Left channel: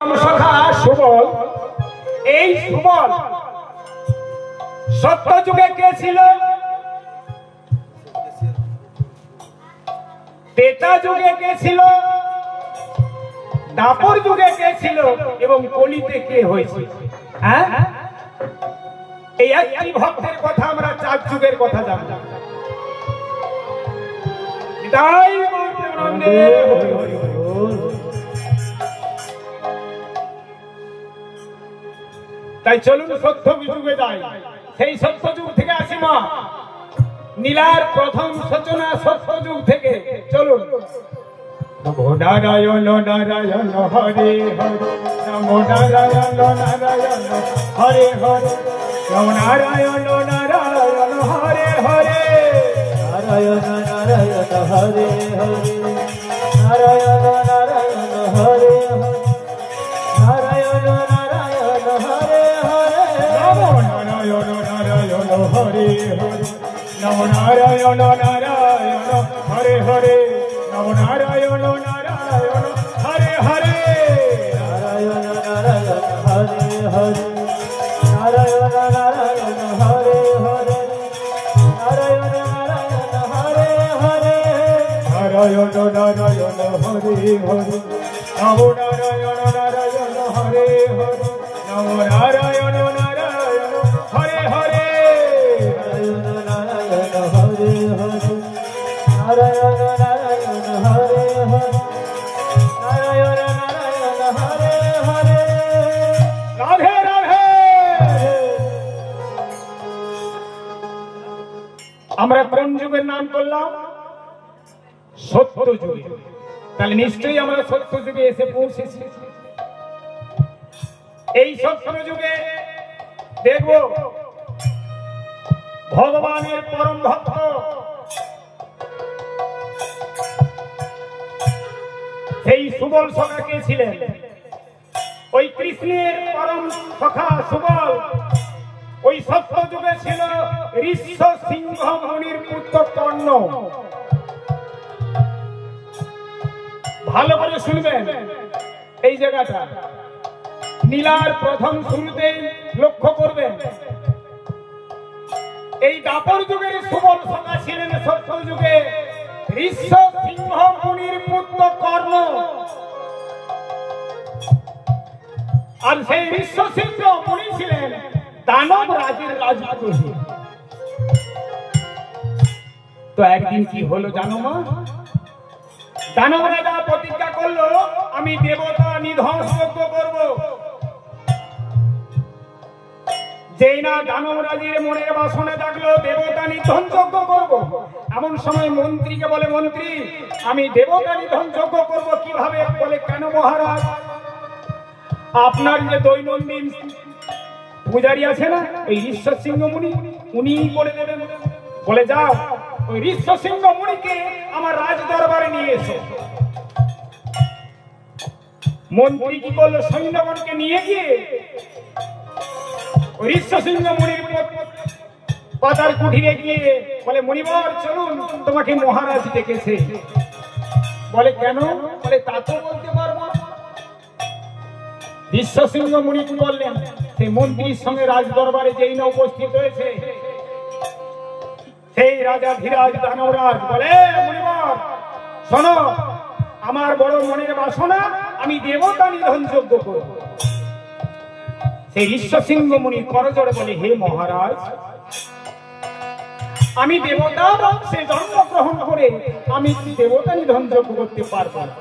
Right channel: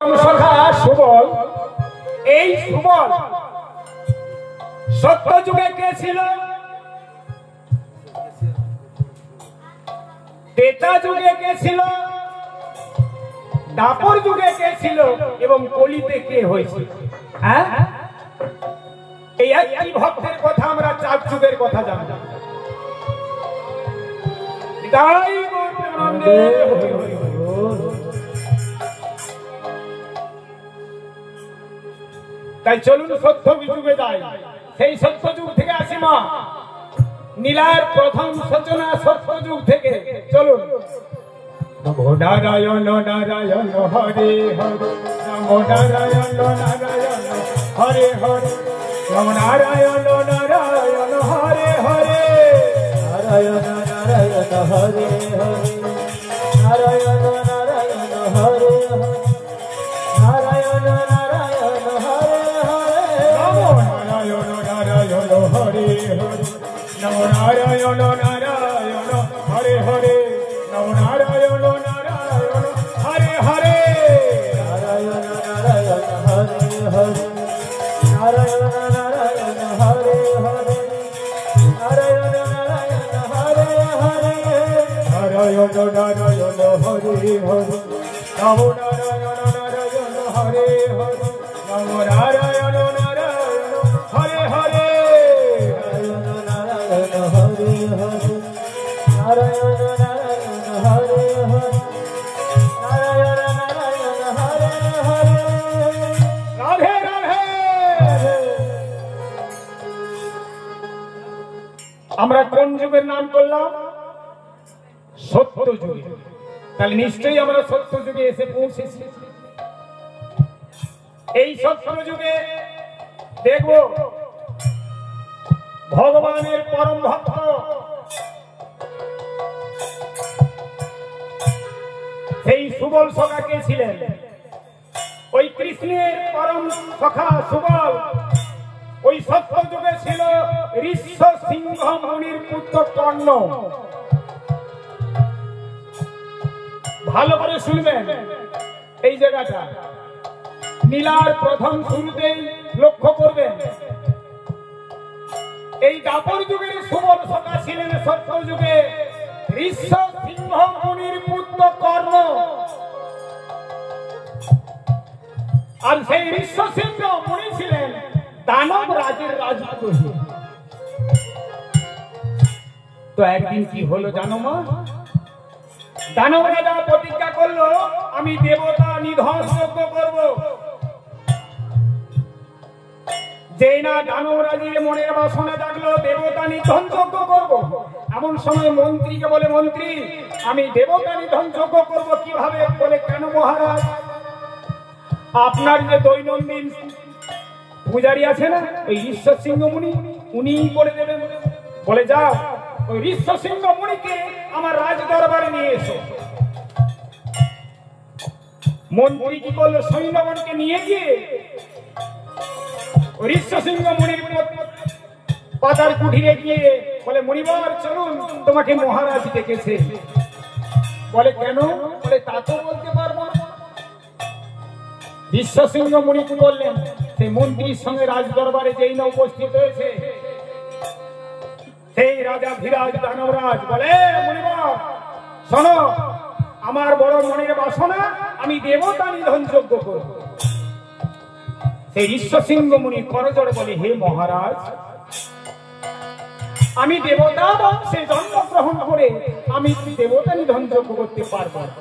সুবল, এই সুবল সত্য যুগে কে ছিল? ত্রেতা যুগে কে ছিল? দাপর যুগে কে ছিল? এবং কলিতে কে হয়েছে? হ্যাঁ, এই একই ভক্তের কথা আমরা 4 যুগের কথা জানলাম। তাই চলুন সত্য যুগে যাই। সেই সত্য যুগ থেকে আসি মা, নীলার প্রথম সূচনা সত্য যুগ থেকে। চলুন। নমো নারায়ণ নারায়ণ হরে হরে, নমো নারায়ণ নারায়ণ হরে হরে, নমো নারায়ণ নারায়ণ হরে হরে, নারায়ণ নারায়ণ হরে হরে, নারায়ণ নারায়ণ হরে হরে, নারায়ণ নারায়ণ হরে হরে, নমো নারায়ণ নারায়ণ হরে হরে, নমো নারায়ণ নারায়ণ হরে হরে, নমো নারায়ণ নারায়ণ হরে হরে, নারায়ণ নারায়ণ হরে হরে, নারায়ণ নারায়ণ হরে হরে, নারায়ণ নারায়ণ হরে হরে, নারায়ণ নারায়ণ হরে হরে, নমো নারায়ণ নারায়ণ হরে হরে, নমো নারায়ণ নারায়ণ হরে হরে, নারায়ণ নারায়ণ হরে হরে, নারায়ণ নারায়ণ হরে হরে, নারায়ণ নারায়ণ হরে হরে, রাধে রাধে। আমরা কোন যুগের নাম করলাম? সত্য যুগে। তাহলে নিশ্চয়ই আমরা সত্য যুগে এসে পৌঁছেছি। এই সত্য যুগে দেখব ভগবানের পরম ভক্ত সেই সুবল সখা কে ছিলেন? ওই কৃষ্ণের পরম সখা সুবল ওই সত্য যুগে ছিল ঋষ্য সিংহ মুনির পুত্র কর্ণ। ভালো করে শুনবেন এই জায়গাটা, নীলার প্রথম শুরুতেই লক্ষ্য করবেন। এই দাপর যুগের সুবল সখা ছিলেন সত্য যুগে ঋষ্য সিংহ মুনির পুত্র কর্ণ। আর সেই ঋষ্য সিংহ মুনি ছিলেন দানব রাজের রাজপুত্র। তো একদিন কি হলো জানো মা? দানব রাজা প্রতিজ্ঞা করলো, আমি দেবতা নিধন যজ্ঞ করব। যেই না দানব রাজের মনের বাসনা জাগলো দেবতা নিধন যজ্ঞ করব, এমন সময় মন্ত্রীকে বলে, মন্ত্রী আমি দেবতা নিধন যজ্ঞ করব কিভাবে? বলে, কেন মহারাজ? আপনার যে দৈনন্দিন পূজারী আছে না ওই ঋষ্য সিংহ মুনি, উনিই করে দেবেন। বলে, যাও ওই ঋষ্য সিংহ মুনিকে আমার রাজ দরবারে নিয়ে এসো। মন্ত্রী কি করলো? সৈন্যগণকে নিয়ে গিয়ে ঋষ্য সিংহ মুনির পাতার কুঠিরে গিয়ে বলে, মুনিবার চলুন, তোমাকে মহারাজ ডেকেছে। বলে, কেন? বলে, তা তো বলতে পারবো। ঋষ্য সিংহ মুনি কি বললেন? সেই মন্ত্রীর সঙ্গে রাজ দরবারে যেই না উপস্থিত হয়েছে সেই রাজা ধীরাজ দানবরাজ বলে, মুনিবার শোনো, আমার বড় মনের বাসনা, আমি দেবতা নিধন যজ্ঞ করব। সেই ঋষ্য সিংহ মুনি করজোড়ে বলে, হে মহারাজ, আমি দেবতা বংশে জন্মগ্রহণ করে আমি দেবতা নিধন যজ্ঞ করতে পারবো না।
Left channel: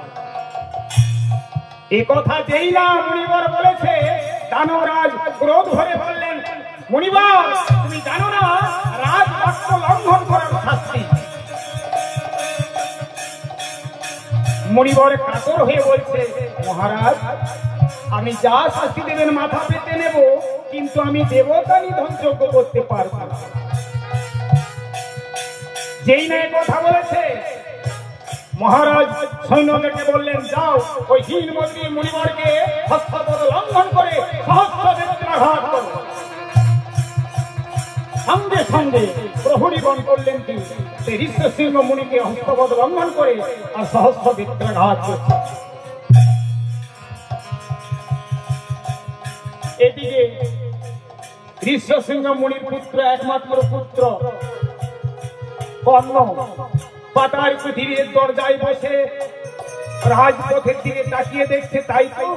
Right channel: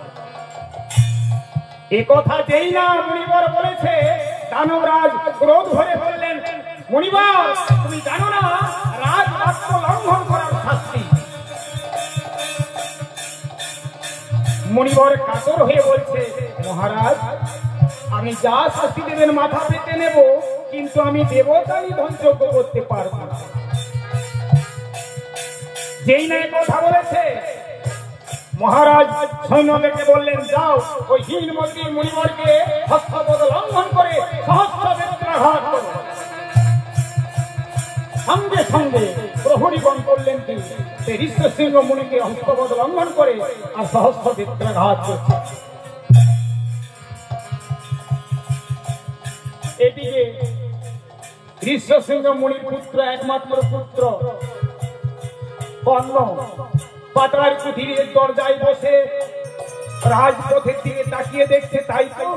এ কথা যেই না মুনিবার বলেছে, দানবরাজ ক্রোধ ভরে বললেন, মুনিবার তুমি জানো না রাজ বাক্য লঙ্ঘন করার শাস্তি? মুনিবার কাতর হয়ে বলছে, মহারাজ আমি যা শাস্তি দেবেন মাথা পেতে নেব, কিন্তু আমি দেবতা নিধন যজ্ঞ করতে পারবো না। যেই না কথা বলেছে মহারাজ সৈন্যদেরকে বললেন, যাও ওই হীন মন্ত্রী মুনিবরকে হস্তপদ লঙ্ঘন করে সহস্র বেত্রাঘাত করো। সঙ্গে সঙ্গে প্রহরীগণ করলেন কি? সেই ঋষ্য সিংহ মুনিকে হস্তপদ লঙ্ঘন করে আর সহস্র বেত্রাঘাত করছে। এদিকে ঋষ্যশৃঙ্গ মুনির পুত্র, একমাত্র পুত্র কর্ণ পাতার কুঠিরের দরজায় বসে রাজপথের দিকে তাকিয়ে দেখছে। তাই তো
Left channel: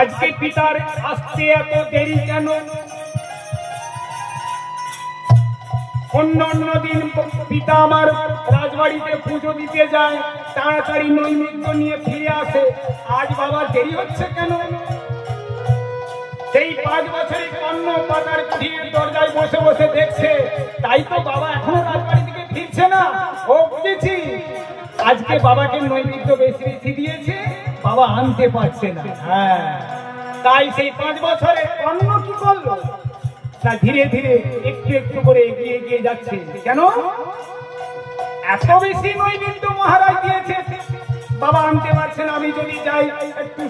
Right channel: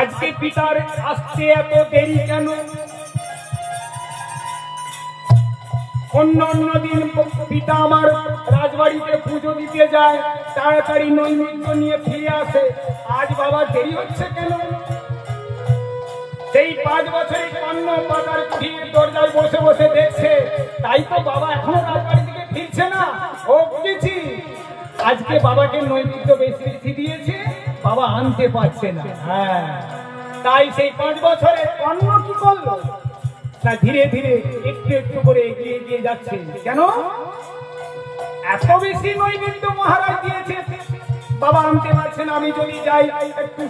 আজকে পিতার আসতে এত দেরি কেন? অন্যান্য দিন পিতা আমার রাজবাড়িতে পুজো দিতে যায়, তাড়াতাড়ি নৈমিত্য নিয়ে ফিরে আসে। আজ বাবা দেরি হচ্ছে কেন? সেই 5 বছরে কর্ণ পাতার কুঠিরের দরজায় বসে বসে দেখছে। তাই তো বাবা এখনো রাজবাড়ি থেকে ফিরছে না। ও বুঝেছি, আজকে বাবাকে নৈমিত্য বেশি বেশি দিয়েছে, বাবা আনতে পারছে না। হ্যাঁ, তাই সেই 5 বছরে কর্ণ কি করলো? তা ধীরে ধীরে একটু একটু করে এগিয়ে এগিয়ে যাচ্ছে। কেন? এত বেশি নৈমিত্য মহারাজ দিয়েছে, বাবা আনতে পারছে না। আমি যদি যাই একটু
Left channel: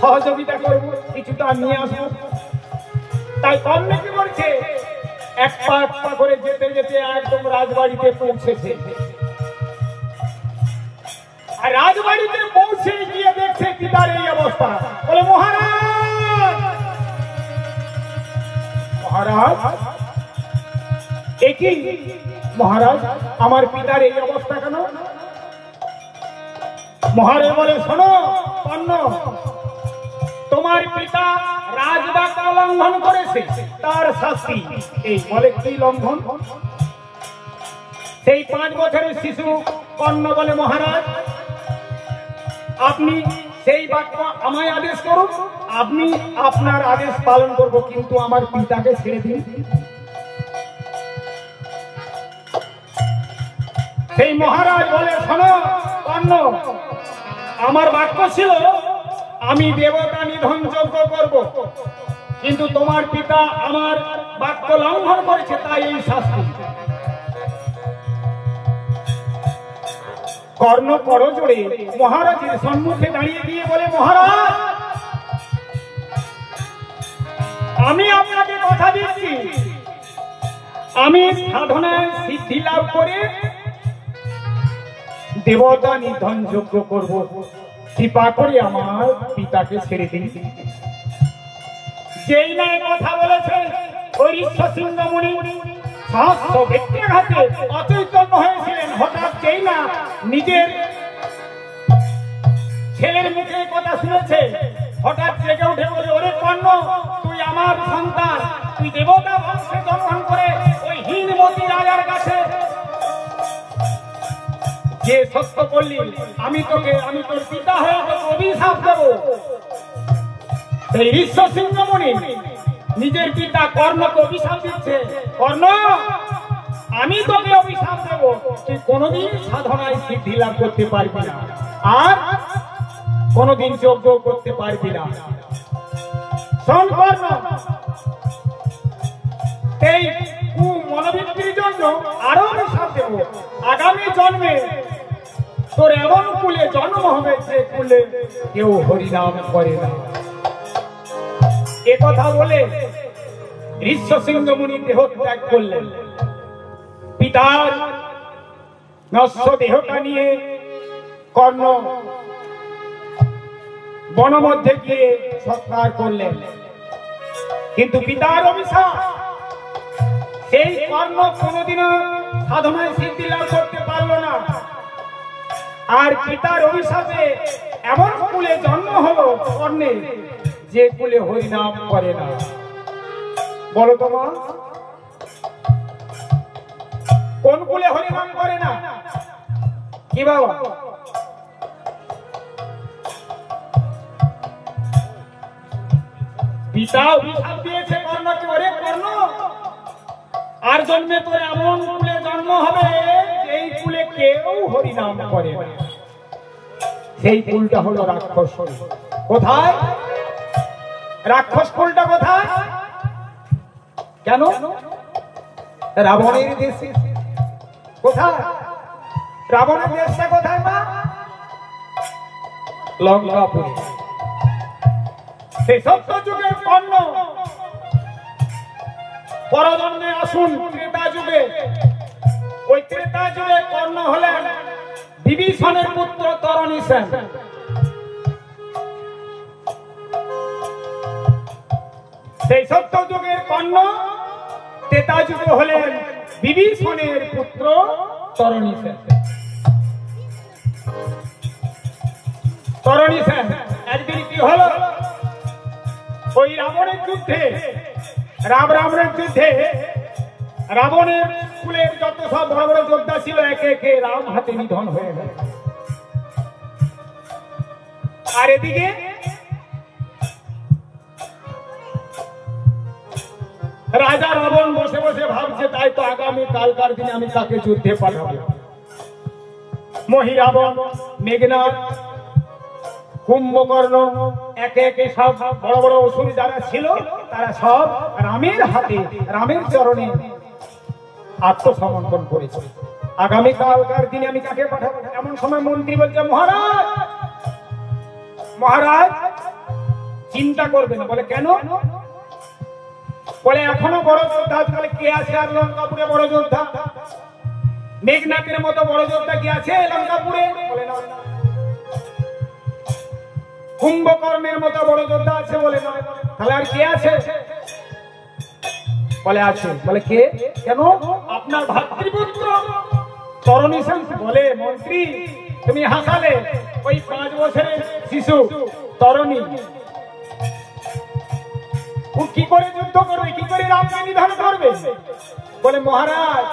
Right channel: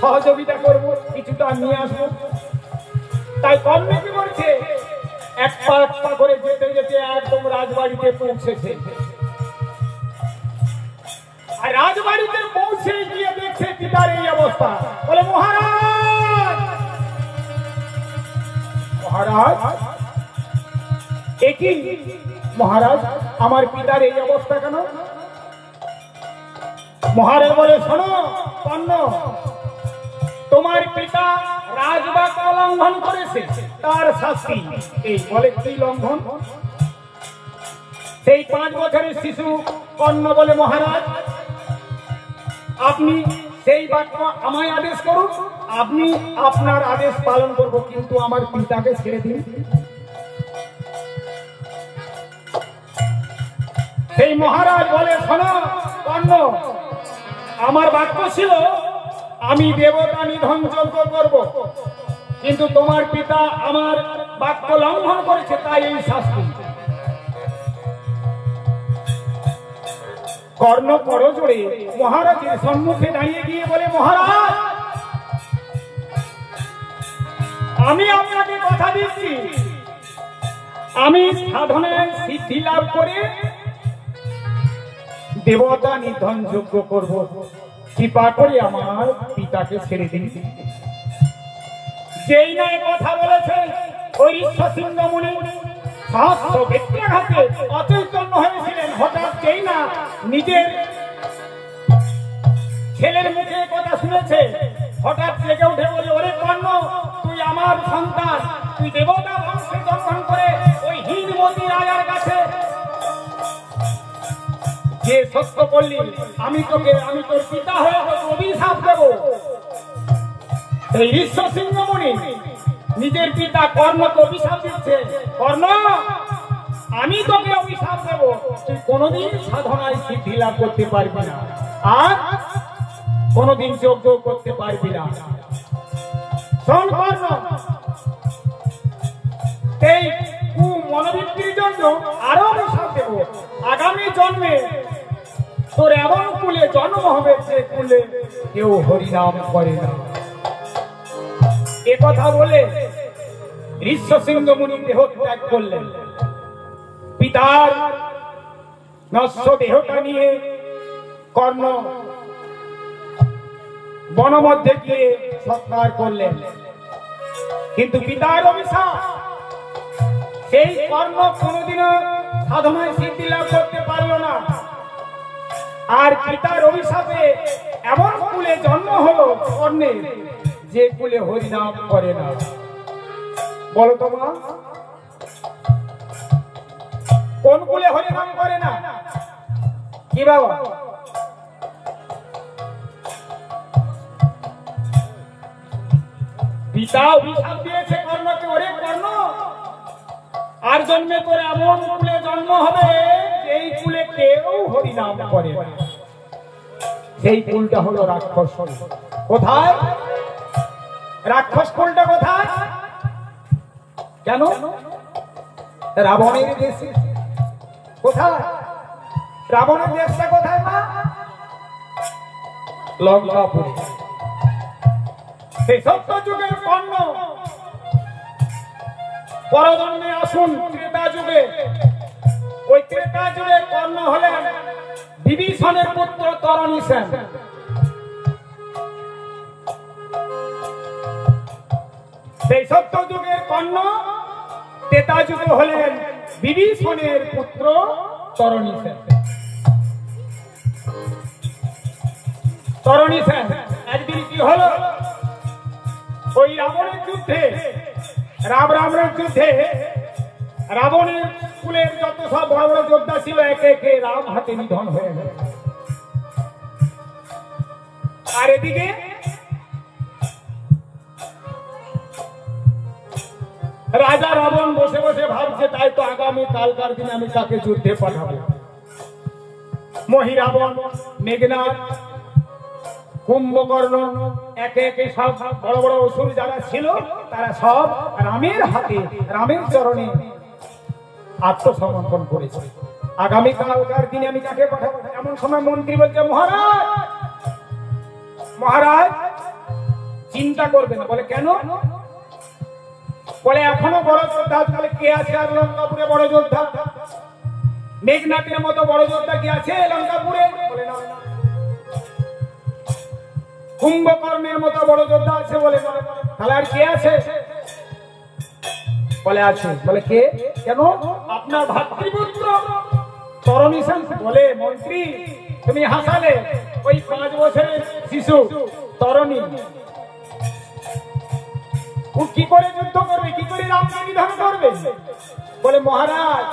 সহযোগিতা করবো, কিছুটা নিয়ে আসবো। তাই কর্ণ কি বলছে? এক পা করে যেতে যেতে একদম রাজবাড়িতে পৌঁছেছে। আর রাজবাড়িতে পৌঁছে গিয়ে দেখছে পিতার এই অবস্থা। বলে, মহারাজ, মহারাজ, একই মহারাজ, আমার পিতার এই অবস্থা কেন? মহারাজ বলে, শোনো কর্ণ, তোমার পিতা রাজবাক্য লঙ্ঘন করেছে, তার শাস্তি এই। বলে, কি লঙ্ঘন? সেই 5 বছরের শিশু কর্ণ বলে, মহারাজ, আপনি সেই বাক্য আমায় আদেশ করুন, আপনি আপনার আদেশ পালন করব, কিন্তু আমার পিতাকে ছেড়ে দিন। সেই মহারাজ বলে, শোনো কর্ণ, আমার বাক্য ছিল আমি দেবতা নিধন যজ্ঞ করব, কিন্তু তোমার পিতা আমার বাক্য লঙ্ঘন করেছে, তাই এই শাস্তি। কর্ণ করজোড়ে মহারাজের সম্মুখে দাঁড়িয়ে গিয়ে বলে, মহারাজ, আমি আপনাকে কথা দিচ্ছি, আমি সাধনায় সিদ্ধি লাভ করে দেবতা নিধন যজ্ঞ করব, কৃপা করে আমার পিতাকে ছেড়ে দিন। যেই না কথা বলেছে, ওই ঋষ্যশৃঙ্গ মুনি সহস্র ব্যক্তিঘাতে অচৈতন্য হয়েছিলেন। হঠাৎ যেই না নিজের ছেলের মুখে কথা শুনেছে, হঠাৎ জেগে উঠে বলে, ওরে কর্ণ, তুই আমার সন্তান, তুই দেবতা বংশে দর্শন করে ওই হিন্দমতি রাজার কাছে যে সত্য করলি, আমি তোর পিতা হয়ে অভিশাপ দেব। সেই ঋষ্যশৃঙ্গ মুনি নিজের পিতা কর্ণকে অভিশাপ দিচ্ছে, কর্ণ, আমি তোকে অভিশাপ দেব, তুই কোনদিন সাধনায় সিদ্ধি লাভ করতে পারবি না, আর কোনদিন যজ্ঞ করতে পারবি না। শোন কর্ণ, এই মনোবৃত্তির জন্য আরো অভিশাপ দেব। আগামী জন্মে তোর এমন কুলে জন্ম হবে, সে কুলে কেউ হরিনাম করে না। একথা বলে ঋষ্যশৃঙ্গ মুনি দেহ ত্যাগ করলেন। পিতার নশ্বর দেহটা নিয়ে কর্ণ বনমধ্যে গিয়ে সৎকার করলেন, কিন্তু পিতার অভিশাপ, সেই কর্ণ কোনদিনও সাধনায় সিদ্ধি লাভ করতে পারল না। আর পিতার অভিশাপে এমন কুলে জন্ম হলো কর্ণের, যে কুলে হরিনাম করে না। বলো তোমা, কোন কুলে হরিনাম করে না? কি বাবা? পিতা অভিশাপ দিয়েছে কর্ণকে, ওরে কর্ণ, আর জন্মে তোর এমন কুলে জন্ম হবে, এই কুলে কেউ হরিনাম করে না। সেই কুলটা হলো রাক্ষস। কোথায় রাক্ষস কুলটা? কোথায়? কেন? রাবণের দেশে। কোথায় রাবণের দেশটা? কোথায় মা? লঙ্কাপুরে। সেই সত্য যুগের কর্ণ পরজন্মে আসুন ত্রেতা যুগে। ওই ত্রেতা যুগে কর্ণ হলেন বিভীষণের পুত্র তরণী সেন। সেই সত্যযুগের কর্ণ ত্রেতাযুগ হলেন বিভীষণের পুত্র তরণী সেন। তরণী সেন একদিন কি হলো, ওই রাবণের যুদ্ধে রাবণের যুদ্ধে রাবণের কুলের যত সব বড় বড় যোদ্ধা ছিল একে একে রাম হাতে নিধন হয়ে গেল। আর এদিকে রাজা রাবণ বসে বসে ভাবছে, তাই তো আগামী কালকার দিনে আমি তাকে যুদ্ধে পাঠাবো। মহিরাবণ, মেঘনাদ, কুম্ভকর্ণ একে একে সব বড় বড় অসুর যারা ছিল তারা সব রামের হাতে রামের চরণে আত্মসমর্পণ করেছে। আগামী কালকার দিনে আমি কাকে পাঠাবো। এমন সময় মন্ত্রী বলছে, মহারাজ মহারাজ চিন্তা করবেন। বলে কেন? বলে এখনো বড় যোদ্ধা, তাহলে কে আছে আর লঙ্কাপুরে বড় যোদ্ধা? মেঘনাথের মতো বড় যোদ্ধা কি আছে লঙ্কাপুরে? বলে না। কুম্ভকর্ণের মতো বড় যোদ্ধা আছে? বলে না। তাহলে আর কে আছে? বলে আছে। বলে কে? কেন? আপনার ভাতৃপুত্র তরণী সেন। বলে মন্ত্রী তুমি হাসালে, ওই 5 বছরের শিশু তরণী ও কি করে যুদ্ধ করবে, কি করে রামকে নিধন করবে? বলে মহারাজ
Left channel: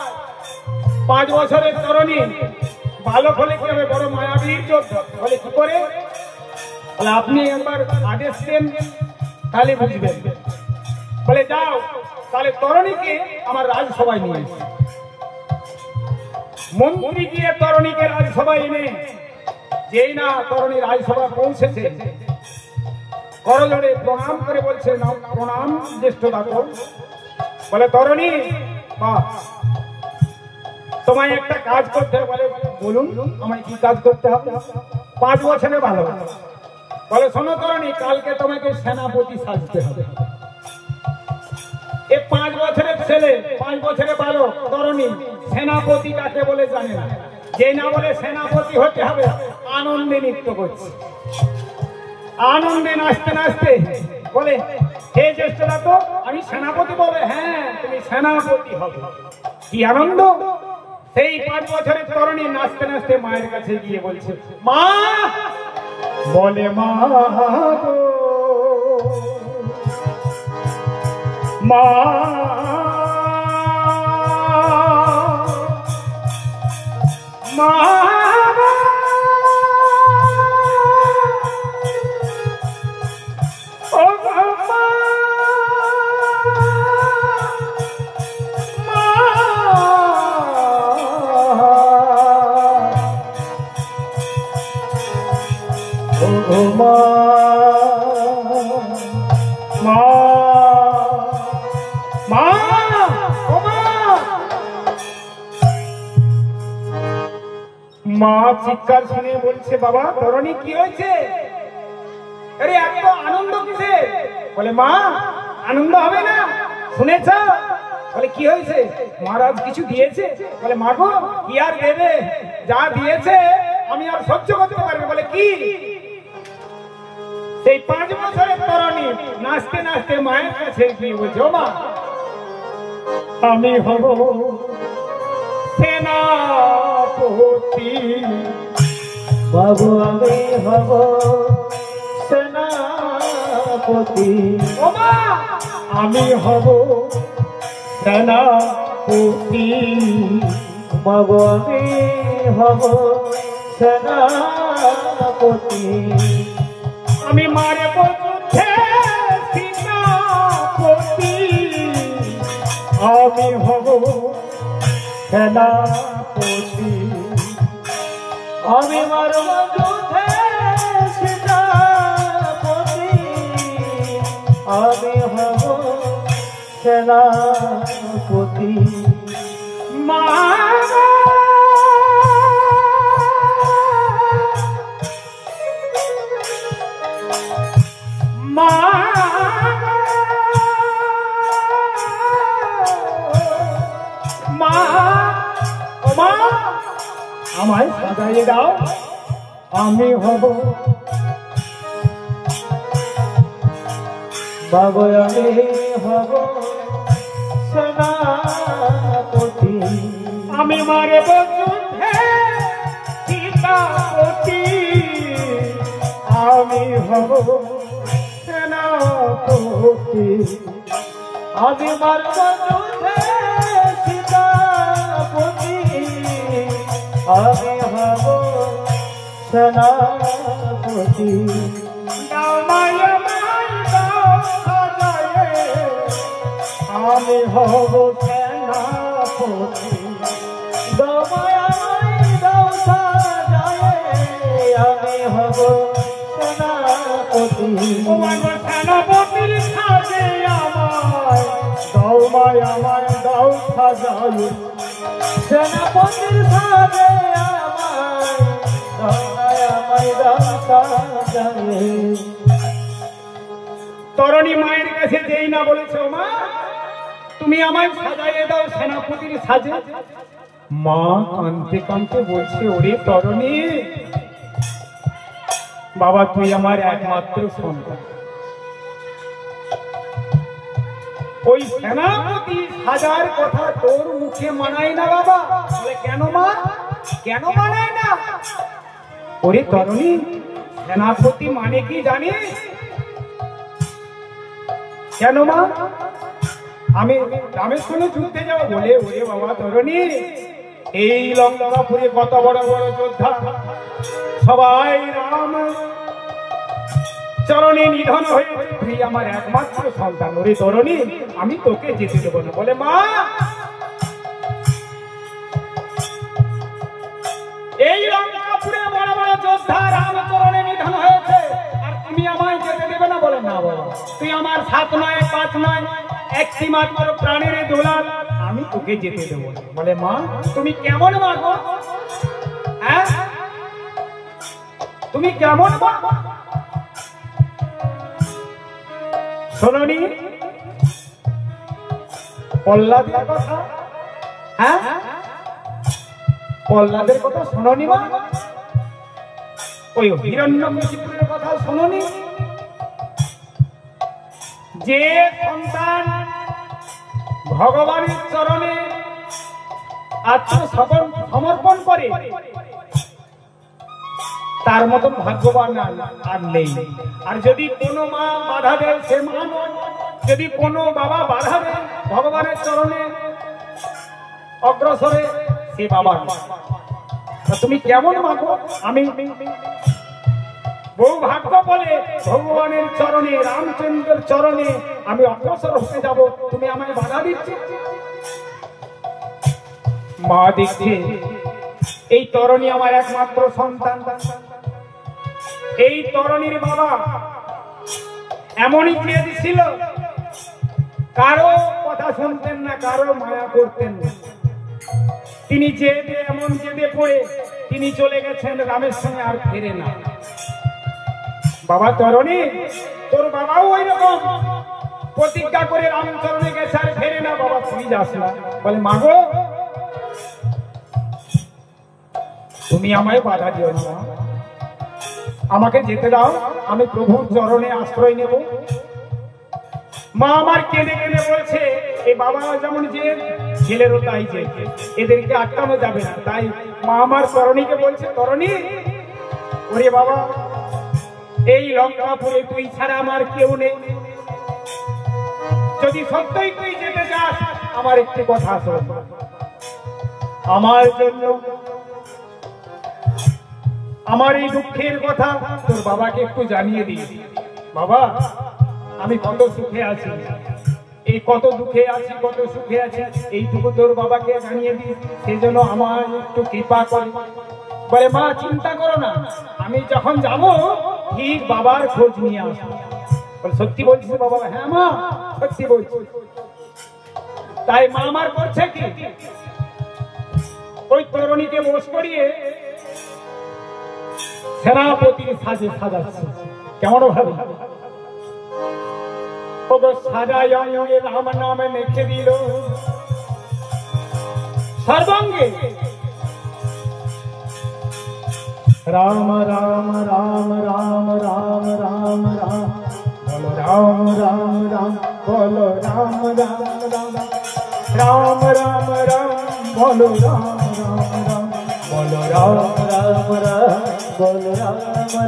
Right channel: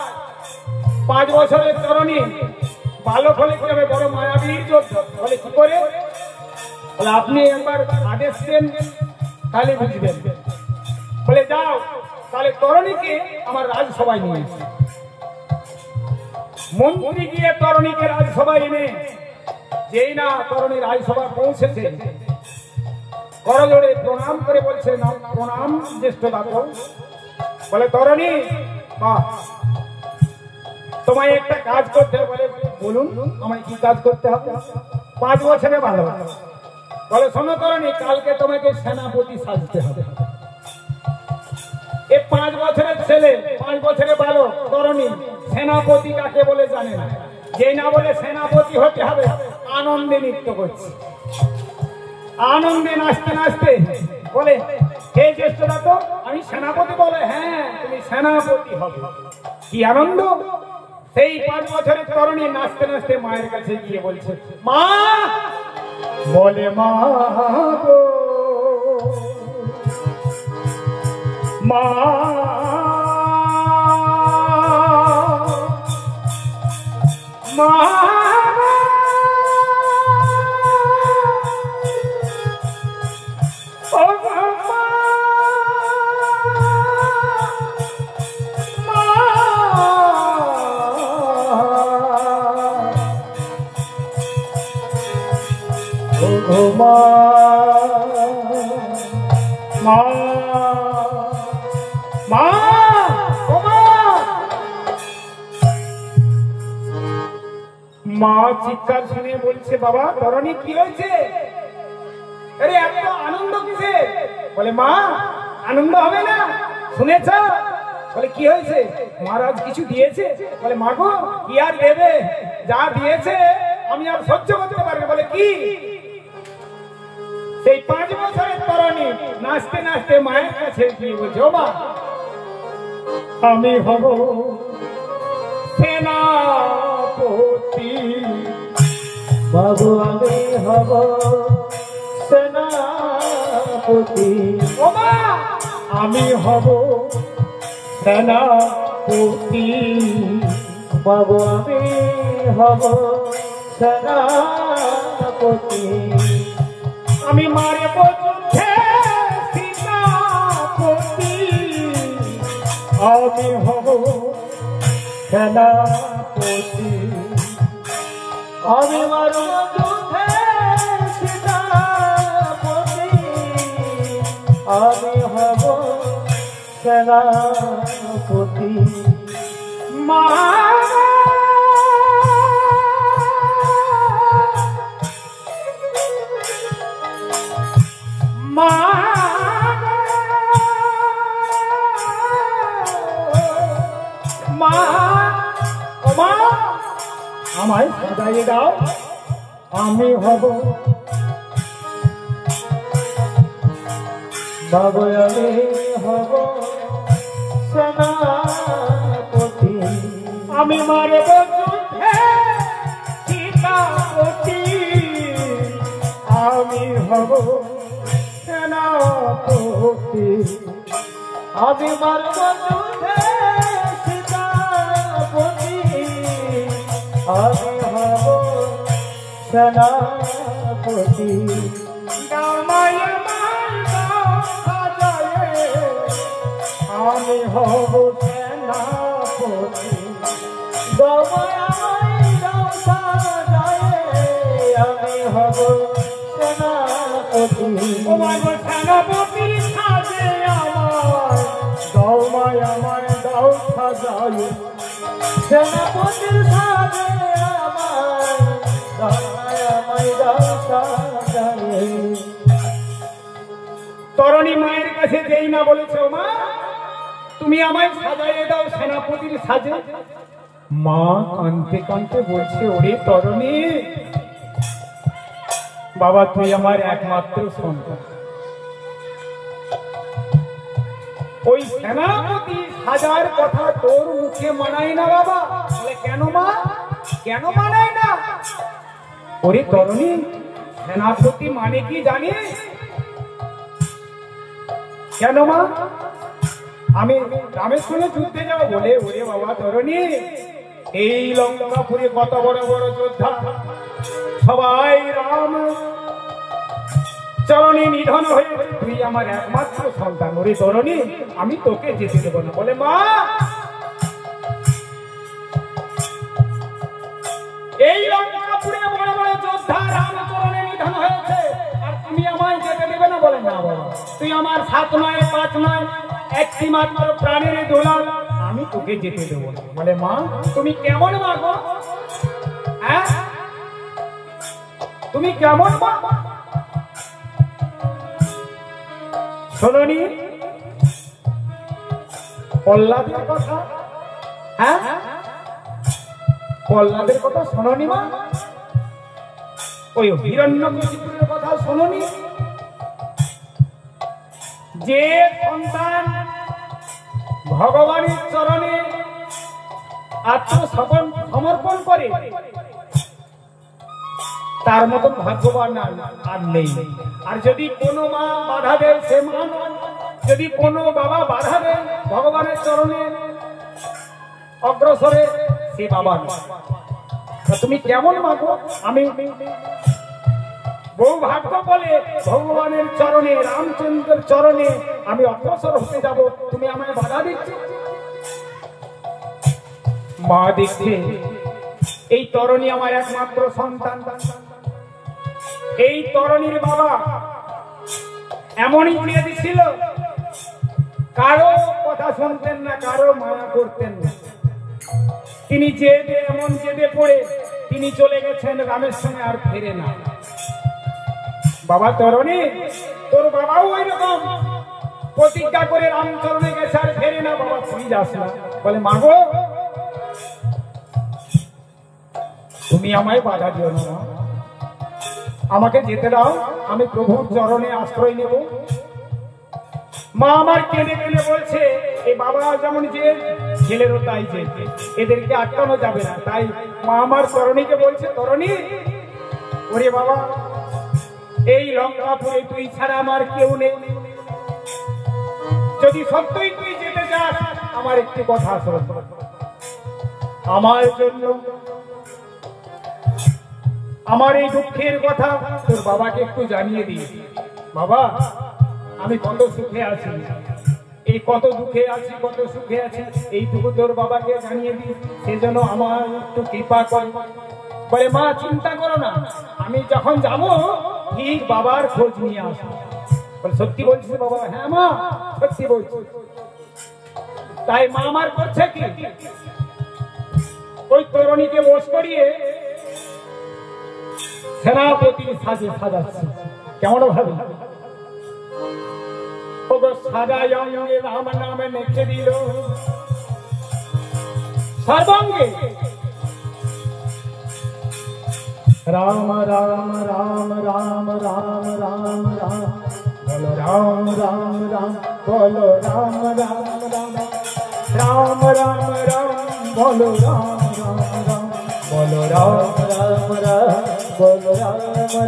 5 বছরের তরণী বালক হলে কি হবে, বড় মায়াবীর যোদ্ধা। বলে কি করে? বলে আপনি একবার আদেশ দেন তাহলে বুঝবেন। বলে যাও তাহলে তরণীকে আমার রাজসভায় নিয়ে এসে। মন্ত্রী গিয়ে তরণীকে রাজসভায় এনে যেই না তরণী রাজসভা পৌঁছেছে, করজোড়ে প্রণাম করে বলছে, না প্রণাম জ্যেষ্ঠ দাদা। বলে তরণী বাহ, তোমায় একটা কাজ করতে হবে। বলে বলুন আমায় কি কাজ করতে হবে? 5 বছরে ভালো। বলে শোনো তরণী, কালকে তোমাকে সেনাপতি সাজতে হবে। এই 5 বছরের ছেলে, 5 বছরের বালক তরণী সেনাপতি কাকে বলে জানে না। যে না বলে সেনাপতি হতে হবে, আনন্দে নৃত্য করছে, আনন্দে নাচতে নাচতে বলে, হে জ্যেষ্ঠ দাদা আমি সেনাপতি। বলে হ্যাঁ তুমি সেনাপতি হবে। কি আনন্দ! সেই 5 বছরের তরণী নাচতে নাচতে মায়ের কাছে গিয়ে বলছে, মা। বলে মা গো মা, মা মা চিৎকার শুনে বলছে, বাবা তরণী কি হয়েছে? আরে এত আনন্দ কিসে? বলে মা আনন্দ হবে না, শুনেছ? বলে কি হয়েছে? মহারাজ কিছু দিয়েছে। বলে মা গো কি আর দেবে, যা দিয়েছে আমি আর সহ্য করতে পারবো। বলে কি? সেই 5 বছরের তরণী নাচতে নাচতে মায়ের কাছে গিয়ে বলছে, ও মা আমি হব সেনাপতি। বাবু আমি হব সেনাপতি। ও মা আমি হব সেনাপতি। বাবু আমি হব সেনাপতি। আমি মারব যুদ্ধে সীতাপতি। আমি হব সেনাপতি। আমি মারব যুদ্ধে সীতাপতি। আমি হব সেনাপতি। মা মা মা মা আমায় সাজাইয়ে দাও, আমি হব মাগো আমি হব সেনাপতি আমি মারব যুদ্ধে সীতাপতি আমি হব সেনাপতি আমি মারব যুদ্ধে সীতাপতি আমি হব সেনাপতি আমি হব সেনাপতি আমি হব সেনাপতি সেনাপতির সাজে দৌমায় আমার দাও সাজায় সেনাপতির সাজে আমায় দাও সাজায় তরণী মায়ের কাছে যেই না বলেছ মা তুমি আমায় সাজাইয়ে দাও সেনাপতির সাজে, মা কাঁদতে কাঁদতে বলছে ওরে তরণী বাবা তুই আমার একমাত্র সন্তান, ওই সেনাপতি সাজার কথা তোর মুখে মানায় না বাবা। বলে কেন মা, কেন মানায় না? ওরে তরণী সেনাপতি মানে কি জানিস? কেন মা? আমি রামের সঙ্গে যুদ্ধে যাবো বলে। ওরে বাবা তরণী এই লঙ্কাপুরে কত বড় বড় যোদ্ধা সবাই রাম চরণে নিধন হয়ে তুই আমার একমাত্র সন্তান, ওরে তরণী আমি তোকে যেতে দেবো না। বলে মা এই লঙ্কাপুরে বড় বড় যোদ্ধা রাম চরণে নিধন হয়েছে আর তুমি আমায় যেতে দেবে না? বলে না বলো তুই আমার 7 নয় 5 নয় একটি মাত্র প্রাণের দোলার, আমি তোকে যেতে দেবো না। বলে মা তুমি কেমন মা গো, হ্যাঁ তুমি কেমন মা? শোনি প্রহ্লাদের কথা, হ্যাঁ প্রহ্লাদের কথা শোনি মা? ওই হিরণ্যকশিপুরের কথা শোনি? যে সন্তান ভগবানের চরণে আত্মসমর্পণ করে তার মতন ভাগ্যবান আর নেই। আর যদি কোনো মা বাধা দেয় সে মা নয়, যদি কোনো বাবা বাধা দেয় ভগবানের চরণে অগ্রসরে সে বাবা নয়। তুমি কেমন মা গো? আমি বহু ভাগ্য বলে ভগবানের চরণে রামচন্দ্রের চরণে আমি অগ্রসর হতে যাব, তুমি আমায় বাধা দিচ্ছি? মা দেখছে এই তরণী আমার একমাত্র সন্তান, এই তরণীর বাবা এমনই চেয়ে দিছিল, কারো কথা শুনতেন না, কারো মায়া করতেন না। তিনি জেদে এমন জেদে পড়ে তিনি চলে গেছেন রামের সঙ্গে, আর ফেরে না। বাবা তরণী তোর বাবাও ওই রকম প্রতিজ্ঞা করে রামচরণে গেছে আর ফেরে না, বাবা তুই যাস না। বলে মা গো তুমি আমায় বাধা দিও না, আমাকে যেতে দাও, আমি প্রভুর চরণে আশ্রয় নেব। মা আমার কেঁদে কেঁদে বলছে এই বাবা যেমন যে ছেলেরও তাই যে, এদেরকে আটকানো যাবে না। তাই মা আমার তরণীকে বলছে তরণী ওরে বাবা এই লঙ্কাপুরে তুই ছাড়া আমার কেউ নেই, যদি সত্যই তুই যেতে চাস আমার একটি কথা শোন, আমার জন্য আমার এই দুঃখের কথা তোর বাবাকে একটু জানিয়ে দিয়ে। বাবা আমি কত সুখে আছি, এই কত দুঃখে আছি কত সুখে আছি, এইটুকু তোর বাবাকে জানিয়ে দিই, সে যেন আমার একটু কৃপা করে। বলে মা চিন্তা করো না, আমি যখন যাব ঠিক বাবার খোঁজ নিয়ে আসবো। বলে সত্যি বলছিস বাবা? হ্যাঁ মা সত্যি বলছি। তাই মা আমার করছে কি ওই তরণীকে বস করিয়ে সেনাপতির সাজে সাজাচ্ছে। কেমন ভাবে সাজায় রাম নামে লিখে দিল সর্বাঙ্গে রাম রাম রাম রাম রাম রাম রাম বলো রাম রাম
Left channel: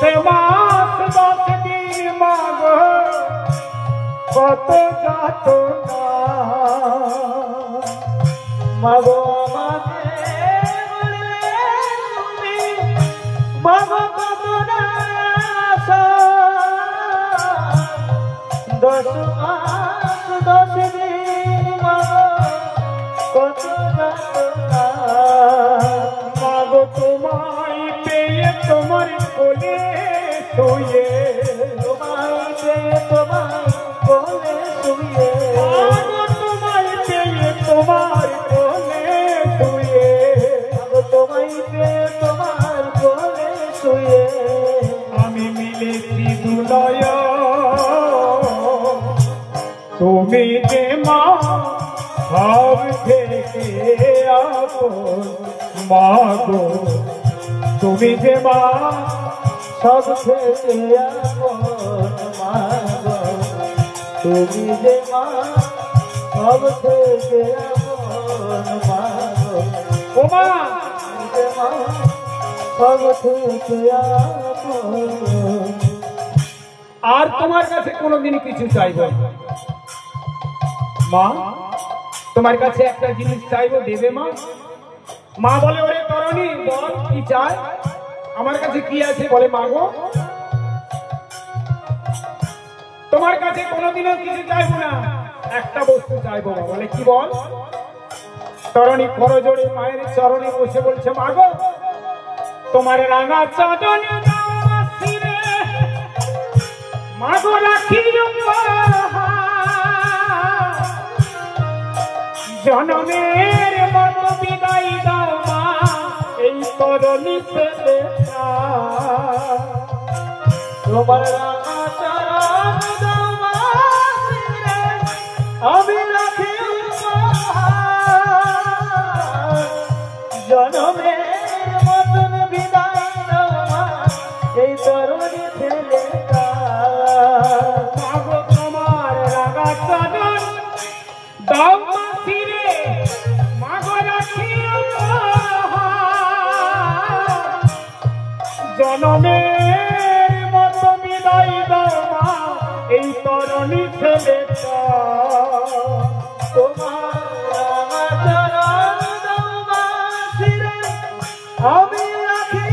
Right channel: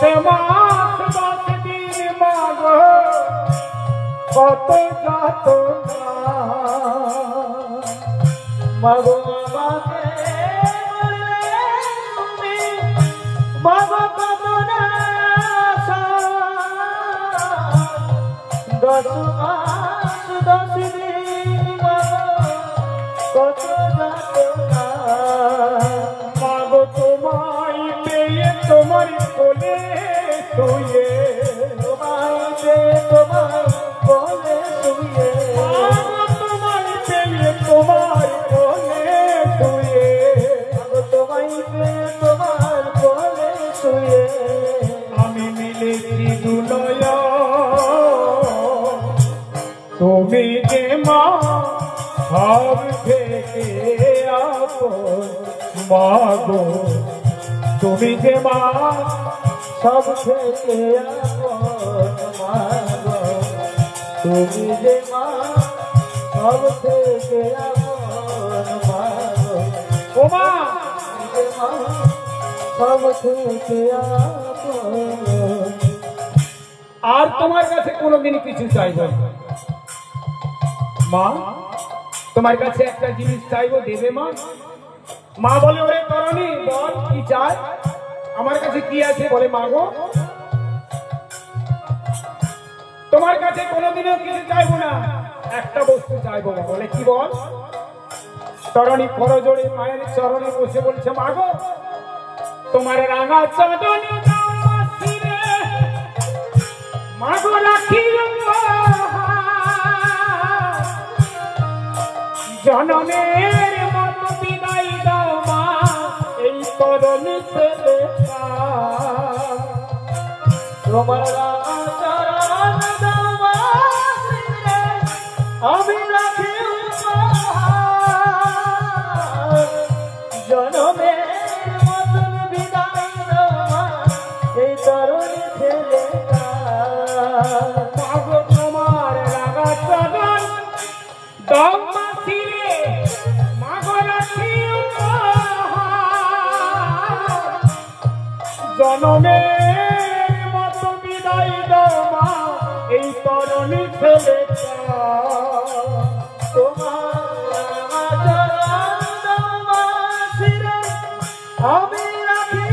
10 মাস 10 দিন মাগো কত যাতনা মাগো আমাকে বললে তুমি মাগো কত না আশা 10 মাস 10 দিন মাগো কত যাতনা মাগো তোমায় পেয়ে তোমার কোলে শুয়ে তোমায় পেয়ে তোমার কোলে শুয়ে মাগো তোমায় পেয়ে তোমার কোলে শুয়ে মাগো তোমায় পেয়ে তোমার কোলে শুয়ে আমি মিলেছি দুলয় তুমি যে মা সব থেকে আপন মাগো তুমি যে মা সব থেকে আপন মাগো তুমি যে মা সব থেকে আপন মাগো ও মা তুমি যে মা সব থেকে আপন আর তোমার কাছে কোনোদিন কিছু চাইব না। মা তোমার কাছে একটা জিনিস চাইবো দেবে মা? মা বলে ওরে করনি বল কি চাই? আমার কাছে কি আছে বলে মাগো তোমার কাছে কোনোদিনও কিছু চাইবো না, একটা বস্তু চাইবো মা। বলে কি বল? তরণী করজোড়ে মায়ের চরণে বসে বলছে মাগো তোমার রাঙা চরণে মাগো রাখিও জনমের মতো বিদায় দাও মা এই তরণী ছেলে তোমার রাঙা চরণ দাও মা আমি রাখি জনমের মতন বিদায় দাও মা এই তরুণী ছেলেটা মাগো তোমার রাঙা চরণ দাও মা ফিরে মাগো রাখিও জনমের মতো বিদায় দাও মা এই তরণী ছেলেটা তোমার চরণ দাও মা শিরে আমি রাখি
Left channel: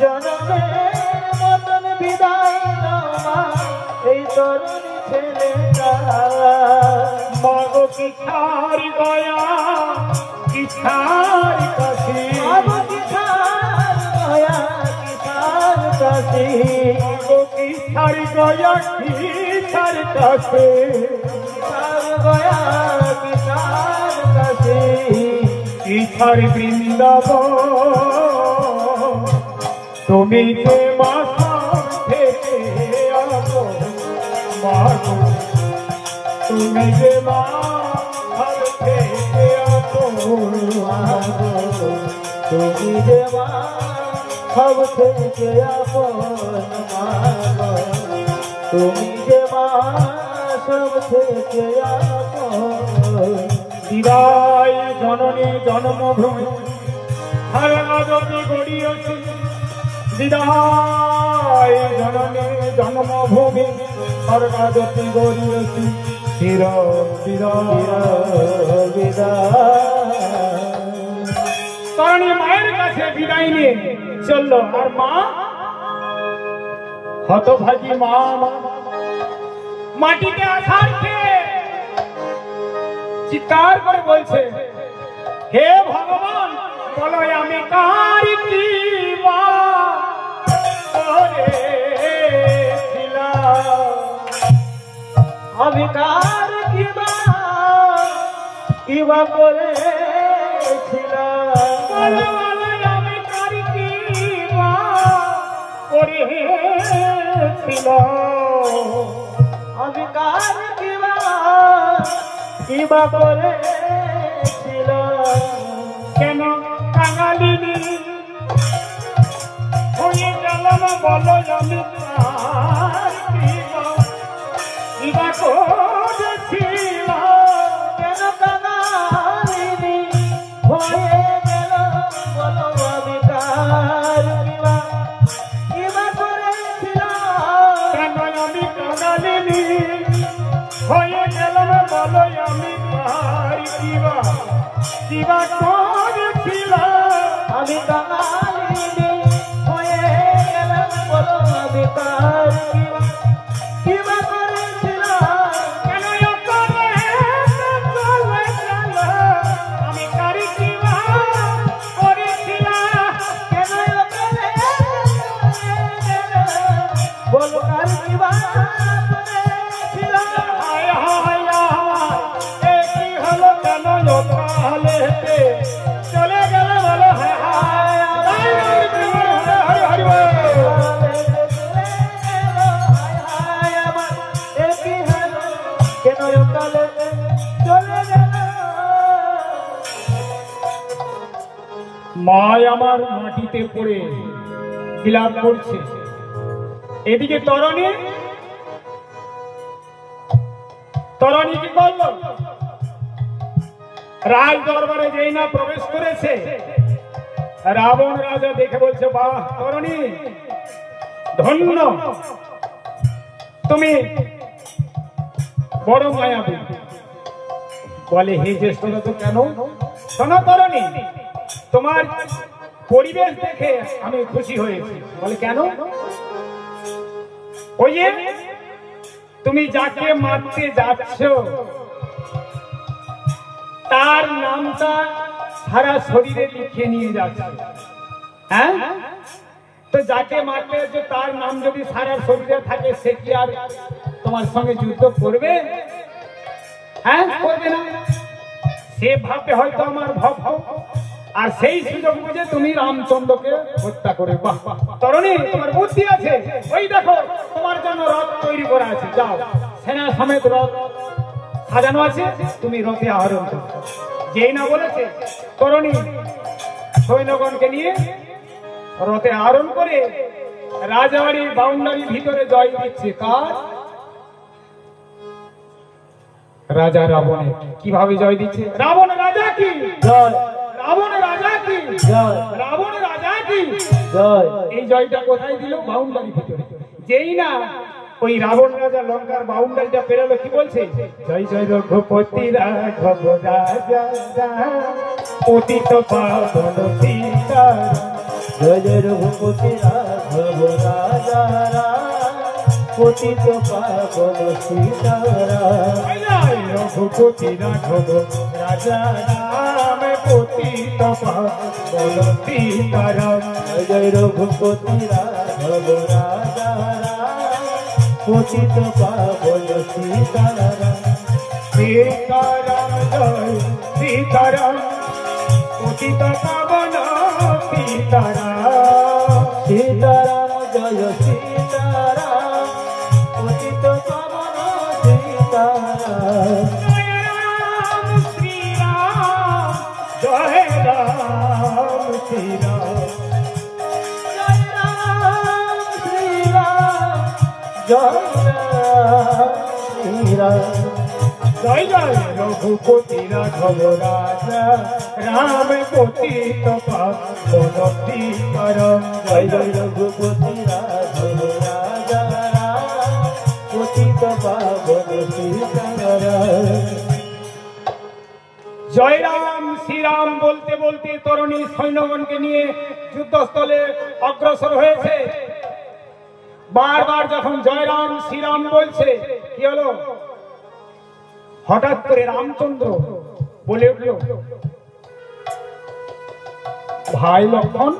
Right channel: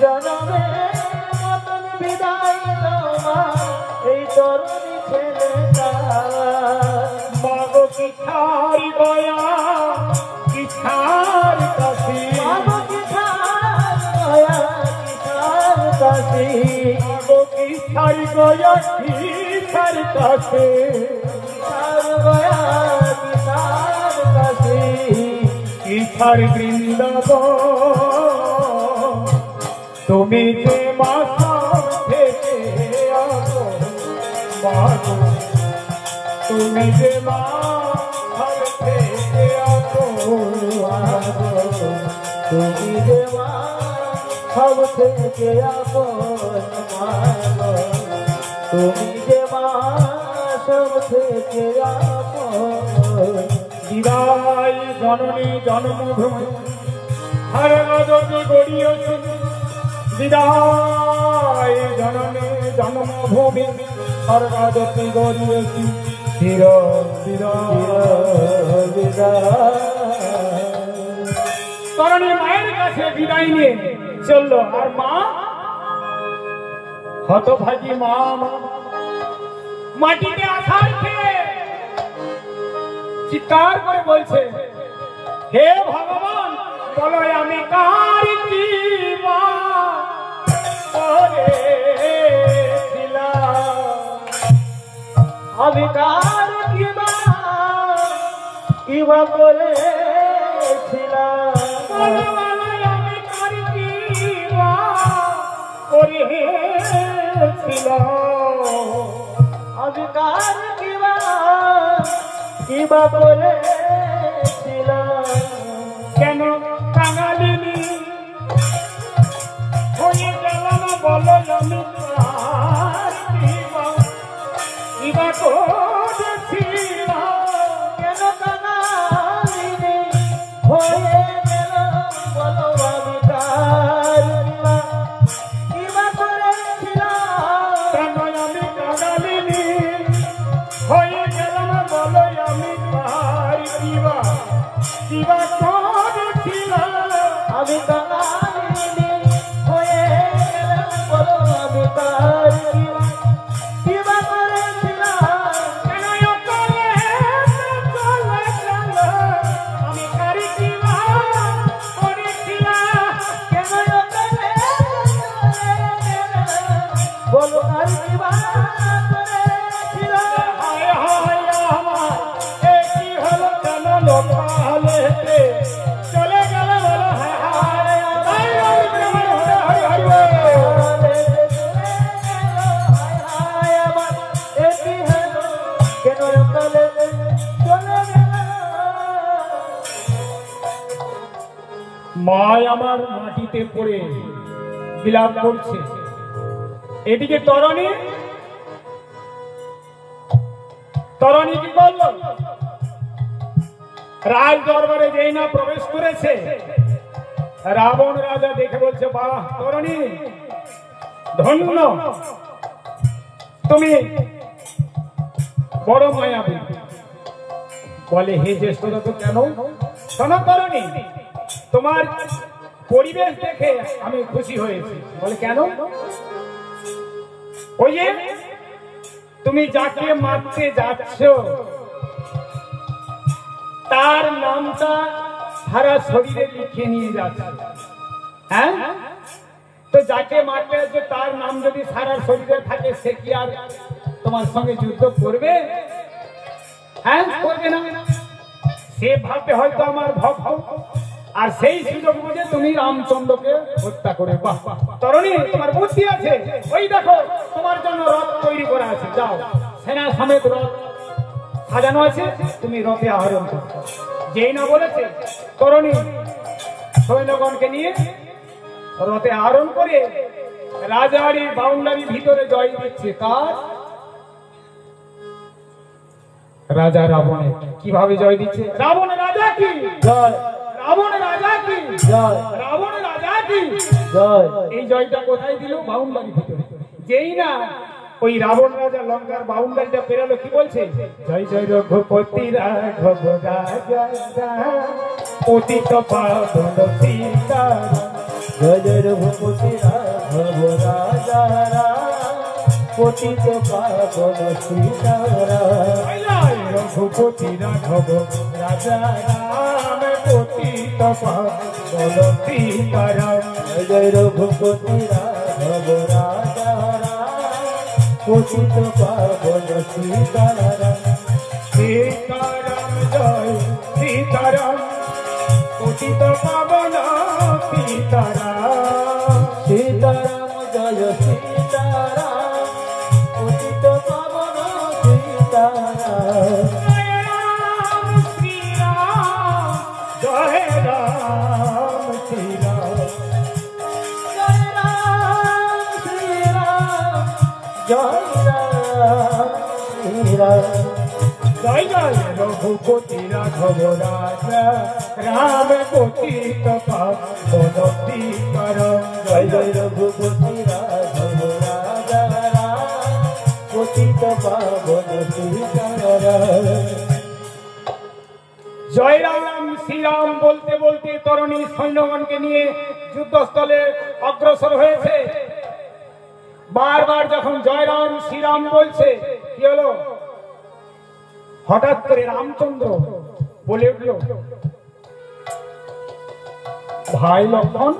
জনমের মতন বিদায় দাও মা এই তরুণী ছেলেটা মাগো কি ছাড় দয়া কি ছাড় কাশি মাগো কি ছাড় দয়া কি ছাড় কাশি মাগো কি ছাড় দয়া কি ছাড় কাশি ছাড় দয়া কি ছাড় কাশি কি ছাড় বৃন্দাবন তুমি যে মা সব থেকে আপন মাগো তুমি যে মা সব থেকে আপন তুমি যে মা সব থেকে আপন মাগো তুমি যে মা সব থেকে আপন বিদায় জননী জন্মভূমি হরে মাধবী গড়িয়েছে বিদায় জননী জন্মভূমি হরে মাধবী গড়িয়েছে চির চির তরুণী মায়ের কাছে বিদায় নিয়ে চললো। আর মা হতভাগী মা মাটিতে আছাড় খেয়ে চিৎকার করে বলছে হে ভগবান বলো আমি কার কি মা করেছিলাম আমি কার কিবা কিবা করেছিলাম আমি কার কি মা করেছিলাম আমি কার কিবা করেছিলাম কেন কাঙালিনী হয়ে গেলাম বলো আমি কার কিবা করেছিলাম কেন কাঙালিনী হয়ে গেলাম বলো আমি আমি কালিনী হয়ে গেলাম বলো না বেকার কিবা করেছিলাম কেন অকালে চলে গেল আমি কারি কিবা করেছিলাম কেন অকালে চলে গেল বলো আর কিবা করেছিলাম হায় হায় এ কি হলো কেন অকালে চলে গেল বলো হায় হায় হরি কেন অকালে চলে গেল মা আমার মাটিতে পড়ে বিলাপ করছে এদিকে তরণী কি করল রাজ দরবারে যেই না প্রবেশ করেছে রাবণ রাজা দেখে বলছে বাহ তরণী ধন্য তুমি বড় মায়াবী বলে হে জ্যেষ্ঠরা তো কেন শোনো তরণী তোমার পরিবেশ দেখে আমি খুশি হয়েছি বলে কেন ওই যে তুমি যাকে মারতে যাচ্ছ তার নামটা সারা শরীরে লিখে নিয়ে যাচ্ছে হ্যাঁ তো যাকে মারতে যাচ্ছে তার নাম যদি সারা শরীরে থাকে সে কি আর তোমার সঙ্গে যুদ্ধ করবে হ্যাঁ করবে না সে ভাবে হয়তো আমার ভক্ত আর সেই সুযোগ বুঝে তুমি রামচন্দ্রকে হত্যা করে বাহ তরণী তোমার বুদ্ধি আছে ওই দেখো তোমার জন্য রথ তৈরি করা আছে যাও সেনা সমেত রথ সাজানো আছে তুমি রথে আরোহণ করো যেই না বলেছে তরণী সৈন্যগণকে নিয়ে রথে আরোহণ করে রাজবাড়ির বাউন্ডারির ভিতরে জয় দিচ্ছে কার রাজা রাবণের কিভাবে জয় দিচ্ছে রাবণ রাজা কি জয় রাবণ রাজা কি জয় রাবণ রাজা কি জয় এই জয়টা কোথায় দিল বাউন্ডারির ভিতরে যেই না ওই রাবণ রাজা লঙ্কার বাউন্ডারিটা পেরালো কি বলছে জয় জয় রঘুপতি রাঘব রাজা পতিত পাবন সীতা জয় জয় রঘুপতি রাঘব রাজা পতিত পাবন সীতারাম রঘুপতি রাঘব রাজা রাম পতিত পাবন সীতারাম জয় রঘুপতি রাঘব রাজা পতিত পাবন সীতারাম সীতারাম জয় সীতারাম পতিত পাবন সীতারাম সীতারাম জয় সীতারাম পতিত পাবন সীতারাম রাম শ্রীরাম জয় রাম শ্রীরাম জয় রাম শ্রীরাম জয় রাম শ্রীরাম জয় জয় রঘুপতি রাঘব রাজা রাম পতিত পাবন সীতারাম জয় জয় রঘুপতি রাঘব রাজা পতিত পাবন সীতারাম জয় রাম শ্রীরাম বলতে বলতে তরুণী সৈন্যগণকে নিয়ে যুদ্ধস্থলে অগ্রসর হয়েছে বারবার যখন জয় রাম শ্রীরাম বলছে কি হলো হঠাৎ করে রামচন্দ্র বলে উঠল ভাই লক্ষণ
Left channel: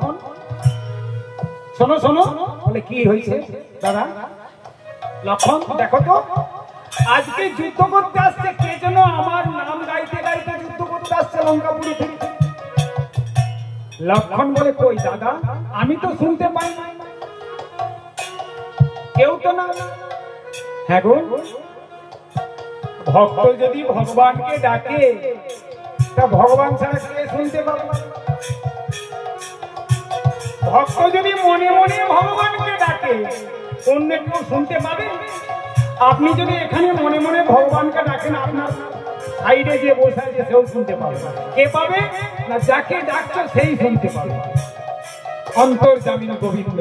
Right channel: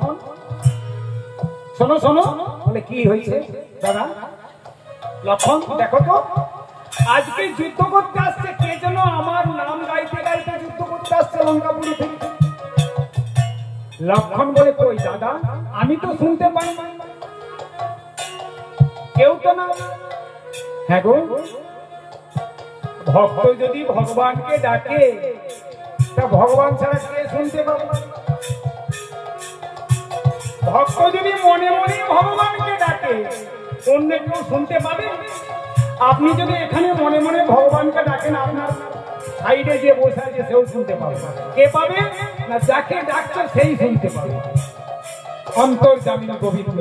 শোনো শোনো বলে কি হয়েছে দাদা লক্ষণ দেখো তো আজকে যুদ্ধ করতে আসছে কে যেন আমার নাম গাইতে গাইতে যুদ্ধ করতে আসছে লঙ্কাপুরি থেকে লক্ষণ বলে কই দাদা আমি তো শুনতে পাই না কেউ তো না হ্যাঁ গো ভক্ত যদি ভগবানকে ডাকে তা ভগবান ছাড়া কে শুনতে পাবে ভক্ত যদি মনে মনে ভগবানকে ডাকে অন্য কেউ শুনতে পাবে আপনি যদি এখানে মনে মনে ভগবানকে ডাকেন আপনার সাইডে যে বসে আছে সেও শুনতে পাবে কে পাবে না যাকে ডাকছো সেই শুনতে পাবে অন্তর্যামী গোবিন্দ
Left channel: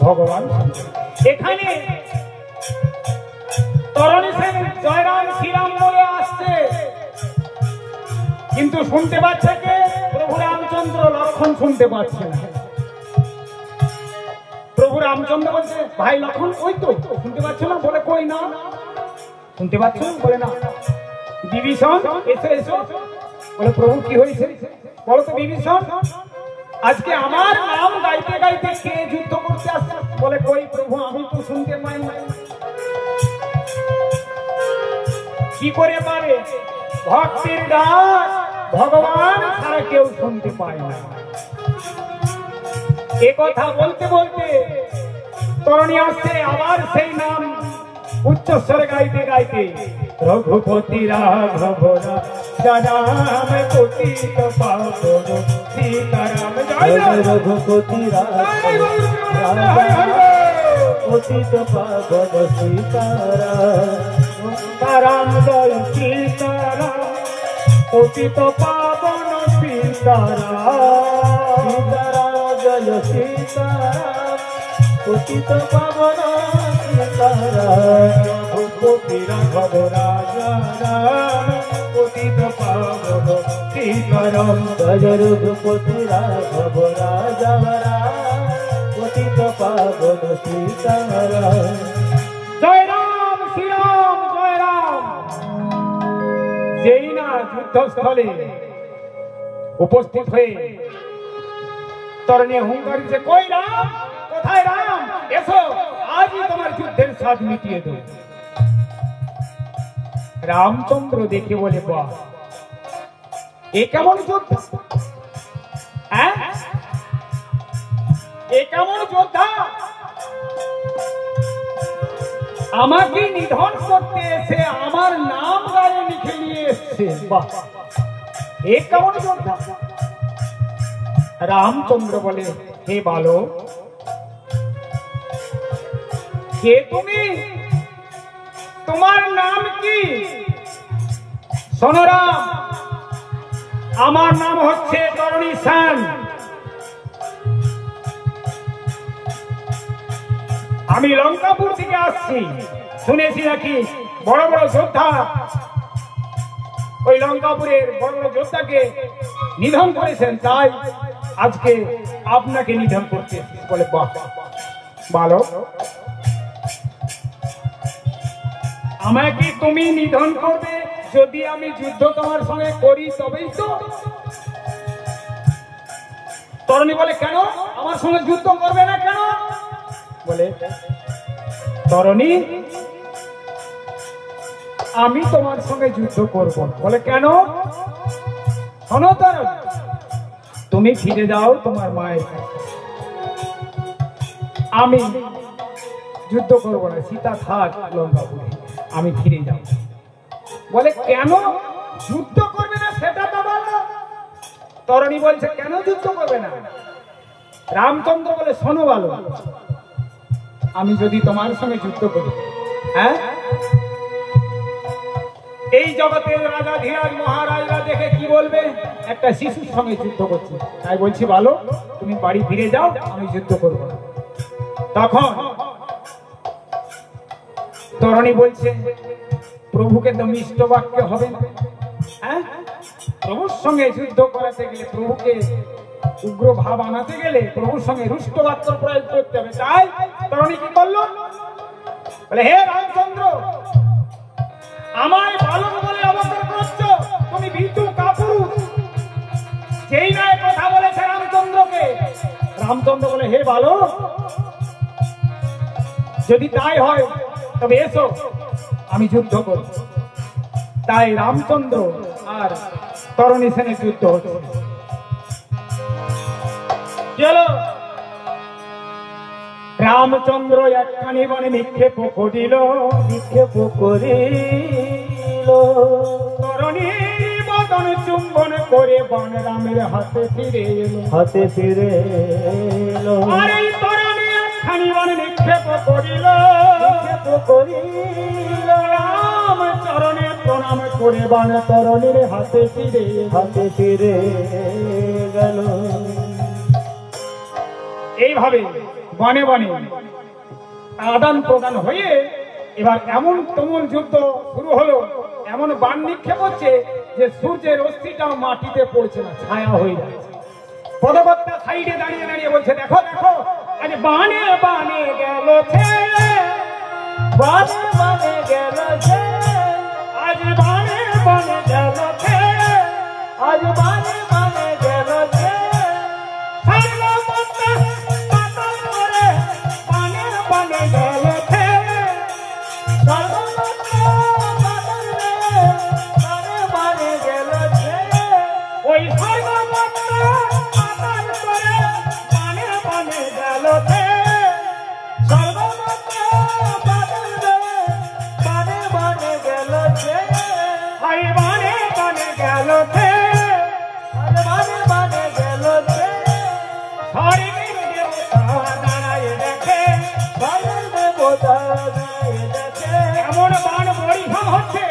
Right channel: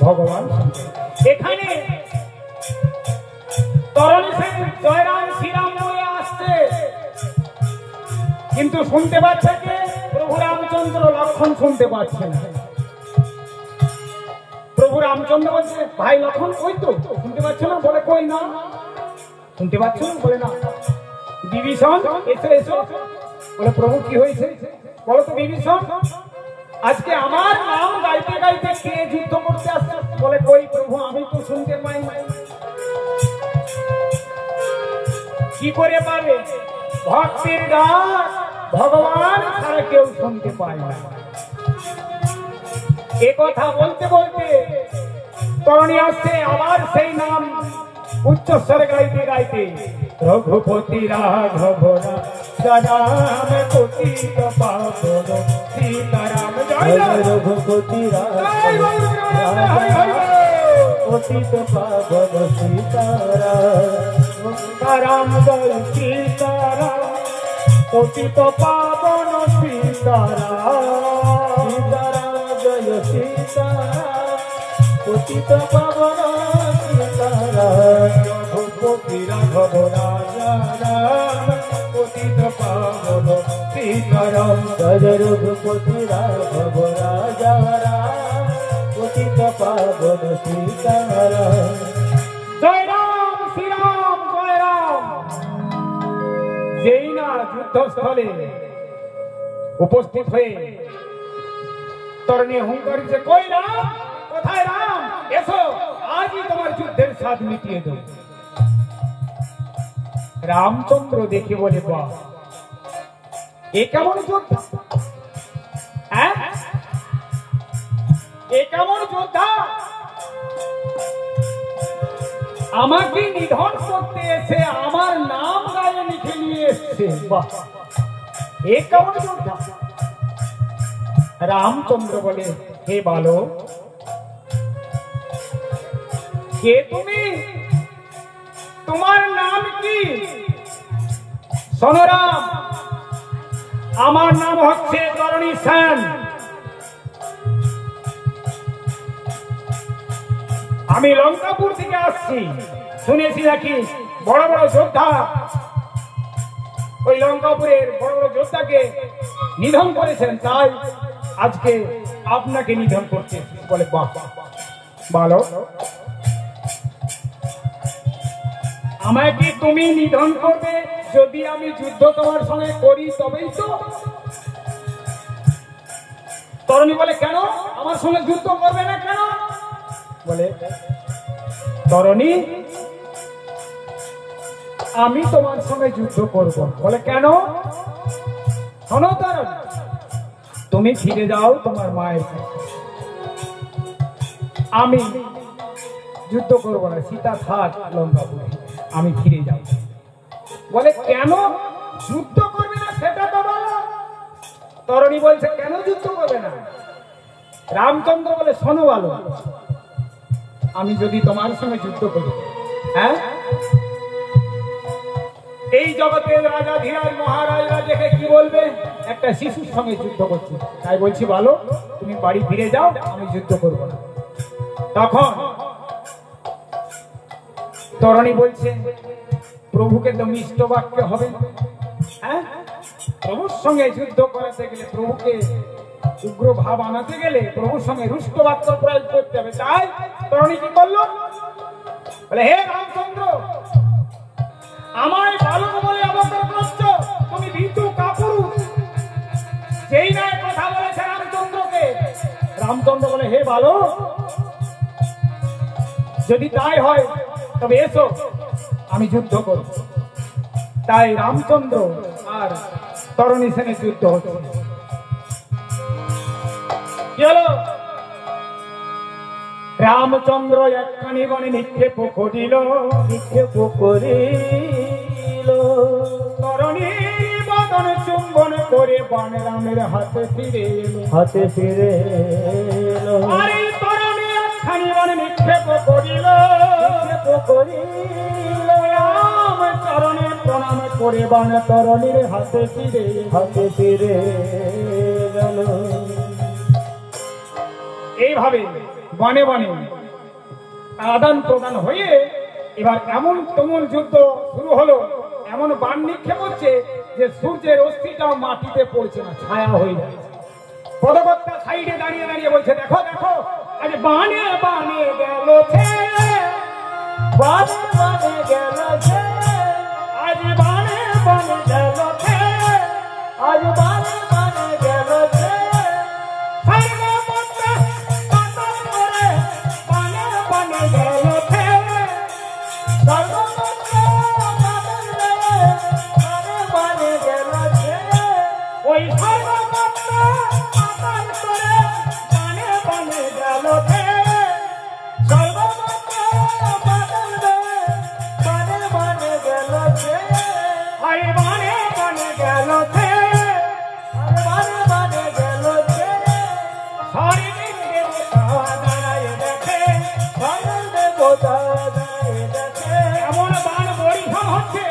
ভগবান শুনতে এখানে তরণী সেন জয়রাম শ্রীরাম বলে আসছে কিন্তু শুনতে পাচ্ছে কে প্রভু রামচন্দ্র লক্ষণ শুনতে পাচ্ছে না। প্রভু রামচন্দ্র বলছে, ভাই লক্ষণ কই তো, শুনতে পাচ্ছ না? বলে কই না। শুনতে পাচ্ছ? বলে না। বিভীষণ এসো এসো। বলে প্রভু কি হয়েছে বলো তো বিভীষণ? আজকে আমার নাম গাইতে গাইতে কে যুদ্ধ করতে আসছে? বলে কই প্রভু, আমি তো শুনতে পাই না। কি করে পাবে? ভক্তের ডাক ভগবান ছাড়া কেউ শুনতে পায় না। এ কথা বলতে বলতে তরণী আসছে, আবার সেই নাম উচ্চস্বরে গাইতে গাইতে, রঘুপতি রাঘব রাম পতিত পাবন সীতারাম। জয় রঘুপতি পতিত পাবন সীতারাম, জয় সীতারাম পতিত পাবন সীতারাম, জয় সীতারাম পতিত পাবন সীতারাম, রঘুপতি রাঘব রাম পতিত পাবন সীতারাম। জয় রঘুপতি রাঘব রাজা রাম পতিত পাবন সীতারাম। জয় রাম শ্রীরাম জয় রাম। যেই না যুদ্ধস্থলে উপস্থিত হয়ে তরণী হুঙ্কার দিচ্ছে, কই রাম, কোথায় রাম, এসো আজই তোমার যুদ্ধের স্বাদ মিটিয়ে দেব। রামচন্দ্র দেখে বলে, বাহ, এ কেমন যোদ্ধা, হ্যাঁ এ কেমন যোদ্ধা, আমাকে নিধন করতে এসে আমার নাম গায়ে লিখে নিয়ে এসছে। বাহ, এ কেমন যোদ্ধা। রামচন্দ্র বলে, হে বালক, কে তুমি, তোমার নাম কি? শোনো রাম, আমার নাম হচ্ছে তরণী সেন। আমি লঙ্কাপুর থেকে আসছি। শুনেছি নাকি বড় বড় যোদ্ধা ওই লঙ্কাপুরের বড় বড় যোদ্ধাকে নিধন করেছেন, তাই আজকে আপনাকে নিধন করতে। বলে, বাহ, ভালো, আমায় কি তুমি নিধন করবে? যদি আমি যুদ্ধ তোমার সঙ্গে করি তবেই তো। তরণী বলে, কেন আমার সঙ্গে যুদ্ধ করবে না কেন? বলে, তরণী, আমি তোমার সঙ্গে যুদ্ধ করব। বলে, কেন? শোনো তরণী, তুমি ফিরে যাও তোমার মায়ের কাছে, আমি যুদ্ধ করব না, সীতা থাক লঙ্কাপুরে, আমি ফিরে যাব। বলে, কেন যুদ্ধ করবে না সেটা তো বলো। তরণী বলছে, কেন যুদ্ধ করবে না? রামচন্দ্র বলে, শোনো ভালো, আমি যদি তোমার সঙ্গে যুদ্ধ করি, হ্যাঁ, এই জগতের রাজা ধীরাজ মহারাজরা দেখে কি বলবে? একটা শিশুর সঙ্গে যুদ্ধ করছি। তাই বলছি, ভালো, তুমি বাড়ি ফিরে যাও, আমি যুদ্ধ করবো না। তখন তরণী বলছে, প্রভুকে তো মিষ্ট বাক্য হবে না, হ্যাঁ, প্রভুর সঙ্গে যুদ্ধ করাতে গেলে, প্রভুকে উগ্র ভাব আনাতে গেলে প্রভুর সঙ্গে রুষ্ট বাক্য প্রয়োগ করতে হবে। তাই তরণী কি করলো? বলে, হে রামচন্দ্র, আমায় বালক বলে অবসর করছো, তুমি ভীতু কাপুরুষ। যেই নয় কথা বলেছে রামচন্দ্রকে। রামচন্দ্র বলে, হে বালক, যদি তাই হয় তবে এসো, আমি যুদ্ধ করব। তাই রামচন্দ্র আর তরণী সেনের যুদ্ধ হতো। রামচন্দ্র একখানি বনে নিক্ষেপ করিল, তরণী বদন চুম্বন করে বন রামের হাতে ফিরে এলো। আর এই তরণী একখানি বনে নিক্ষেপ করিল, রাম চরণে প্রণাম করে বন তরণীর হাতে ফিরে গেল। এইভাবে বনে বনে আদান প্রদান হয়ে এবার এমন তুমুল যুদ্ধ শুরু হলো, এমন বাণ নিক্ষেপ হচ্ছে যে সূর্যের অস্থিটাও মাটিতে পড়ছে না, ছায়া হয়ে যাচ্ছে। পদকর্তা সাইডে দাঁড়িয়ে দাঁড়িয়ে বলছে, দেখো দেখো আজ বানে বানে গেল ছেলে, বানে বানে গেল ছেলে, আজ বানে বানে গেল ছেলে, আজ বানে বানে গেল ছেলে, সর্বপত্তা পাতাল করে বানে বানে গেল ছেলে, সর্বপত্তা পাতাল করে বানে বানে গেল ছেলে, ওই সর্বপত্তা পাতাল করে বানে বানে গেল ছেলে, সর্বপত্তা পাতাল করে বানে বানে গেল ছেলে, হায় বানে বানে গেল ছেলে, বানে বানে গেল ছেলে, স্বর্গের দেবতা দাঁড়ায় দেখে, স্বর্গের দেবতা দাঁড়িয়ে দেখে, এমন বাণ বরিশাল হচ্ছে,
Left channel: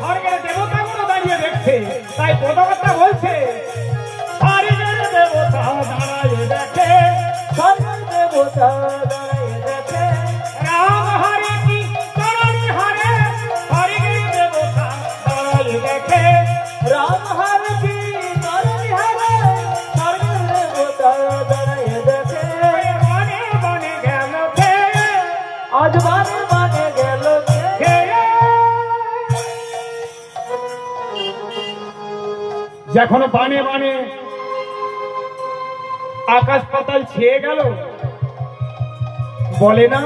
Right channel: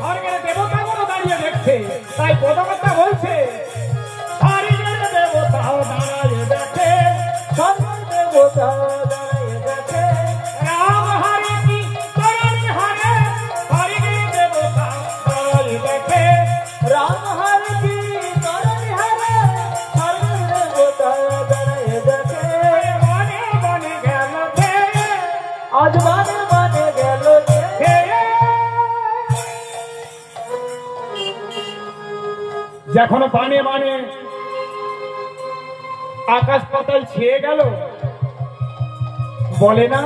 স্বর্গের দেবতাগুলো দাঁড়িয়ে দেখছে। তাই পদকর্তা বলছে, স্বর্গের দেবতা দাঁড়ায় দেখে, স্বর্গের দেবতা দাঁড়িয়ে দেখে, রাম হরে কি করণি হরে, স্বর্গের দেবতা দাঁড়ায় দেখে, রাম হরে কি করণি হরে, স্বর্গের দেবতা দাঁড়িয়ে দেখে, বানে বানে গেল ছেলে, আজ বানে বানে গেল ছেলে, যখন বানে বানে আকাশ পাতাল ছেয়ে গেল, বলে না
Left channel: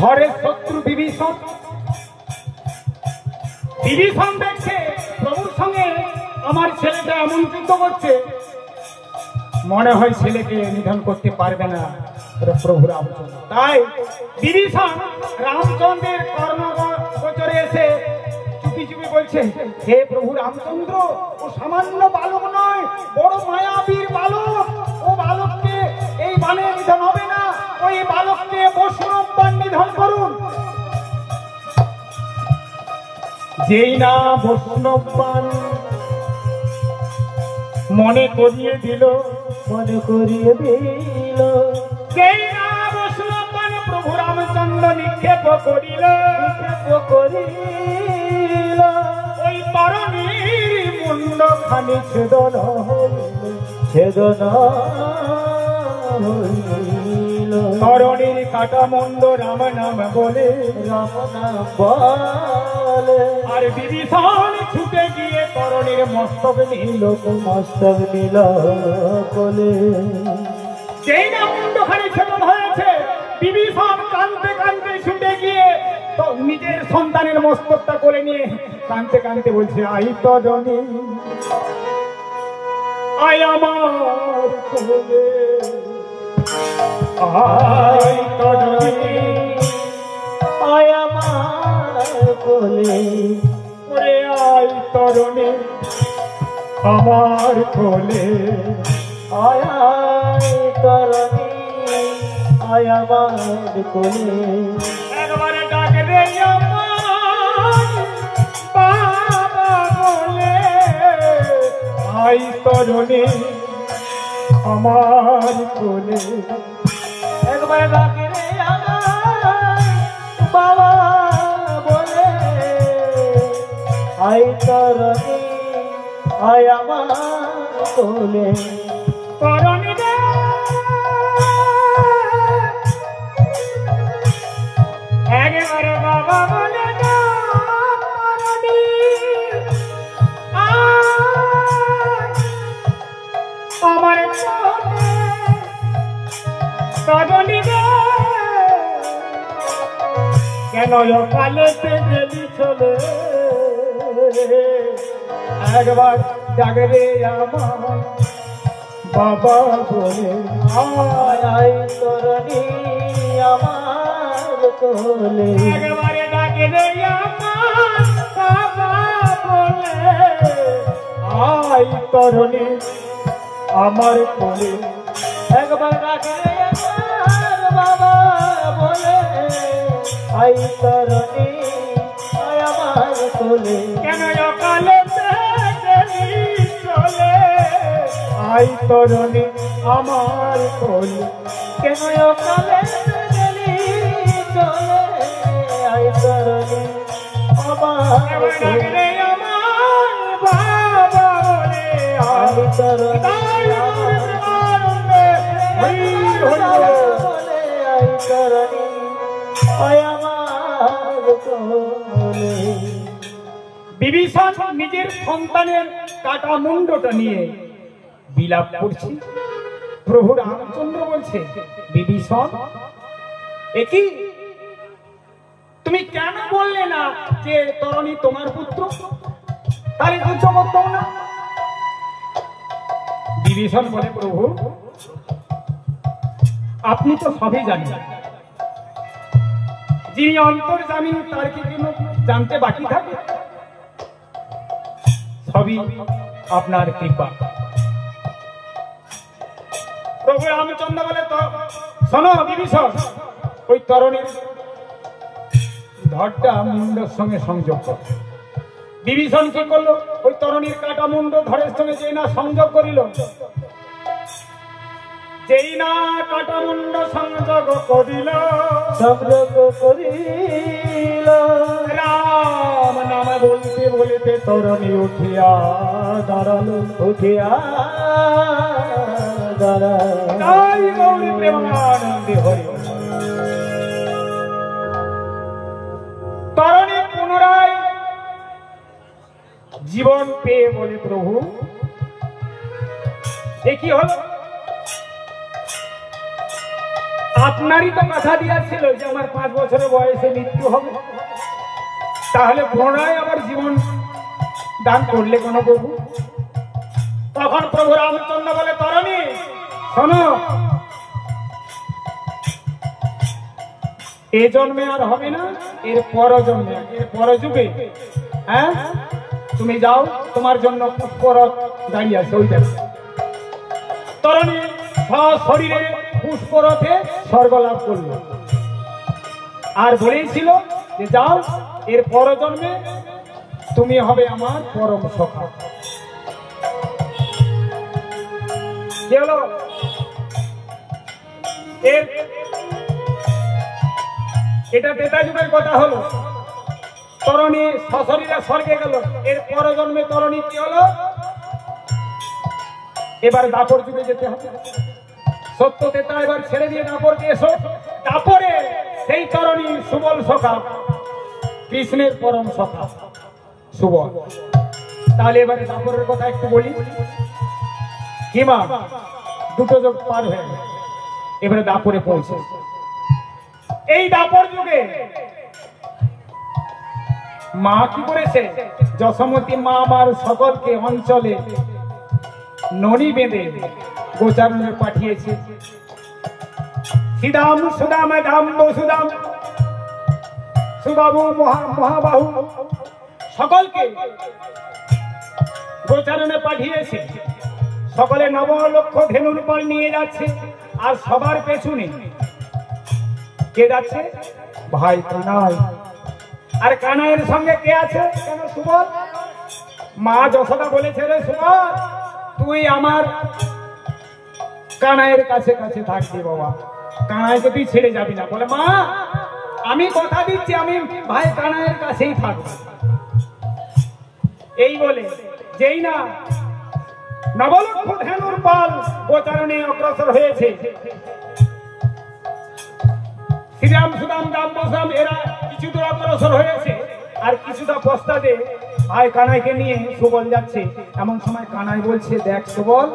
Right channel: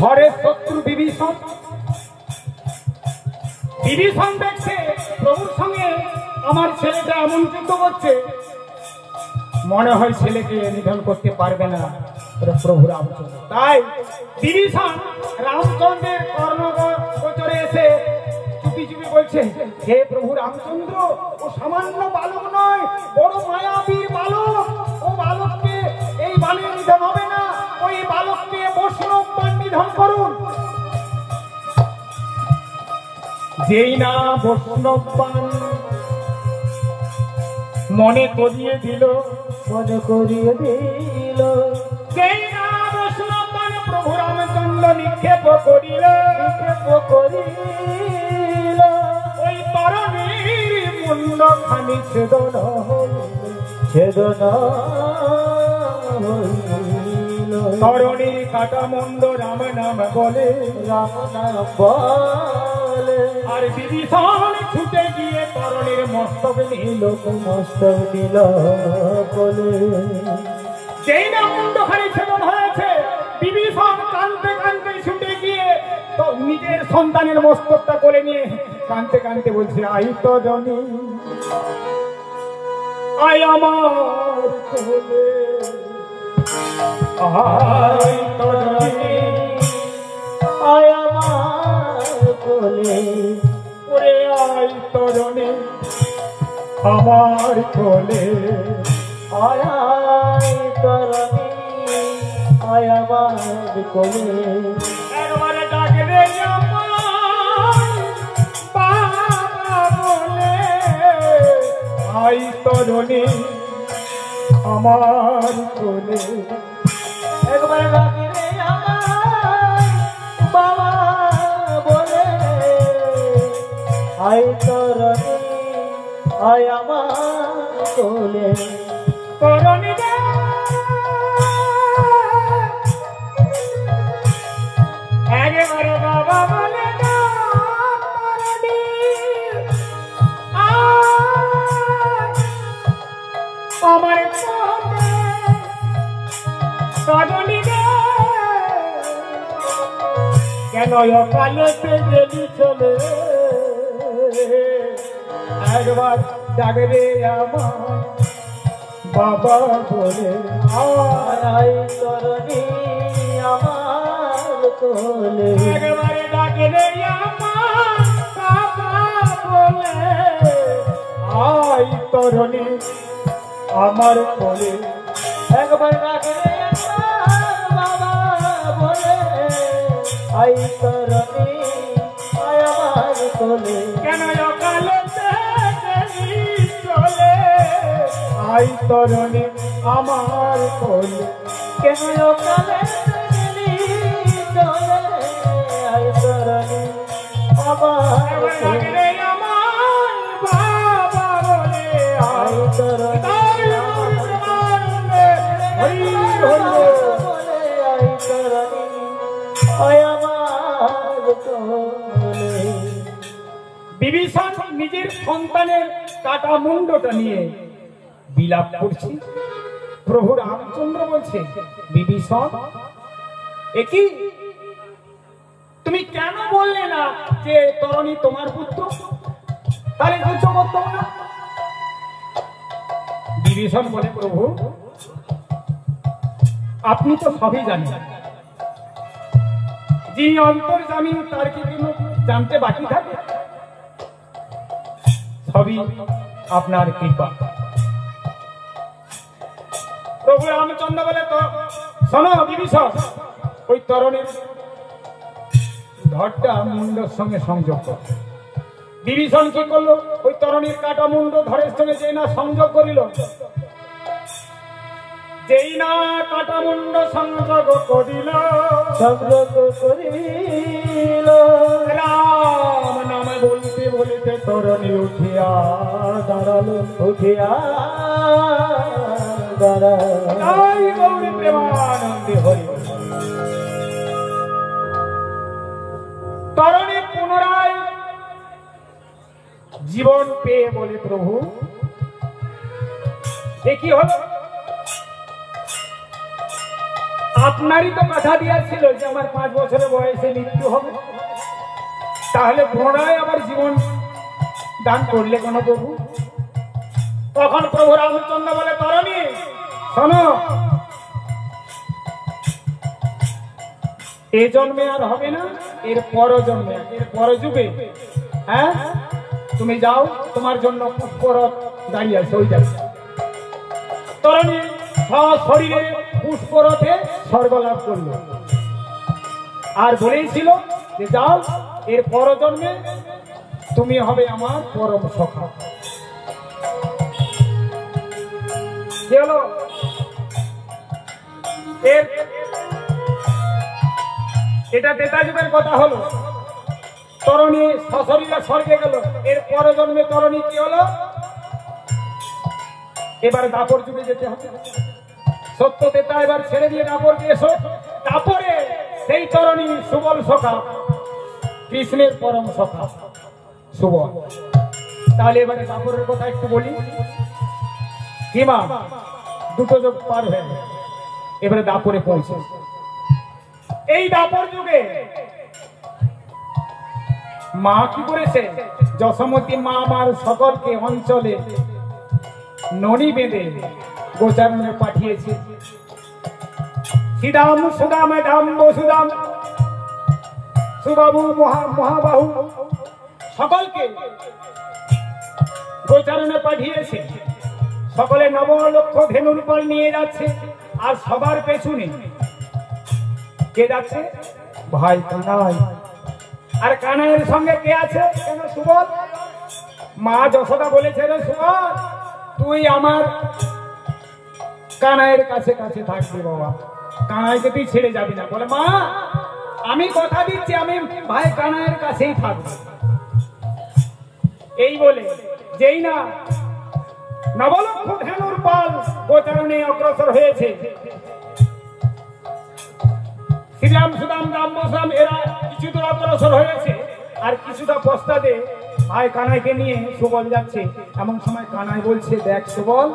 ঘরের শত্রু বিভীষণ, বিভীষণ দেখছে প্রভুর সঙ্গে আমার ছেলেটা এমন যুদ্ধ করছে, মনে হয় ছেলেকে নিধন করতে পারবে না প্রভু রামচন্দ্র। তাই বিভীষণ রামচন্দ্রের কর্ণগোচরে এসে চুপি চুপি বলছে, হে প্রভু রামচন্দ্র, ও সামান্য বালক নয়, বড় মায়াবীর বালক, ও বালককে এই বানে নিধন হবে না, ওই বালককে বৈষ্ণব বান নিধন করুন। যেই না বৈষ্ণব বান মনে করিয়ে দিল, মনে করিয়ে দিল, যেই না বৈষ্ণব বান প্রভু রামচন্দ্র নিক্ষেপ করিল, নিক্ষেপ করিল, ওই তরণীর মুন্ড খানি ছেদন হইল, ছেদন হইল, তরণীর কাটা মুন্ড রাম নাম বলে, রাম নাম বলে, আর বিভীষণ ছুটে গিয়ে তরণীর মস্তক নিল, মস্তক নিল বলে, যেই না মুন্ড খানি ছেদন হয়েছে, বিভীষণ কাঁদতে কাঁদতে ছুটে গিয়ে তো নিজের সন্তানের মস্তকটা করে নিয়ে কাঁদতে কাঁদতে বলছে, আই তরণী আয় আমার কোলে, আয় তরণী আয় আমার কোলে, ওরে আয় তরণী আমার কোলে, আয় আয় তরণী আয় আমার কোলে, একবারে ডাকলে আমার বাবা বলে, আয় তরণী আমার কোলে, একবার ডাকে রে আমার বাবা বলে, আয় তরণী আয় আমার কোলে, তরণী রে একেবারে বাবা বলে ডাক, তরণী আয় আমার কোলে, তরণী রে কেন অকালেতে গেলি চলে, একবার ডাকরে আমার বাবা বলে, আয় আয় তরণী আমার কোলে, একবারে ডাকরে আমার বাবা বলে, আয় তরণী আমার কোলে, একবার ডাকে রে আমার বাবা বলে, আয় তরণী আয় আমার কোলে, কেন অকালেতে গেলি চলে, আয় তরণী আমার কোলে, কেন অকালে গেলি চলে, আয় তরণী আমার একবার কোলে, ডাকরে আমার বাবা বলে, আয় তরণী বিভীষণ নিজের সন্তানের কাটা মুন্ডটা নিয়ে বিলাপ করছে। প্রভু রামচন্দ্র বলছে, বিভীষণ একই তুমি কেন বললে না যে তরণী তোমার পুত্র, তাহলে যুদ্ধ করতো না? বিভীষণ বলে, প্রভু আপনি তো সবই জানেন, যিনি অন্তর্যামী তার কি কোনো জানতে বাকি থাকে? সবই আপনার কৃপা। প্রভু রামচন্দ্র বলে, তো শোনো বিভীষণ, ওই তরণীর ধরটা মুন্ডের সঙ্গে সংযোগ কর। বিভীষণ কি করলো? ওই তরণীর কাটা মুন্ড ধরের সঙ্গে যেই না সংযোগ করিল, যেই না কাটা মুন্ড সংযোগ করিল, রাম নাম বলতে বলতে তরণী উঠিয়া দাঁড়ালো, উঠিয়া প্রেমানন্দে হরি। তরণী পুনরায় জীবন পেয়ে বলে, প্রভু এ কি হলো? আপনারই তো কথা দিয়েছিল যে আমার 5 বছরের বয়সে মৃত্যু হবে, তাহলে পুনরায় আবার জীবন দান করলে কোন প্রভু? তখন প্রভু রামচন্দ্র বলে, তরণী শোনো, এ জন্মে আর হবে না, এর পর জন্মে, এর পর যুগে, হ্যাঁ তুমি যাও, তোমার জন্য পুষ্পরথ দাঁড়িয়ে আছে, ওই দেখো। তরণী শরীরে পুষ্পরথে স্বর্গ লাভ করলো, আর বলেইছিল যে যাও, এর পর জন্মে তুমি হবে আমার পরম সখা। কি হলো? এটা ত্রেতা যুগের কথা হলো। তরণী সশরীরে স্বর্গে গেল, এর পর জন্মে তরণী কি হলো? এবার দাপর যুগে যেতে হবে। সত্য ত্রেতা এবার ছেড়ে দিয়ে দাপরকে এসো। দাপরে সেই তরণী সুবল সখা, কৃষ্ণের পরম সখা সুবল। তাহলে এবারে দাপরের কথা একটু বলি। কিমা দুটো যুগ পার হয়ে গেল, এবারে দাপরে পৌঁছে। এই দাপর যুগে মা কি করেছে? যশোমতী মা আমার সকলকে অঞ্চলে নড়ি বেঁধে গোচারণে পাঠিয়েছে। শ্রীদাম সুদাম দাম বসুদাম সুবাবু মহাবাহু সকলকে গোচারণে পাঠিয়েছে। সকলে 9 লক্ষ ধেনুর পাল নিয়ে যাচ্ছে, আর সবার পেছনে কে যাচ্ছে? ভাই কানাই। আর কানাইয়ের সঙ্গে কে আছে? কেন? সুবল। মা যশোদা বলেছে, রে সুবল তুই আমার কানাইয়ের কাছে কাছে থাকবি বাবা, কানাইকে তুই ছেড়ে যাবি না। বলে, মা আমি কথা দিচ্ছি, আমি ভাই কানাইয়ের কাছেই থাকবো। এই বলে যেই না 9 লক্ষ ধেনুর পাল গোচারণে অগ্রসর হয়েছে, শ্রীরাম সুদাম দাম বসাম এরা কিছু দূর অগ্রসর হয়েছে, আর কিছুটা পশ্চাতে ভাই কানাইকে নিয়ে সুবল যাচ্ছে। এমন সময় কানাই বলছে, দেখ সুবল,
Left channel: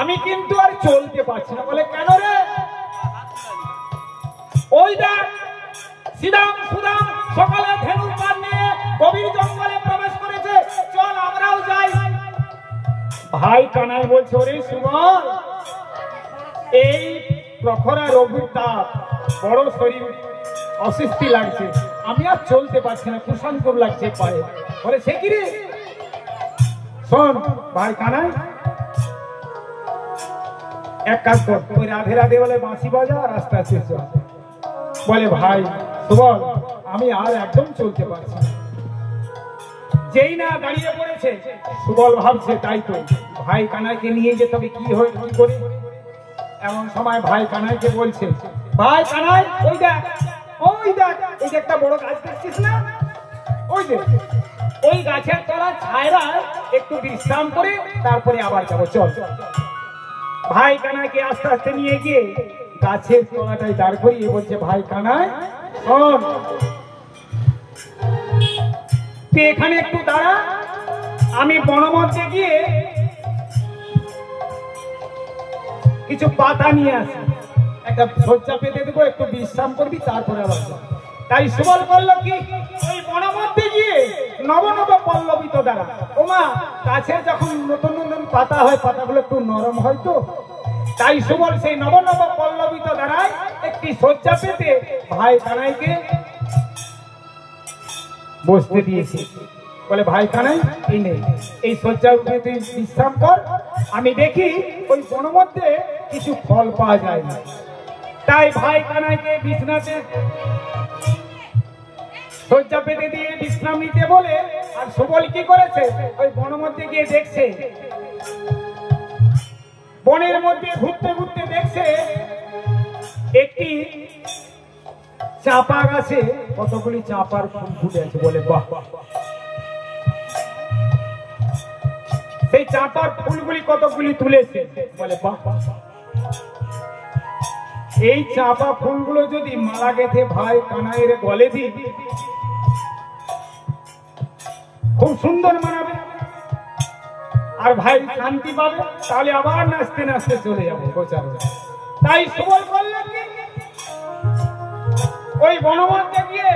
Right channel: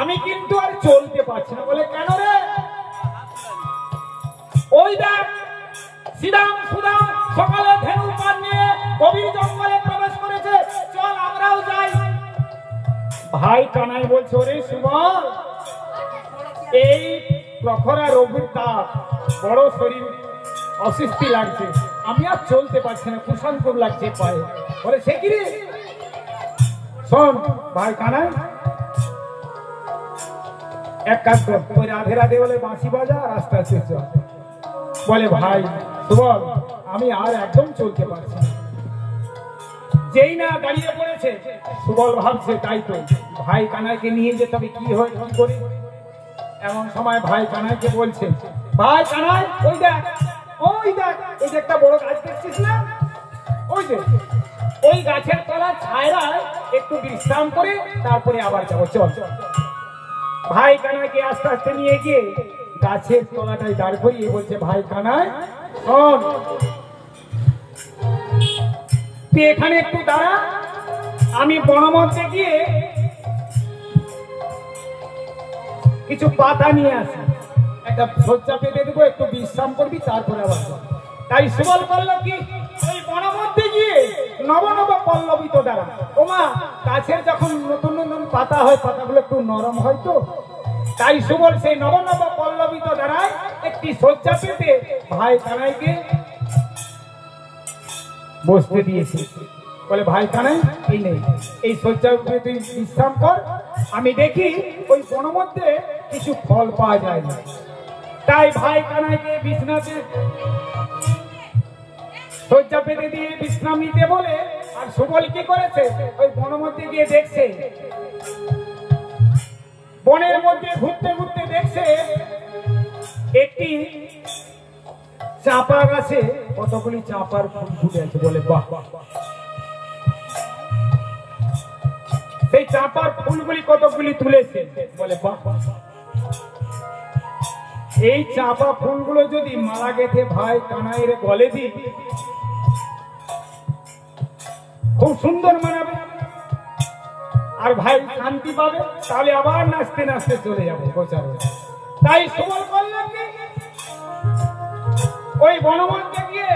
আমি কিন্তু আর চলতে পারছি না। বলে, কেন রে? ওই দেখ শ্রীরাম সুদাম সকালে ধেনু পাল নিয়ে গভীর জঙ্গলে প্রবেশ করেছে, চল আমরাও যাই। ভাই কানাই বলছে, ওরে সুবল, এই প্রখরা রঘুর তাপ, বড় শরীর অসুস্থি লাগছে, আমি আর চলতে পারছি না, কুসংকর লাগছে পায়ে। বলে, সে কি রে? শোন ভাই কানাই, এক কাজ কর, ওই রাধে রাধে বলে বাঁশি বাজা, রাস্তা শেষ। বলে, ভাই সুবল আমি আর একদম চলতে পারছি না। যেই না দাঁড়িয়ে পড়েছে, সুবল ভাবছে তাই তো ভাই কানাইকে নিয়ে যেতে হবে, কি হয় কি করে। এমন সময় ভাই কানাইকে বলছে, ভাই কানাই ওই দেখ, ওই দেখ, ওই যে একটা বড় গাছ দেখছিস না, ওই যে ওই গাছের তলার ছায়ায় একটু বিশ্রাম করে তারপরে আবার যাবো, চল। ভাই কানাইকে আস্তে আস্তে নিয়ে গিয়ে গাছের তলাটায় দাঁড় করিয়ে বলছে, ভাই কানাই শোন, তুই এখানে একটু দাঁড়া, আমি বনমধ্যে গিয়ে কিছু পাতা নিয়ে আসি, একটা শয্যা পেতে দেবো, একটু বিশ্রাম করবি, তারপরে আবার তাই সুবল বলল কি ওই বনমধ্যে গিয়ে নব নব পল্লবিত দাঁড়া। ওমা গাছে যখন নতুন নতুন পাতা হয়, পাতাগুলো একটু নরম হয় তো, তাই সুবল সেই নব নব পল্লবিত দাঁড়ায় একটি শয্যা পেতে ভাই কানাইকে বসতে দিয়েছে। বলে ভাই কানাই এই নেই, এই শয্যা পেতে বিশ্রাম কর, আমি দেখি ওই বনমধ্যে কিছু ফল পাওয়া যায় না। তাই ভাই কানাইকে বিছনাতে শয্যা পেতে দিয়ে বিশ্রাম নিতে বলে, আর সুবল কি করেছে ওই বনের মধ্যে গিয়ে দেখছে, বনের মধ্যে ঘুরতে ঘুরতে দেখছে একটি চাপা গাছে কতগুলি চাপার ফুল ফুটে আছে। বলে বাহ, সেই চাপার ফুলগুলি কতগুলি তুলেছে। বলে বাহ, এই চাপা ফুলগুলো যদি মালা গেঁথে ভাই কানাইয়ের গলে দিই, খুব সুন্দর মানাবে, আর ভাই শান্তি পাবে, তাহলে আবার নাচতে নাচতে চলে যাবে গোচারো। তাই সুবল করলো কি ওই বনমধ্যে গিয়ে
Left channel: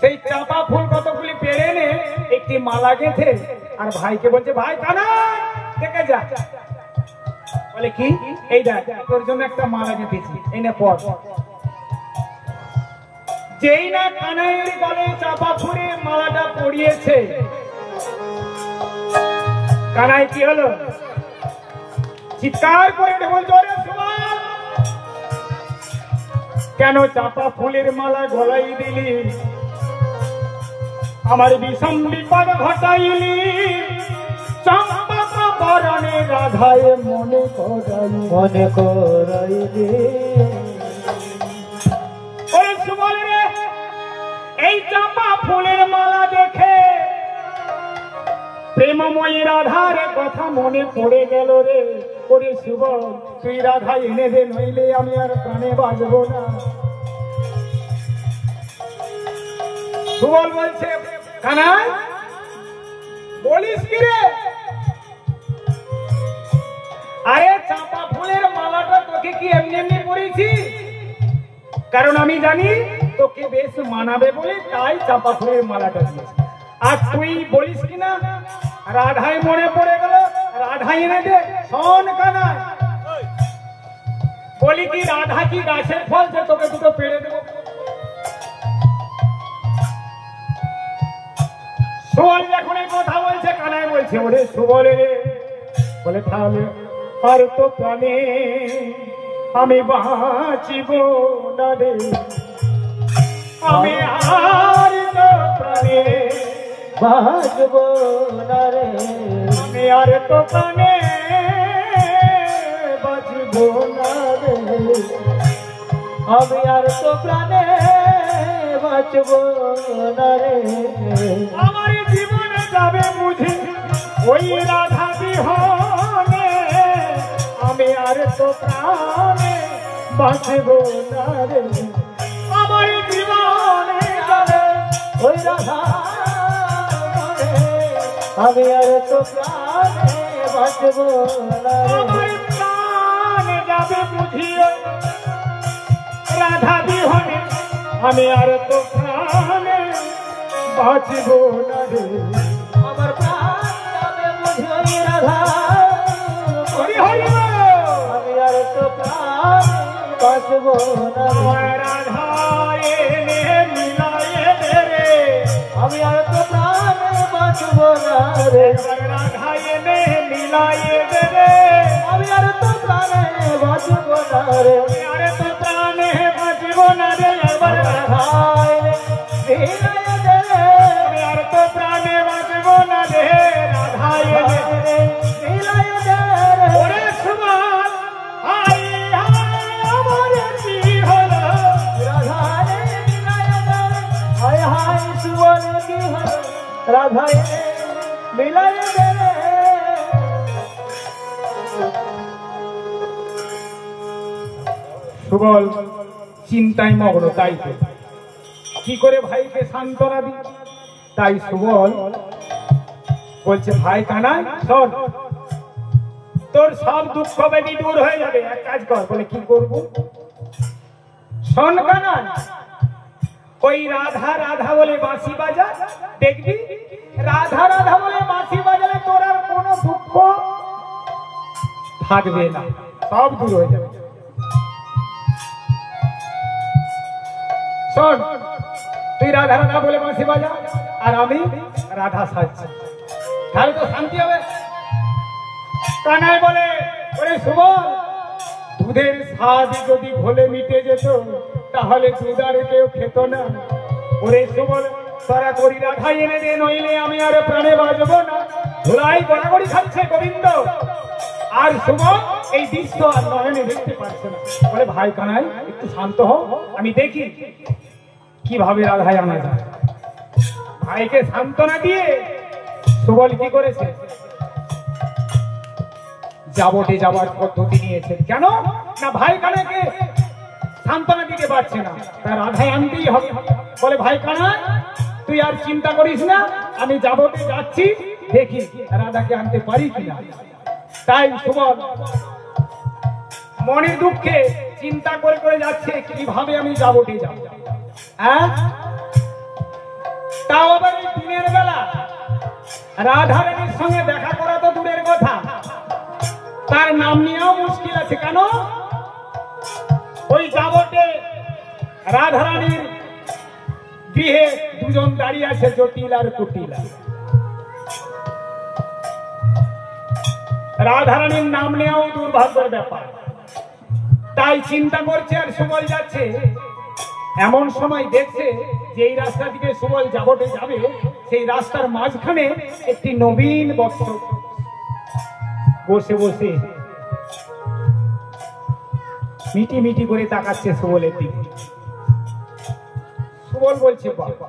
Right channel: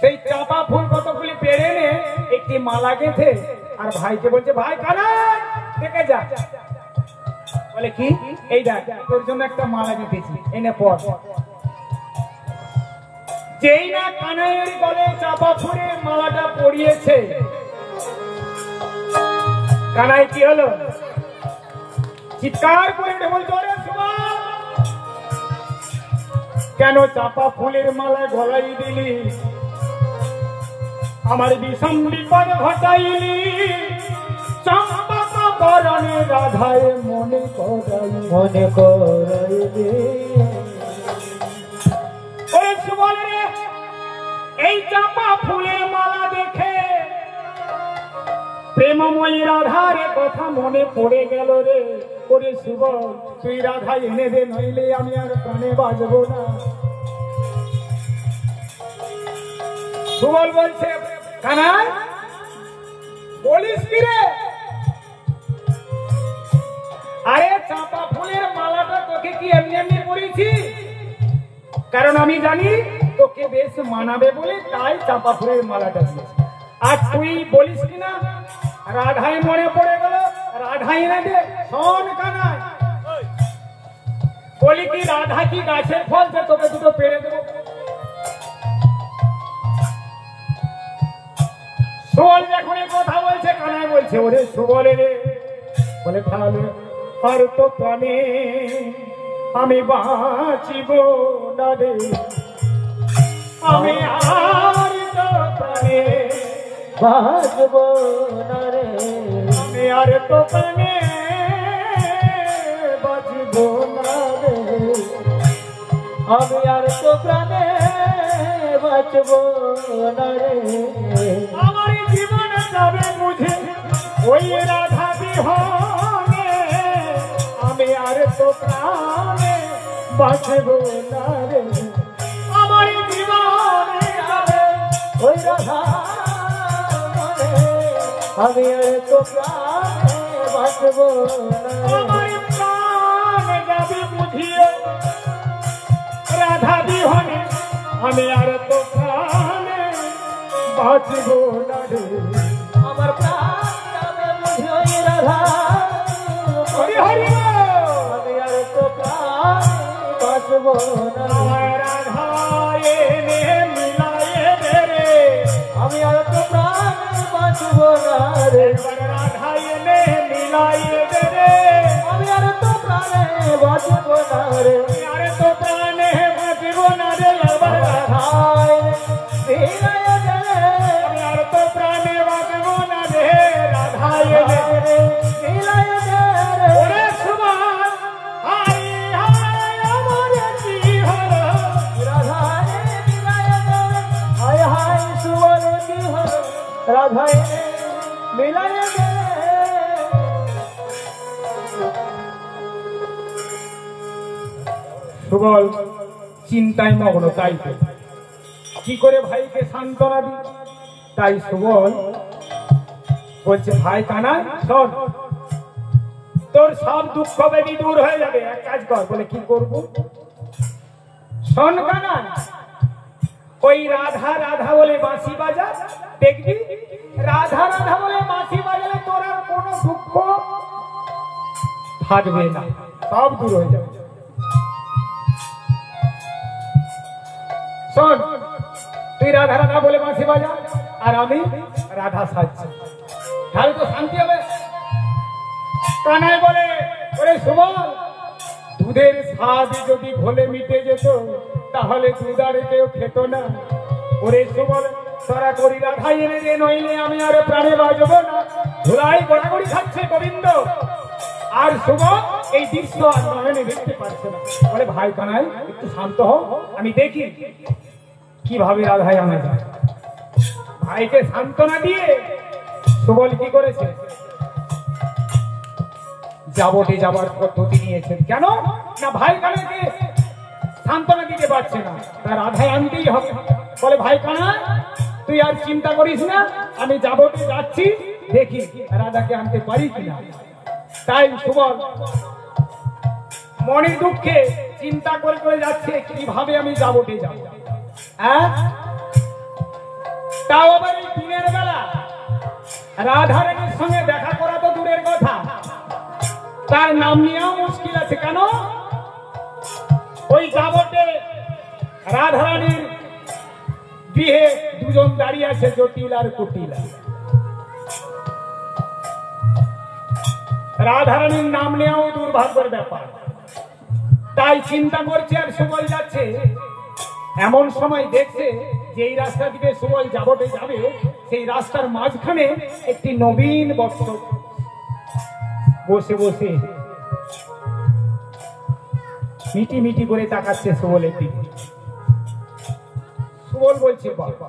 সেই চাপা ফুল কতগুলি পেরে এনে একটি মালা গেঁথে আর ভাইকে বলছে, ভাই কানাই দেখে যা। বলে কি, এই দেখ তোর জন্য একটা মালা গেঁথেছি, এই নে পর। যেই না কানাইয়ের গলে চাপা ফুলের মালাটা পরিয়েছে, কানাই কি হলো, চিৎকার করে বলছে, কেন চাপা ফুলের মালা গলাই দিলি, আমার বিষম বিপদ ঘটাইলি, চম্পা বরণে রাধায় মনে করাই মনে করাইলি। এই চাপা ফুলের মালা দেখে প্রেমময়ী রাধার কথা মনে পড়ে গেল রে। ওরে সুবল তুই রাধা এনে দে, নইলে আমি আর প্রাণে বাঁচব না। সুবল বলছে, কানাই বলিস কি রে, আরে চাপা ফুলের মালাটা তোকে কি এমনি এমনি পড়েছি, কারণ আমি জানি তোকে বেশ মানাবে বলে তাই চাপা ফুলের মালাটা দিয়েছি। আর তুই বলিস কিনা রাধাই মনে পড়ে গেল, রাধাই এনে দে। শোন কানাই, বলি কি রাধা কি গাছের ফল যে তোকে দুটো পেড়ে দেবো? সুবল যখন এই কথা বলছে, কানাই বলছে, ওরে সুবল রে, বলে তাহলে আর তো প্রাণে আমি বাঁচিব না রে, আমি আর তো প্রাণে বাঁচব না রে, আমি আর তো প্রাণে বাঁচব না রে, আমি আর তো প্রাণে বাঁচব না রে, আমার জীবনে যাবে বুঝে ওই রাধা বিহনে, আমি আর তো প্রাণে বাঁচব না রে, আমার জীবনে যাবে ওই রাধা, আমি আর তো প্রাণে বাঁচব না রে, আমার প্রাণে যাবে বুঝিও রাধা বিহনে, আমি আর তো প্রাণে বাঁচব না রে, আমার প্রাণ যাবে বুঝিও রাধা, হরি হরি আমি আর তো প্রাণ বাঁচব না রে, রাধা এনে মিলায়ে দে রে, আমি আর তো প্রাণে বাঁচব না রে, রাধা এনে মিলায়ে দে রে, আমি আর তো প্রাণে বাঁচব না রে, আমি আর তো প্রাণে বাঁচব না রে, আমার রাধা এনে মিলায়ে দে রে, আমি আর তো প্রাণে বাঁচব না রে, রাধা এনে মিলায়ে দে রে। ওরে সুবল হাই হাই আমার কি হলো, রাধা এনে মিলায়ে দে রে, হাই হাই সুবল কি হলো, রাধা এনে মিলায়ে দে রে। সুবল চিন্তায় মগ্ন, তাই তো কি করে ভাইকে সান্ত্বনা দি, তাই সুবল বলছে ভাই কানাই শোন, তোর সব দুঃখ ব্যাধি দূর হয়ে যাবে, এক কাজ কর। বলে কি করব? শোন কানাই, ওই রাধা রাধা বলে বাঁশি বাজা, দেখবি রাধা রাধা বলে বাঁশি বাজালে তোর আর কোনো দুঃখ থাকবে না, সব দূর হয়ে যাবে। শোন, তুই রাধা রাধা বলে বাঁশি বাজা আর আমি রাধা সাজছি, তাহলে তো শান্তি হবে। কানাই বলে ওরে সুবল, দুধের স্বাদ যদি ঘোলে মিটে যেত তাহলে দুধ আর কেউ খেত না। ওরে সুবল, তারা করি রাধা এনে দে, নইলে আমি আর প্রাণে বাঁচবো না। ধুলাই গড়াগড়ি খাচ্ছে গোবিন্দ, আর সুবল এই দৃশ্য আর নয়নে দেখতে পারছে না। বলে ভাই কানাই একটু শান্ত হও, আমি দেখি কিভাবে রাধাই আনা যায়। ভাইকে সান্ত্বনা দিয়ে সুবল কি করেছে, যাবতে যাবার পদ্ধতি নিয়েছেন। কেন না, ভাই কানাকে সান্ত্বনা দিতে পারছে না, তার রাধাই আনতেই হবে। বলে ভাই কানা তুই আর চিন্তা করিস না, আমি যাবতে যাচ্ছি, দেখি রাধাকে আনতে পারি কিনা। তাই সুবল মনের দুঃখে চিন্তা করে করে যাচ্ছে কিভাবে আমি যাবতে যাব। হ্যাঁ, তাও আবার এই দিনের বেলা রাধা রানীর সঙ্গে দেখা করা তো দূরের কথা, তার নাম নেওয়াও মুশকিল আছে। কেন, ওই যাবতে রাধা রানীর গৃহে দুজন দাঁড়িয়ে আছে, জটিল আর কুটিলা। রাধা রানীর নাম নেওয়াও দুর্ভাগ্যের ব্যাপার। তাই চিন্তা করছে আর সুবল যাচ্ছে। এমন সময় দেখছে যে এই রাস্তা দিকে সুবল যাবতে যাবে, সেই রাস্তার মাঝখানে একটি নবীন বৎস বসে বসে মিটি মিটি করে তাকাচ্ছে সুবলের দিকে। সুবল বলছে বাবা,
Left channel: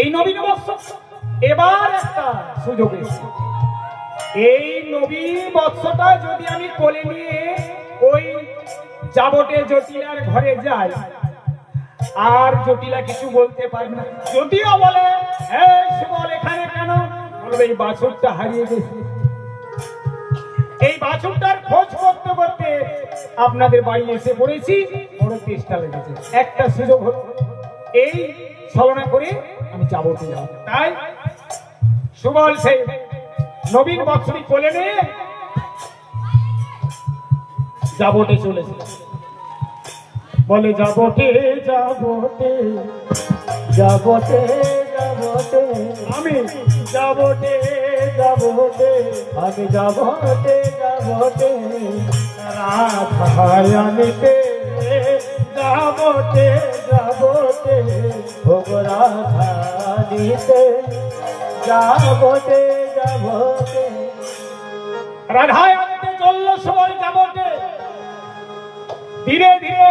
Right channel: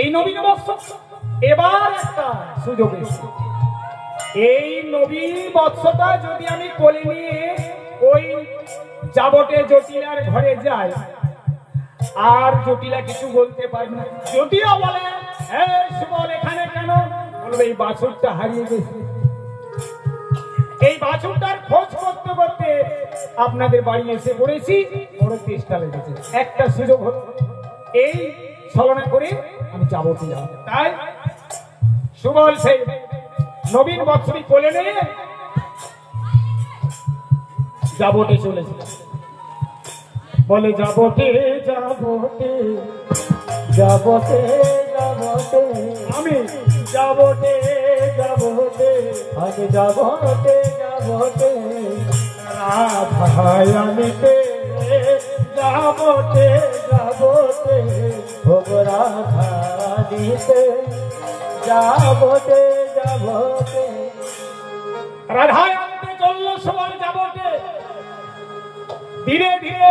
এই নবীন বৎস, এবার একটা সুযোগ এসেছে। এই নবীন বৎসটা যদি আমি কোলে নিয়ে ওই যাবতে জটিলার ঘরে যাই, আর জটিলা কিছু বলতে পারবে না। যদিও বলে সুবল এখানে কেন, বলবে এই বাছুরটা হারিয়ে গেছে। এই বাছুরটার খোঁজ করতে করতে আপনাদের বাড়ি এসে পড়েছি, বড় চেষ্টা লেগেছে, একটা সুযোগ হলো, এই ছলনা করে আমি যাবতে যাব। তাই সুবল সেই নবীন বৎসরী কোলে নিয়ে যাবতে চলেছে। বলে যাবতে যাবতে যাবতে যাবতে আমি যাবতে যাবতে আমি যাবতে যাবতে রাধাই আনিতে যাবতে যাবতে ভোগ রাধা দিতে যাবতে যাবতে। রাধাই আনতে চললো সবাই যাবতে। ধীরে ধীরে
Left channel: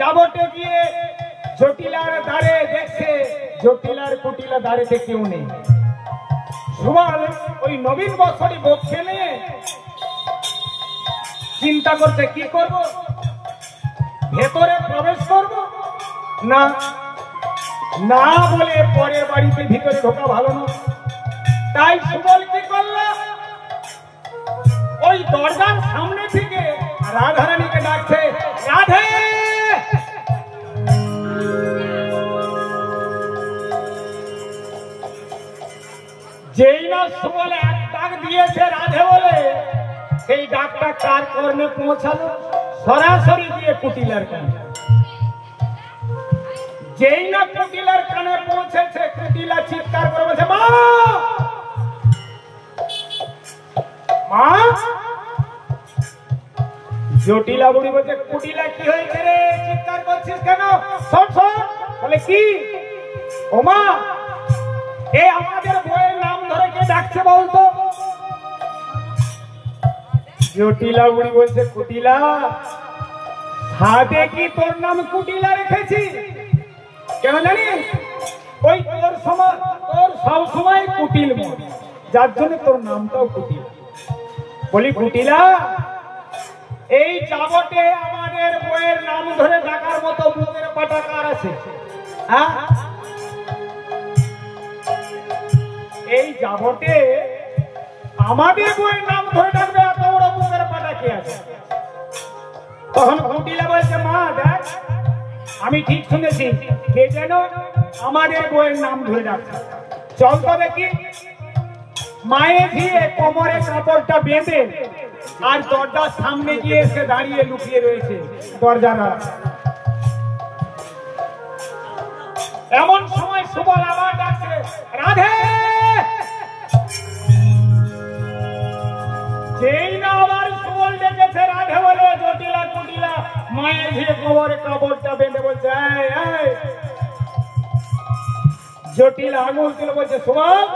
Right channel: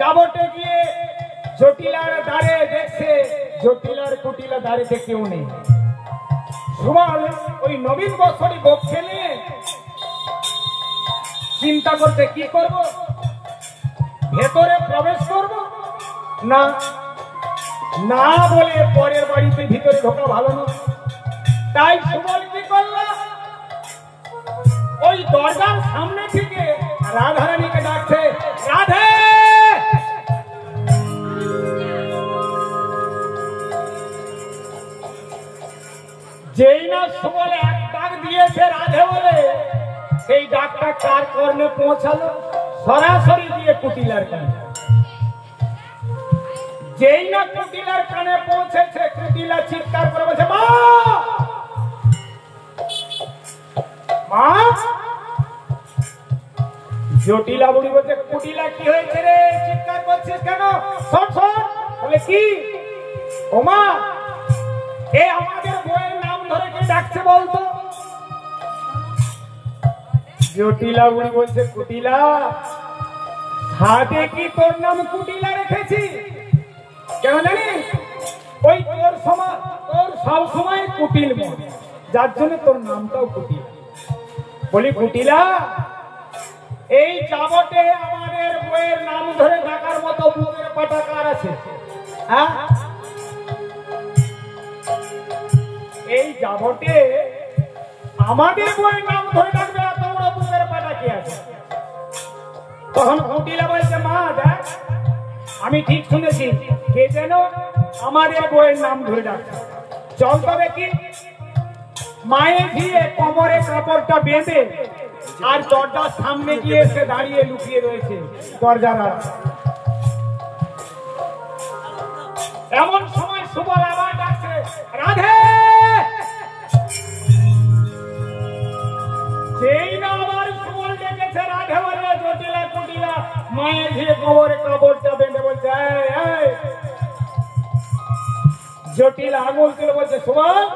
যাবতে গিয়ে জটিলার দ্বারে দেখছে, জটিলার কুটিলা দ্বারেতে কেউ নেই। সুবল ওই নবীন বৎসরী বক্ষে নিয়ে চিন্তা করতে কি করব, ভেতরে প্রবেশ করব না না বলে পরের বাড়িতে ভিতরে ঢোকা ভালো না। তাই সুবল কি করল, ওই দরজার সামনে থেকে রাধারানীকে ডাকছে, রাধে। যেই না সুবল এক ডাক দিয়েছে রাধে বলে, সেই ডাকটা কার কর্ণে পৌঁছালো, সরাসরি গিয়ে কুটিলার কানে। যেই না কুটিলার কানে পৌঁছেছে, কুটিলা চিৎকার করে বলছে, মা মা। জটিলা বুড়ি বলছে, কুটিলা কি হয়েছে রে, চিৎকার করছিস কেন? শোন শোন। বলে কি? ও মা, এ আমাদের বইয়ের নাম ধরে কে ডাকছে বলতো? জটিলা বুড়ি বলছে, কুটিলা, হাতে কি তোর নাম কুটিলা রেখেছি? কেন জানিস? ওই তোর সময়, তোর সব সময় কুটিল, যার জন্য তোর নামটাও কুটিল। বলি কুটিলা, এই যাবতে আমাদের বইয়ের নাম ধরে ডাকার মতো মুখের পাটা কার আছে? এই যাবতে আমাদের বইয়ের নাম ধরে ডাকবে এত বড় বুকের পাটা কি আছে? তখন কুটিলা বলছে, মা দেখ, আমি ঠিক শুনেছি, কে যেন আমাদের বইয়ের নাম ধরে ডাকছে। চল তো দেখি। মায়ে দিয়ে কোমরে কাপড়টা বেঁধে আর দরজার সামনে গিয়ে এসে দাঁড়িয়ে লুকিয়ে রয়েছে দরজারা। এমন সময় সুবল আবার ডাকছে, রাধে। যেই না আবার সুবল ডেকেছে রাধে বলে, জটিলা কুটিলা মায়ের ঘিরে কোমরে কাপড়টা বেঁধে বলছে, জটিলা আঙুল তুলে বলছে, সুবল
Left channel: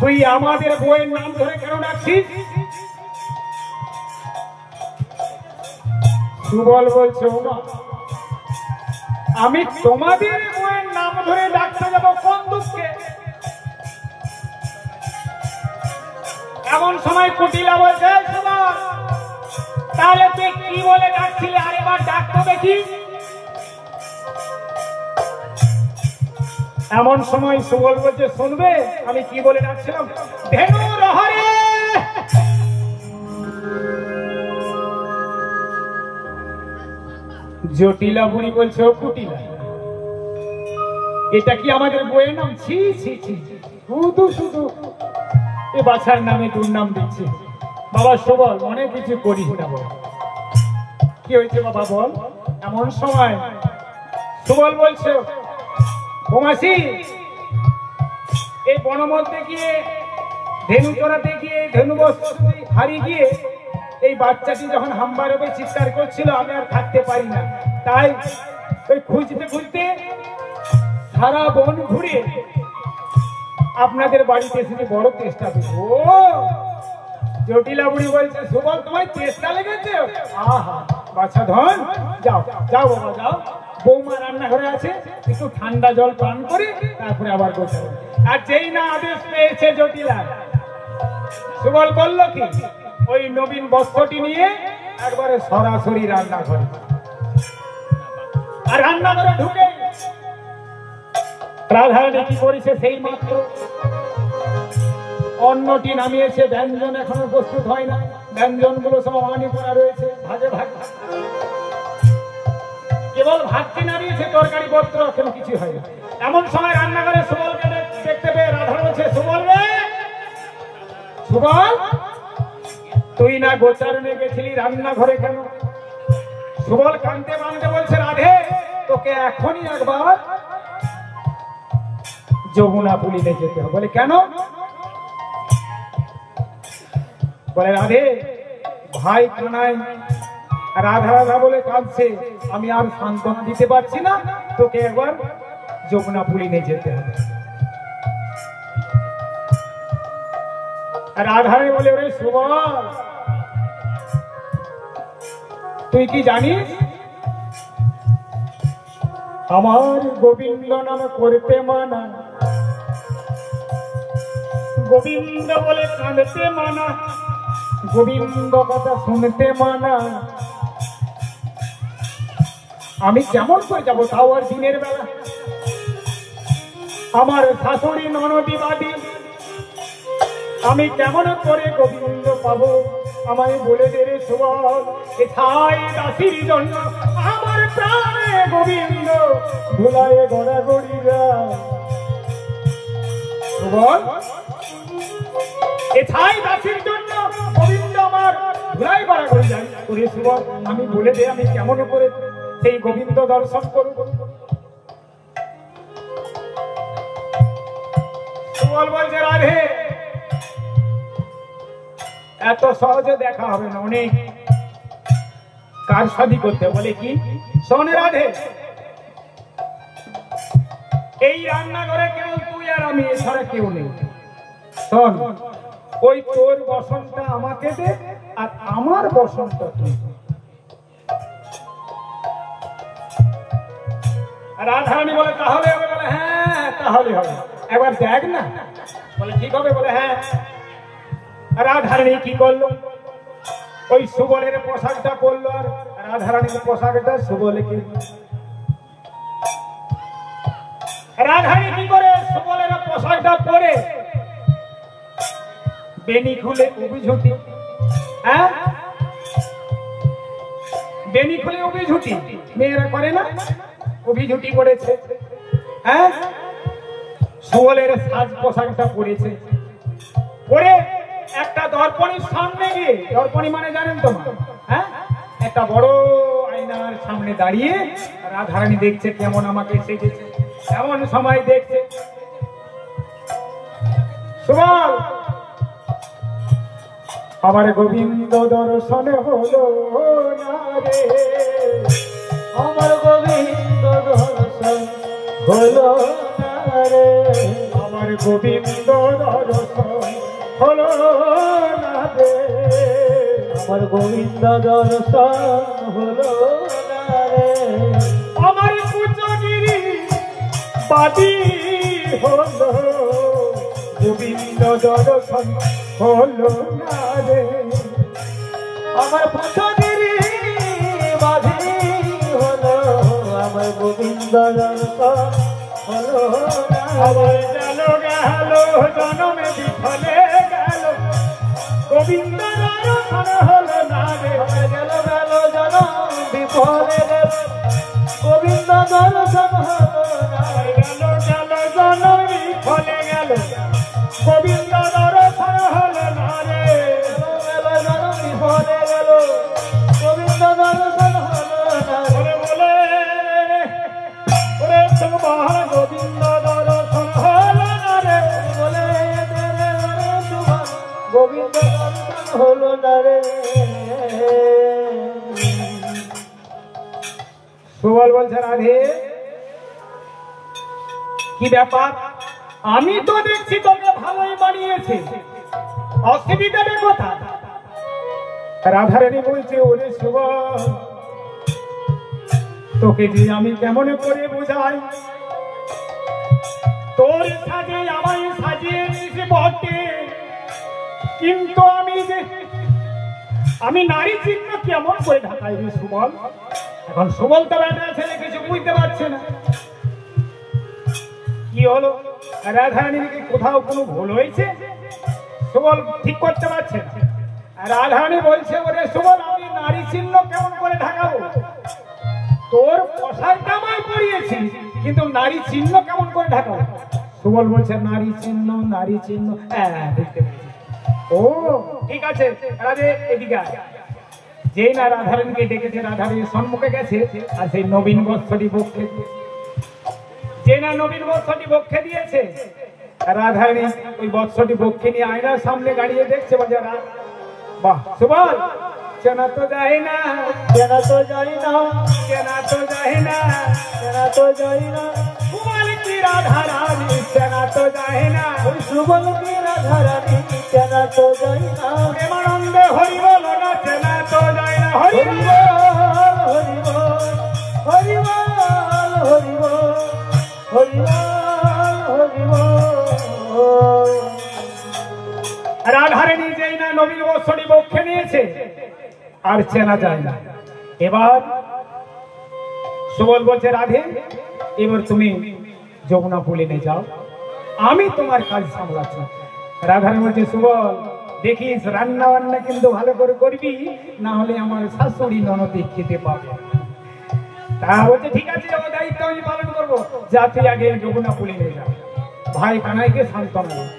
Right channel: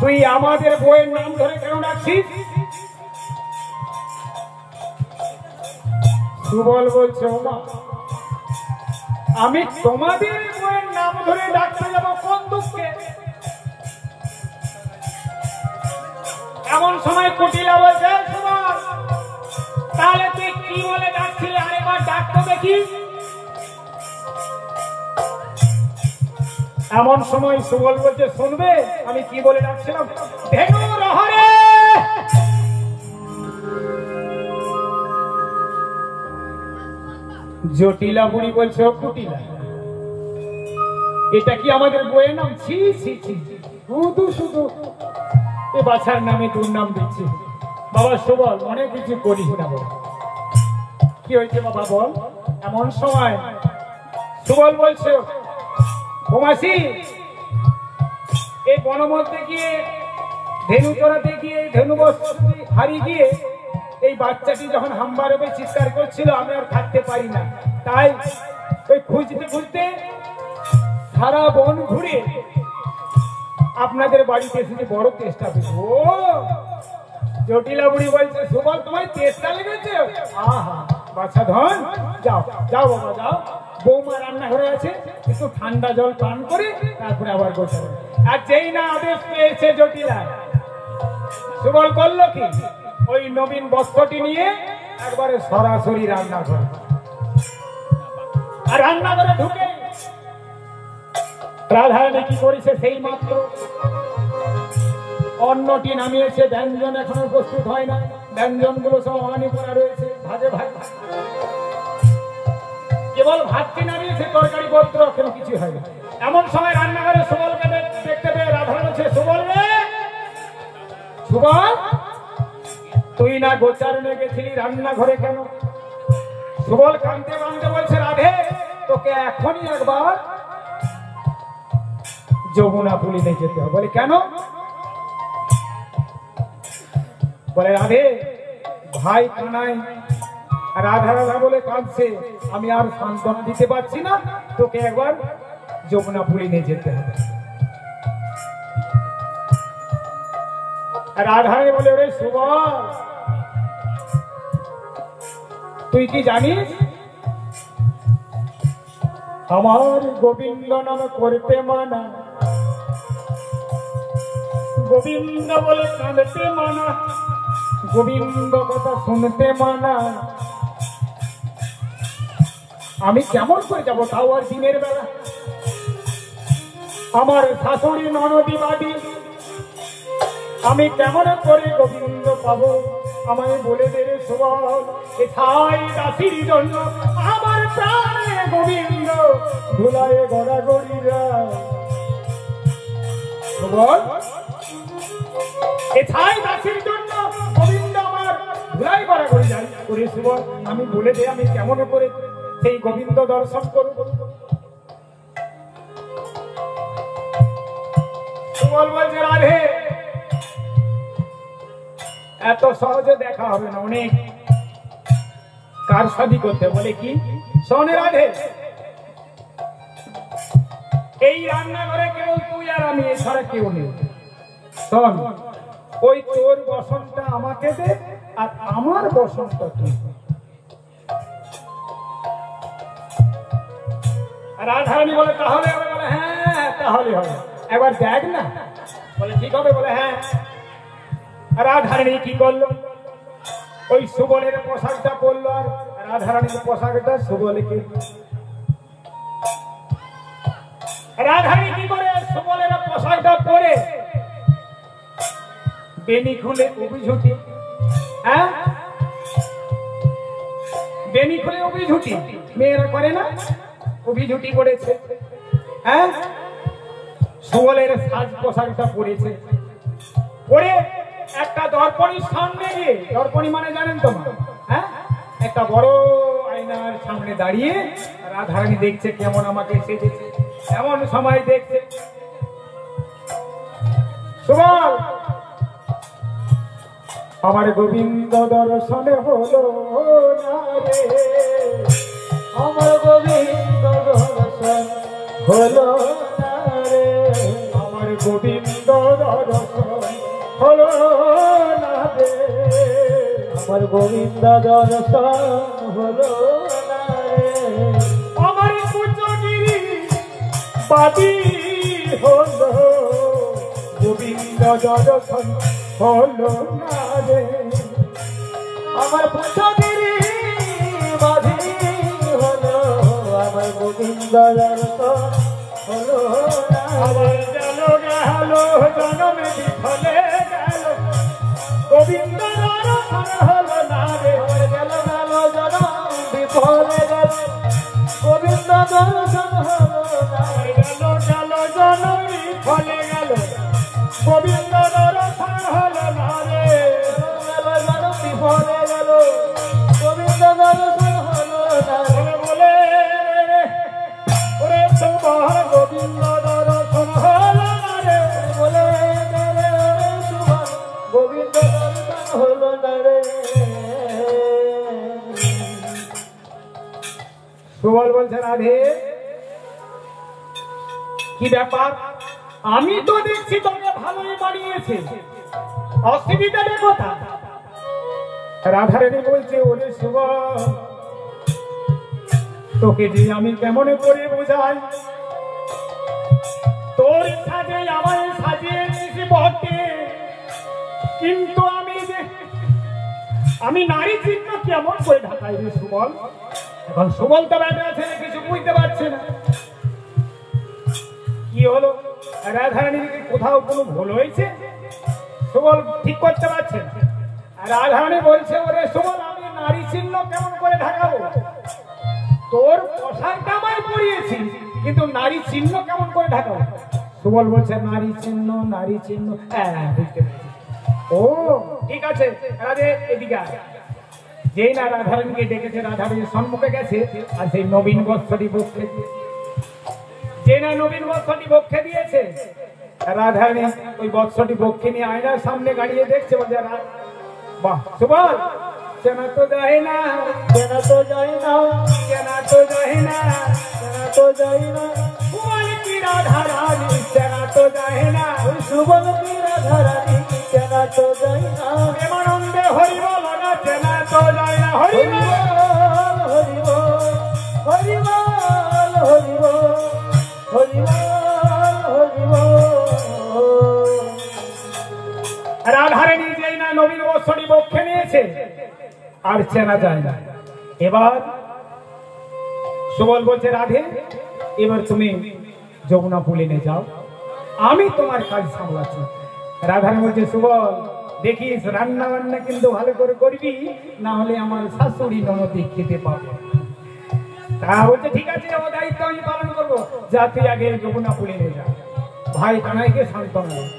তুই আমাদের বইয়ের নাম ধরে কেন ডাকছিস? সুবল বলছে, ওমা, আমি তোমাদের বইয়ের নাম ধরে ডাকতে যাব কোন দুঃখে? এমন সময় কুটিলা বলছে, সুবল তাহলে তুই কি বলে ডাকছিলি, আরেকবার ডাকতে দেখি। এমন সময় সুবল বলছে, শুনবে আমি কি বলে ডাকছিলাম? ধেনু রহরে। জটিলা বুড়ি বলছে, ও কুটিলা, এটা কি আমাদের বইয়ের নাম? ছি ছি ছি, শুধু শুধু এ বাছার নামে দুর্নাম দিচ্ছে। বাবা সুবল, মনে কিছু করিস না। কি হয়েছে বাবা বল। এমন সময় সুবল বলছে, বোমাসি, এই বনমধ্যে গিয়ে ধেনু চড়াতে গিয়ে ধেনু হারিয়ে গিয়ে এই বাচ্চাটি যখন হাম্বারবে চিৎকার করছিল, আমি আর থাকতে পারি না, তাই ওই খুঁজতে খুঁজতে সারা বন ঘুরে আপনাদের বাড়িতে এসেছে, বড় চেষ্টা করছে। ও জটিলা বুড়ি বলছে, সুবল তোমার চেষ্টা লেগেছে? আহা বাচ্চা ধন, যাও যাও বাবা যাও, বৌমা রান্নাঘরে আছে, একটু ঠান্ডা জল পান করে তারপরে আবার গোছাবে। আর যেই না আদেশ পেয়েছে জটিলা, সুবল করলো কি, ওই নবীন বস্ত্রটি নিয়ে একবারে সরাসরি রান্নাঘরে। আর রান্নাঘরে ঢুকে রাধারানী কি করেছে, সেই মাত্র অন্নটি নামিয়েছে, ব্যঞ্জন এখনো প্রস্তুত হয় না, ব্যঞ্জন গুলো সব অমানি করা রয়েছে, ভাগে ভাগ, কেবল ভাতটি নামিয়েছে, তরকারি পত্র কেন কিছু হয় না। এমন সময় রান্নাঘরে সুবলকে দেখতে পেয়ে রাধা বলছে, সুবল রে, সুবল তুই না গোচারণে গেছিলি, রান্নাঘরে কেন? সুবল কাঁদতে কাঁদতে বলছে, রাধে তোকে এখনই একবার যমুনা পুলিতে যেতে হবে। বলে কেন? বলে রাধে ভাই কানাই রাধা রাধা বলে কাঁদছে, আমি আর সান্ত্বনা দিতে পারছি না, তোকে একবার যমুনা পুলিতে যেতে হবে। রাধারানী বলে, ওরে সুবল তুই কি জানিস, আমার গোবিন্দ নাম করতে মানা, গোবিন্দ বলে কাঁদতে মানা, গোবিন্দ কথা শুনতে মানা। আমি কেমন করে যাবো, তাও আর দিনের বেলা? আমার শাশুড়ি ননদি বাড়ি, আমি কেমন করে গোবিন্দ পাবো? আমায় বলে দে রে সুবল, এথাই দাসির জন্য আমার প্রাণে গোবিন্দ ধুলায় গড়াগড়ি যায়। সুবল এথাই দাসির জন্য গোবিন্দ আমার ধুলায় গড়াগড়ি যায়। ওরে সুবল আমি বলে দে, আমি কেমন করে সেই গোবিন্দ দর্শন করব? সুবল বলছে, রাধে এত সহজে দেখা হবে না, অনেক কারসাদি করতে। বলে কি? শোন রাধে, এই রান্নাঘরে কেউ তুই আর আমি, এছাড়া কেউ নেই। শোন, ওই তোর বসনটা আমাকে দে আর আমার বসনটা তুই। রাধারানী বলে তাহলে হবে? বলে হ্যাঁ তাহলে হবে, একবার দেখ না। বলে ঠিক হবে। বলে হ্যাঁ। রাধারানী কি করলো, ওই সুবলের পোশাকটা পরলো আর রাধারানীর পোশাকটা সুবলকে। রাধারানী কি করে সুবলের পোশাক পোশাকটা পরে বেনি খুলে অভিঝুটি, হ্যাঁ বেনি খুলে অভিঝুটি মেয়েরা করে না, অভিঝুটি করেছে, হ্যাঁ সুবলের সাজ পোশাকটা পরেছে, পরে একটা দর্পণের সামনে গিয়ে, দর্পণী মানে জানেন তো, হ্যাঁ একটা বড় আয়নার সামনে দাঁড়িয়ে রাধারানী দেখছে কেমন আমাকে সেজেছে। এমন সময় দেখছে সুবল আমার গোবিন্দ দর্শন হলো না রে, আমার গোবিন্দ দর্শন হলো না রে, আমার গোবিন্দ দর্শন হলো না রে, আমার গোবিন্দ দর্শন হলো না রে, আমার কুচগিরি বাদি হলো গোবিন্দ দর্শন হলো না রে, আমার পুষ্পগিরি বাধি হলো, আমার গোবিন্দ দর্শন হলো না আবার রে, গেল গেল জনমে বিফলে গেল গোবিন্দ দর্শন হলো না রে, গেল গেল জনম বিফলে গেল গোবিন্দ দর্শন হলো না রে, গেল গেল জনম বিফলে গেল গোবিন্দ দর্শন হলো না রে, গেল জনম বিফলে গেল গোবিন্দ দর্শন হলো না রে, বলে ওরে তোমার গোবিন্দ দর্শন হলো না রে, বলে দে রে ওরে সুবল গোবিন্দ দর্শন হলো না রে। সুবল বলছে রাধে কি ব্যাপার, আমি তো দেখছি তোমরা ভালোই বানিয়েছে, অসুবিধার কথা। রাধারানী বলছে ওরে সুবল তোকে যে আমি কেমন করে বোঝাই, তোর সাজে আমায় সাজিয়েছিস বটে, কিন্তু আমি নারী চিহ্ন কেমন করে ঢাকাই রে সুবল। এখন সুবল তো বেটা ছেলে কিছু বুঝতে পারছে না কি হলো, রাধারানীর কি কোথাও কোনো ভুল হয়েছে, সুবল ঠিক করতে পারছে না। রাধারানী বলছে ওরে সুবল আমি নারী চিহ্ন কেমন করে ঢাকাবো, তোর পোশাকটা আমায় পরিয়েছি কিন্তু নারী চিহ্ন কেমন করে ঢাকাবো। সুবল বলছে নারী চিহ্ন, নারী চিহ্ন, হ্যাঁ বুঝতে পেরেছি, ও ঠিক আছে রাধে এদিকে আয়। যেই না রাধারানীকে ডেকেছে রাধারানীর সম্মুখে গেছে আর সেই নবীন বস্ত্রটি বক্ষে যে না নবীন বস্ত্রটি বক্ষে দিয়েছে, রাধারানী ওই বস্ত্রটি বক্ষে নিয়ে আয়নার সামনে দাঁড়িয়ে দেখছে, বলছে বাহ সুবল চেনা তো যায় না, চেনা তো যায় না, চেনা তো যায় না, চেনা তো যায় না, সুবল কি রাধারানী চেনা তো যায় না, ওই সুবল কি রাধারানী চেনা তো যায় না, প্রেমানন্দে হরি বল না চেনা তো যায় না, হরি হরি বল বল হরি বল হরি বল হরি বল হরি বল হরি বল। রাধারানী যেই না নবীন বস্ত্রটি বক্ষে নিয়েছে আর চেনা যায় না। এবার সুবল বলছে রাধে এবার তুমি যমুনা পুলিনে যাও, আমি তোমার কাজ সামলাচ্ছি। রাধারানী বলছে সুবল দেখিস রান্না বান্না কিন্তু ভালো করে করবি, না হলে আমার শাশুড়ি ননদে খেতে পাবে। তা বলছে ঠিক আছে ও দায়িত্ব আমি পালন করবো, যা তুই আগে যমুনা পুলিনে যা। ভাই কানাইকে সান্ত্বনা দেয়।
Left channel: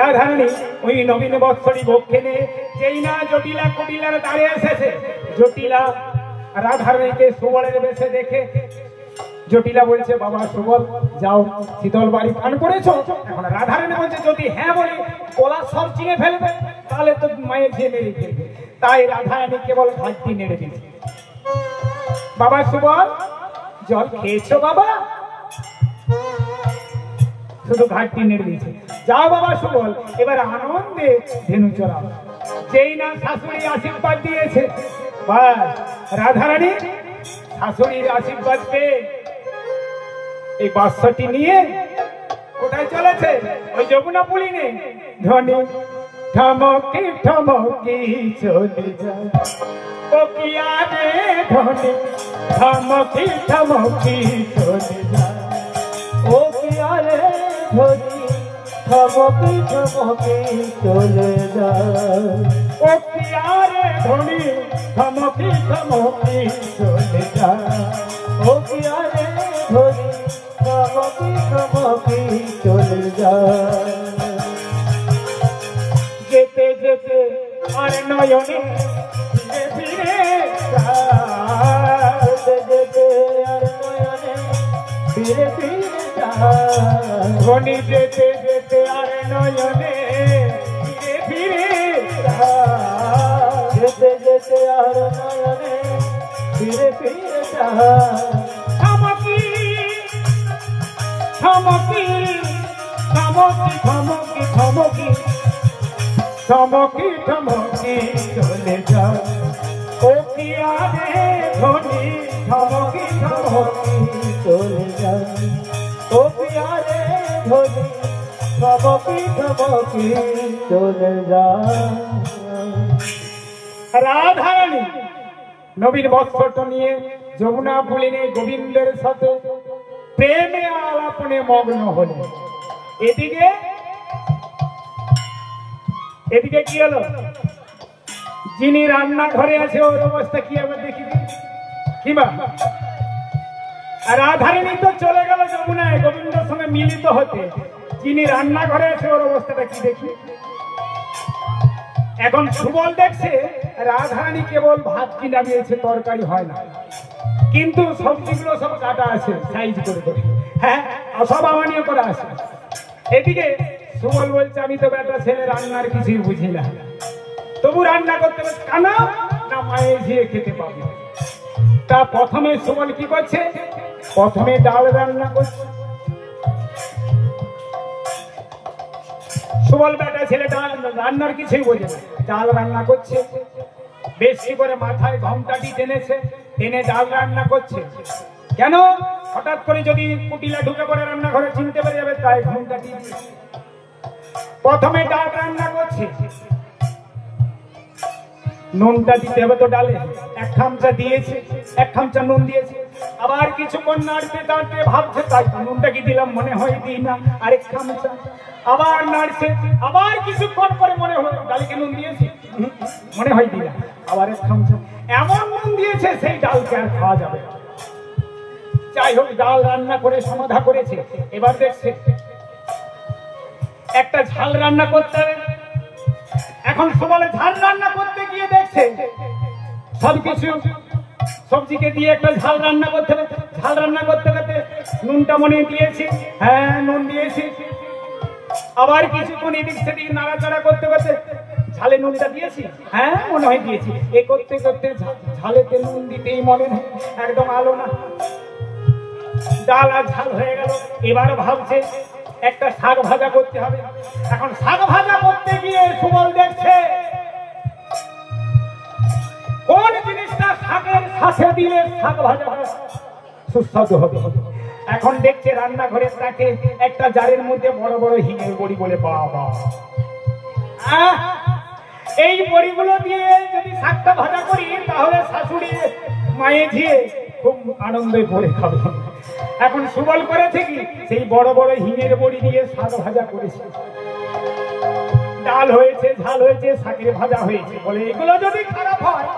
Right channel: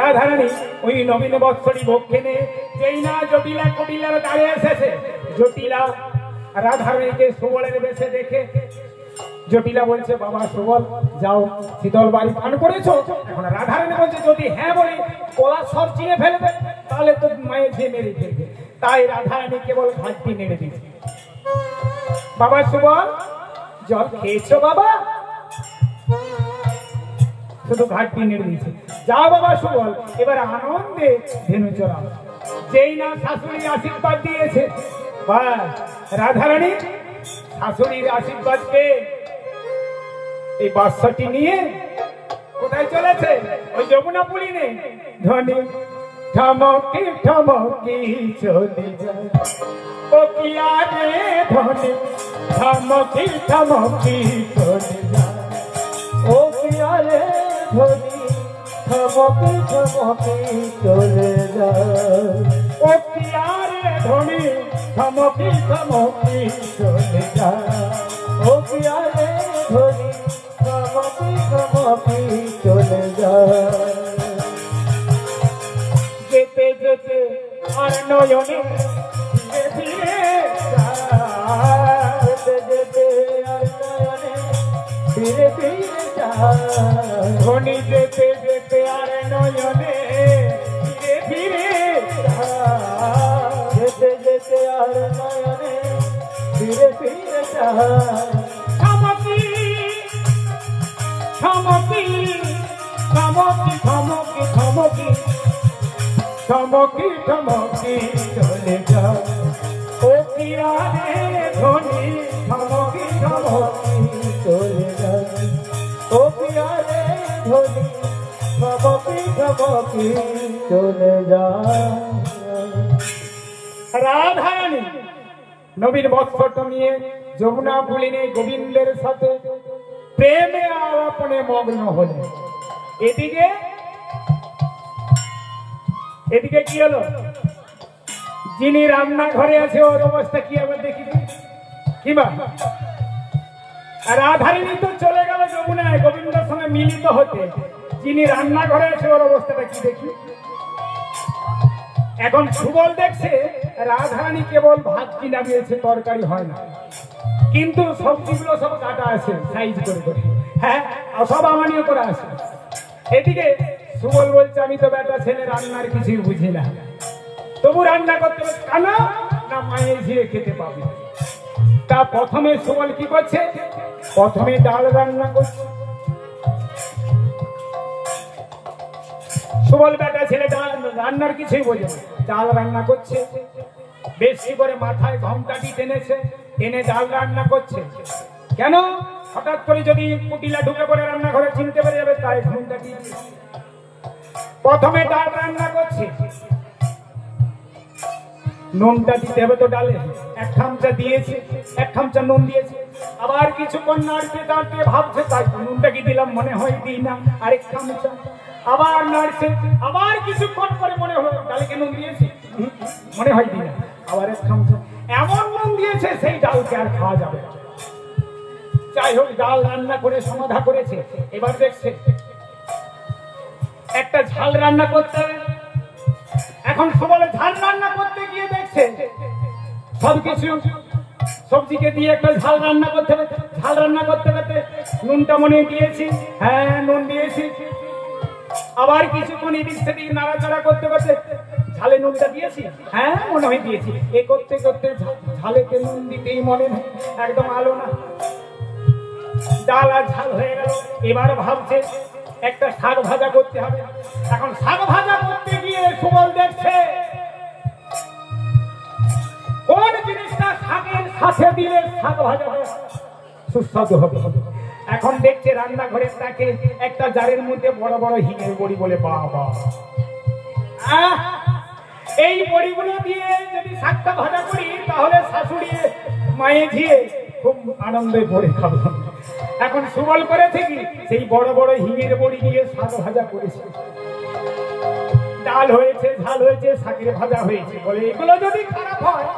রাধারানী ওই নবীন বৎসরী বক্ষে নিয়ে যেই না জটিলা কুটিলার দাঁড়িয়ে এসেছে, জটিলা রাধারানীকে সুবলের বেশে দেখে জটিলা বলছে বাবা সুবল যাও শীতল বাড়ি পান করেছো। এখন রাধারানী বলছে যদি হ্যাঁ বলি কলা সব চিনে ফেলবে, তাহলে তো মায়ের যে মেরে ফেলবে। তাই রাধারানী কেবল ঘাটটি নেড়ে দিয়েছে। বাবা সুবল জল খেয়েছো বাবা? শুধু ঘাটটি নেড়ে দিয়েছে। যাও বাবা সুবল এবার আনন্দে ধেনু চড়াও। যেই না শাশুড়ি আশীর্বাদ দিয়েছে, বাস রাধারানী শাশুড়ির আশীর্বাদ পেয়ে এই বাক্সটি নিয়ে কোথায় চলেছে? ওই যমুনা পুলিনে। ধনী ঠমকি ঠমকি চলে যায় ও কি আগে, ধনী ঠমকি ঠমকি চলে যায় ও পিয়ারে ধরি থমকি থমকি চলে যায় ও পিয়ারে ধনী থমকি থমকি চলে যায় ও পিয়ারে ধনী থমকি থমকি চলে যায় যেতে যেতে আর নয়নে ফিরে যায় যেতে যেতে আর নয়নে ফিরে ফিরে যায় ধনী যেতে যেতে আর নয়নে ফিরে ফিরে যায় যেতে যেতে আর নয়নে ফিরে ফিরে যায় থমকি থমকি থমকি থমকি থমকি থমকি থমকি চলে যায় ও পিয়ারে ধনী থমকি থমকি চলে যায় ও পিয়ারে ধনী থমকি থমকি চলে যায় রাধারানী নবীর বস্ত্রটা নিয়ে যমুনা পুলিনে গোবিন্দের সাথে প্রেমে আলাপনে মগ্ন হলেন। এদিকে এদিকে কি হলো? যিনি রান্নাঘরে আছে ওর অবস্থা কি আবার দেখি কিবা। আর রাধারানী তো চলে গেল যমুনায় গোবিন্দের সঙ্গে মিলিত হতে, যিনি রান্নাঘরে আছে ওর অবস্থাটা কি দেখি। এখন সুবল দেখছে রাধারানী কেবল ভাত কি নামিয়েছে, তরকারি হয় না, কিন্তু সবজিগুলো সব কাটা আছে সাইজ করে করে, হ্যাঁ সব আমানিও করা আছে। এদিকে সুবল বলছে আমি তো বেটা ছেলে, রান্নার কিছুই বুঝি না, তবু রান্না করতে হবে কেন না মায়ের ঝিয়ে খেতে পাবে। তা প্রথমে সুবল কি করছে? প্রথমে ডাল রান্না করছে। সুবল বেটা ছেলে ডাল রান্নার কিছুই বোঝে না, ডাল রান্না করছে, বেশি করে মাথায় ঘন্টাটি টেনেছে, টেনে ডাল রান্না করছে। কেন? হঠাৎ করে যদি কুটিলা ঢুকে পড়ে রান্নাঘরে চিনতে পেরে যাবে, তাই ঘন্টাটি প্রথমে ডাল রান্না করছে। নুনটা দিতে হবে তো ডালে, এক খামচা দিয়েছে, এক খামচা নুন দিয়েছে, আবার কিছুক্ষণ নাড়তে নাড়তে ভাবছে তাই নুনটা কি দিলাম, মনে হয় দিই না, আরেক খামচা আবার নাড়ছে, আবার কিছুক্ষণ পরে মনে হয় ডালকে নুন দিয়েছে, মনে হয় দিই না, আবার এক খামচা, এমন নুন দিয়েছে সেই ডালকে আর খাওয়া যাবে না। যাই হোক ডাল রান্না করে সমাধা করেছে। এবার দেখছে একটা ঝাল রান্না করতে হবে। এখন সবাই ঝাল রান্না করতে গিয়ে দেখছে সবকিছু সবজিকে দিয়ে একটা ঝাল রান্না করতে হবে। ঝাল রান্না করতে করতে নুনটা মনে দিয়েছি, হ্যাঁ নুন দিয়েছি, আবার কিছুক্ষণ এদিক সেদিক নাড়াচাড়া করতে করতে ঝালে নুনটা দিয়েছি, হ্যাঁ মনে হয় দিয়েছি, এ করতে করতে ঝালেতে নুন দিতেই মনে নেই, একদম আলো না, ডাল আর ঝাল হয়ে গেল। এবার ভাবছে একটা শাক ভাজা করতে হবে। এখন শাক ভাজা করতে গিয়ে সুবল দেখছে কোন জিনিসটা শাকের সাথে দিলে শাক ভাজা সুস্বাদু হবে। এখন দেখছে রান্নাঘরের তাকে একটা জারের মধ্যে বড় বড় হিঙের বড়ি, বলে বাবা এই বড়িগুলো দিয়ে যদি শাকটা ভাজা করি তাহলে শাশুড়ি মায়ে ঝিয়ে খুব আনন্দে ভরে খাবে। এখন সুবল করেছে কি সেই বড় বড় হিঙের বড়ি দিয়ে শাক ভাজা করেছে, ডাল হয়েছে, ঝাল হয়েছে, শাকের ভাজা হয়েছে, বলে এগুলো যদি খারাপ হয়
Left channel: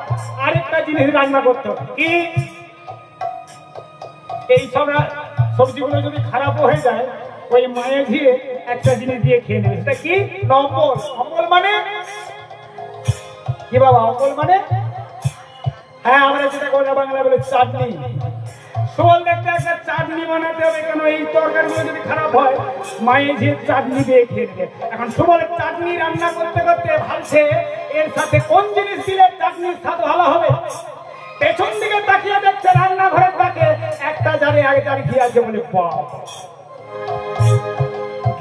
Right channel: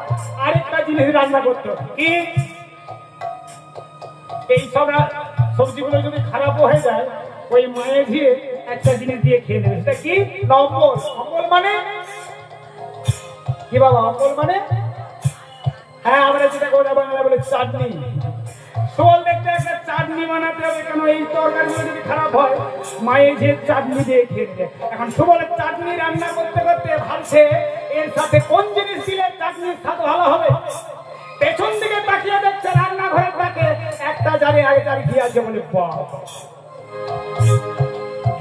আরেকটা জিনিস রান্না করতে হবে কি, এই সব সবজিগুলো যদি খারাপ হয়ে যায় ওই মায়ের ঝিয়ে একটা জিনিস দিয়ে খেয়ে নেবে। সেটা কি? অম্বল। অম্বল মানে কি বাবা? অম্বল মানে হ্যাঁ আমরা যেটা কথা বাংলা বলে চাটনি। সুবল দেখতে একটা চাটনি বানাতে হবে, কেন এই তরকারিগুলো যদি খারাপ হয় মায়ের ঝিয়ে চাটনি দিয়ে খেয়ে নেবে। এখন সুবল চাটনি রান্না করতে করতে ভাবছে এর সাথে কোন জিনিস দিলে চাটনির স্বাদ ভালো হবে। পেছন দিকে তাকিয়ে দেখছে রান্নাঘরের তাকে একটা জারে আগে জারে ঘি আছে, বলে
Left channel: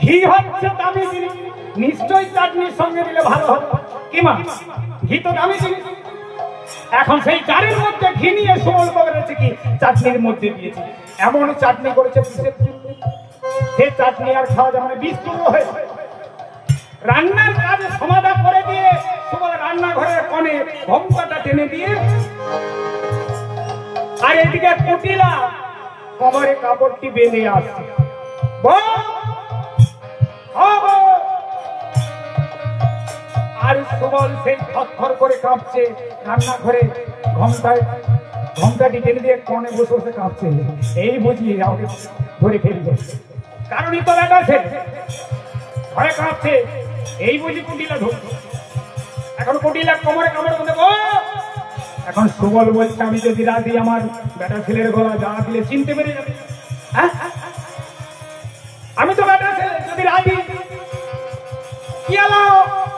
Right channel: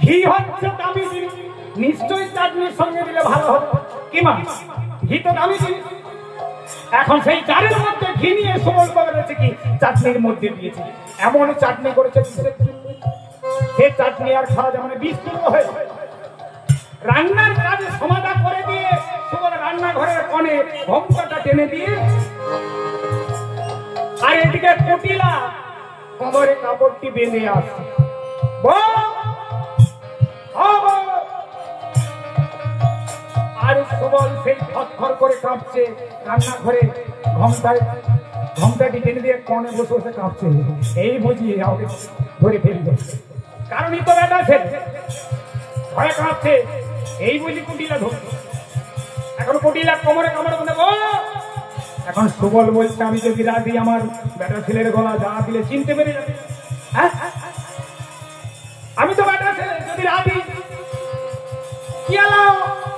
ঘি হচ্ছে দামি জিনিস, নিশ্চয়ই চাটনির সঙ্গে দিলে ভালো হবে। কি মা, ঘি তো দামি জিনিস। এখন সেই জারের মধ্যে ঘি নিয়ে সুবল করেছে কি চাটনির মধ্যে দিয়েছে, এমন চাটনি করেছে সে চাটনি আর খাওয়া যায় মানে বিস্তুর হয়ে রান্নার কাজ সমাধা করে দিয়ে সুবল রান্নাঘরের কোণে ঘোমটাটা টেনে দিয়ে, আর এদিকে কুটিলা কোমরে কাপড়টি বেঁধে আসছে। আর সুবল সেই থরথর করে কাঁপছে, রান্নাঘরে ঘন্টাটি টেনে দিয়ে কোণে বসে বসে কাঁপছে। এই বুঝিয়ে আমাকে ধরে ফেলবে, কারণই তো বেটা ছেলে ভয় কাঁপছে। এই বুঝি কুটিলা ধরছে। এখন কুটিলা কোমরে কামড় করে দেবো। এখন সুবল বলছে, আমি যদি রাধি আমার বেটা ছেলের গলা যা দিলে চিনতে পেরে যাবে। হ্যাঁ, আমি তো বেটা ছেলে, যদি রাধি কি এলো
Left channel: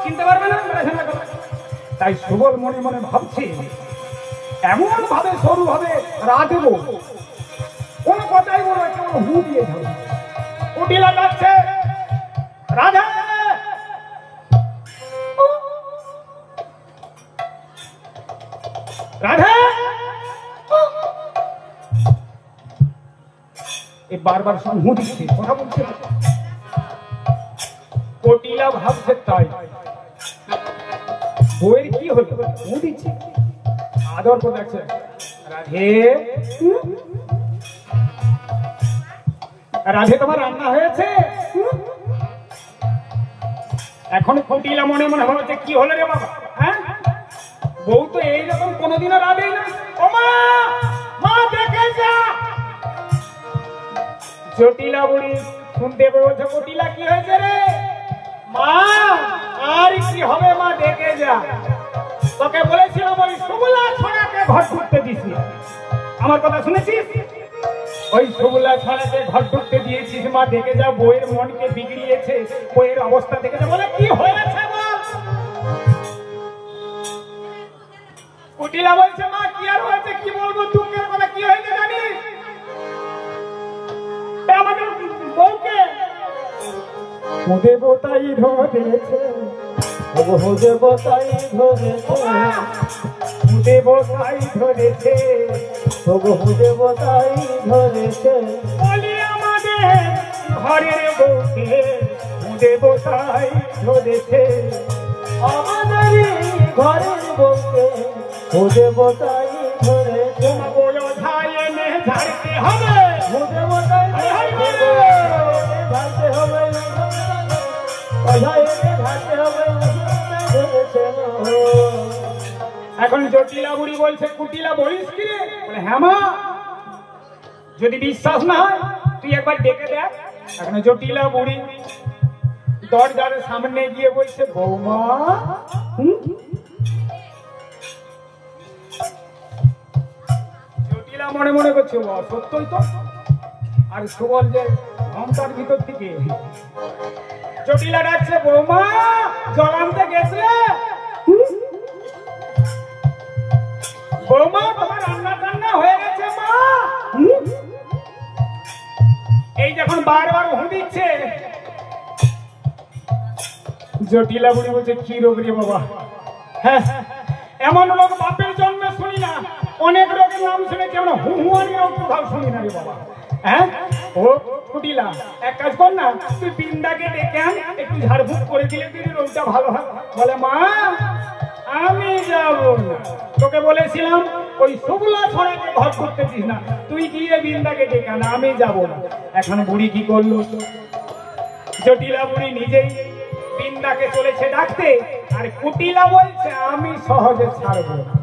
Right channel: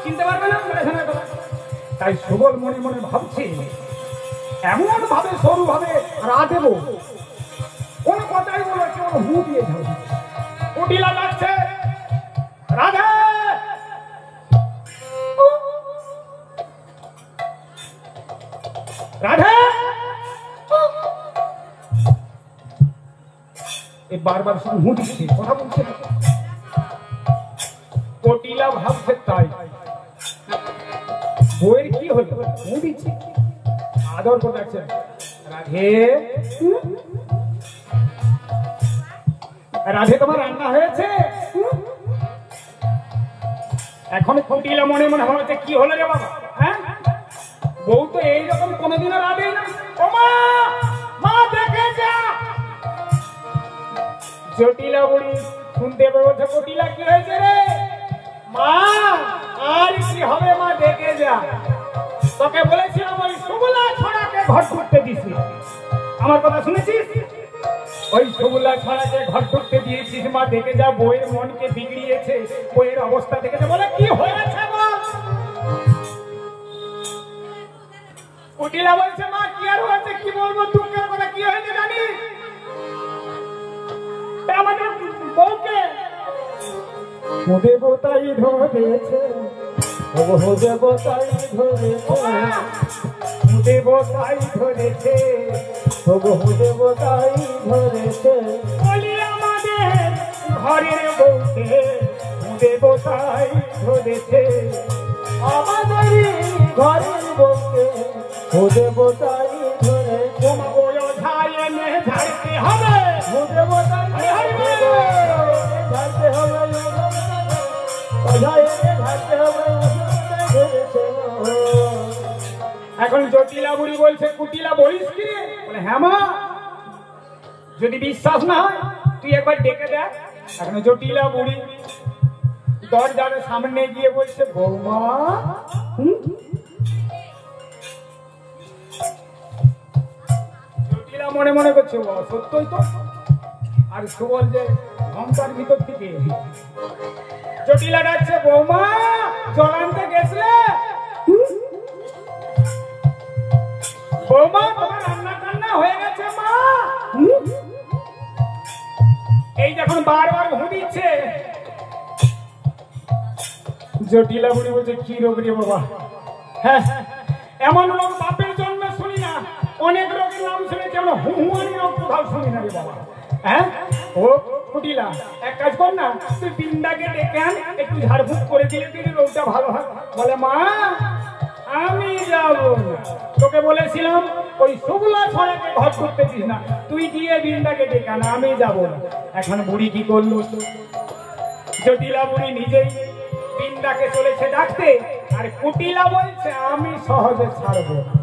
চিনতে পারবে না বেটা ছেলের গলা। তাই সুবল মনে মনে ভাবছে, এমন ভাবে সরু ভাবে রাধেব, কোন কথাই বলবে কেমন হু দিয়ে যাবে। কুটিলা যাচ্ছে, রাধে রাধে, এই বারবার সঙ্গে হু দিচ্ছে, কথা বলছে। কুটিলা ভাবছে তাই বইয়ের কি হলো, হু দিচ্ছে, আদর করে ডাকছে, রাধে রাধে তোমার রান্না হয়েছে? এখন কুটিলা মনে মনে ভাবছে, কি হলো রে বাবা, হ্যাঁ বউ তো এইরকম কোনোদিনও রাধে না। ও মা, মা দেখে যা। জটিলা বুড়ি শুনতে বলছে, কুটিলা কি হয়েছে রে? মা আর কি হবে মা, দেখে যা। তোকে বলেছিলাম ওই সুবলা ছড়াকে ঘর ঢুকতে দিছি, আমার কথা শুনেছিস? ওই সুবলা ছড়াকে ঘর ঢুকতে দিয়েছিস মা, দেখে যা। বইয়ের মনকে বিগড়িয়েছে, বইয়ের অবস্থা দেখে যা। বলে কি হয়েছে বল? কুটিলা বলছে, মা কি আর হয়েছে, কি বলবো, দুঃখের কথা। কি হয়েছে জানিস? আমাদের বউকে দেবতাই ধরেছে, দেবতাই ধরেছে, দেবতাই ধরেছে, দেবতাই ধরেছে। বলি আমাদের ঘরের বউকে দেবতাই ধরেছে, আমাদের ঘরের বউকে দেবতাই ধরেছে। বোঝায় এনে ঝাড়তে হবে, দেবতাই ঝাড়তে হবে, ঝাড়তে হবে। এখন জটিলা বুড়ি বলছে, কুটিলা বলিস কি রে? বলে হ্যাঁ মা, যদি বিশ্বাস না হয় তুই একবার ডেকে দেখ। এখন জটিলা বুড়ি দরজার সামনে গিয়ে বলছে, বৌমা জটিলা মনে মনে করছে, ও সত্যই তো। আর সুবল যে ঘন্টার ভিতর থেকে জটিলা ডাকছে, বৌমা জল আনতে গেছিলে? বৌমা তোমার রান্না টান্না হয়ে গেছে মা। এই যখন বারবার হু দিচ্ছে, জটিলা বুড়ি বলছে, কি রোগ রে বাবা? হ্যাঁ, এমন রোগ বাপের জন্মে শুনি না। অনেক রোগের নাম শুনেছি, আমরা হুহুয়ানি রোগ কোথাও শুনি না রে বাবা। হ্যাঁ, ও কুটিলা এক কাজ কর না, তুই বিন্দাকে ডেকে আন, একটু ঝাড়ফুঁক করে দিলে যদি রোগটা ভালো হয়। বলে মা আমি যাবো না, তোকে বলেছিলাম ওই সুবলা ছড়াকে ঘর করতে দিস না, তুই গিয়ে বিন্দাকে ডেকে আন, আমি যাবো না। এখন বুড়ি কি করলো? জটিলা বুড়ি নিজেই বিন্দাকে চলেছে ডাকতে, আর কুটিলা বলছে আমি সহজে ছাড়বো না।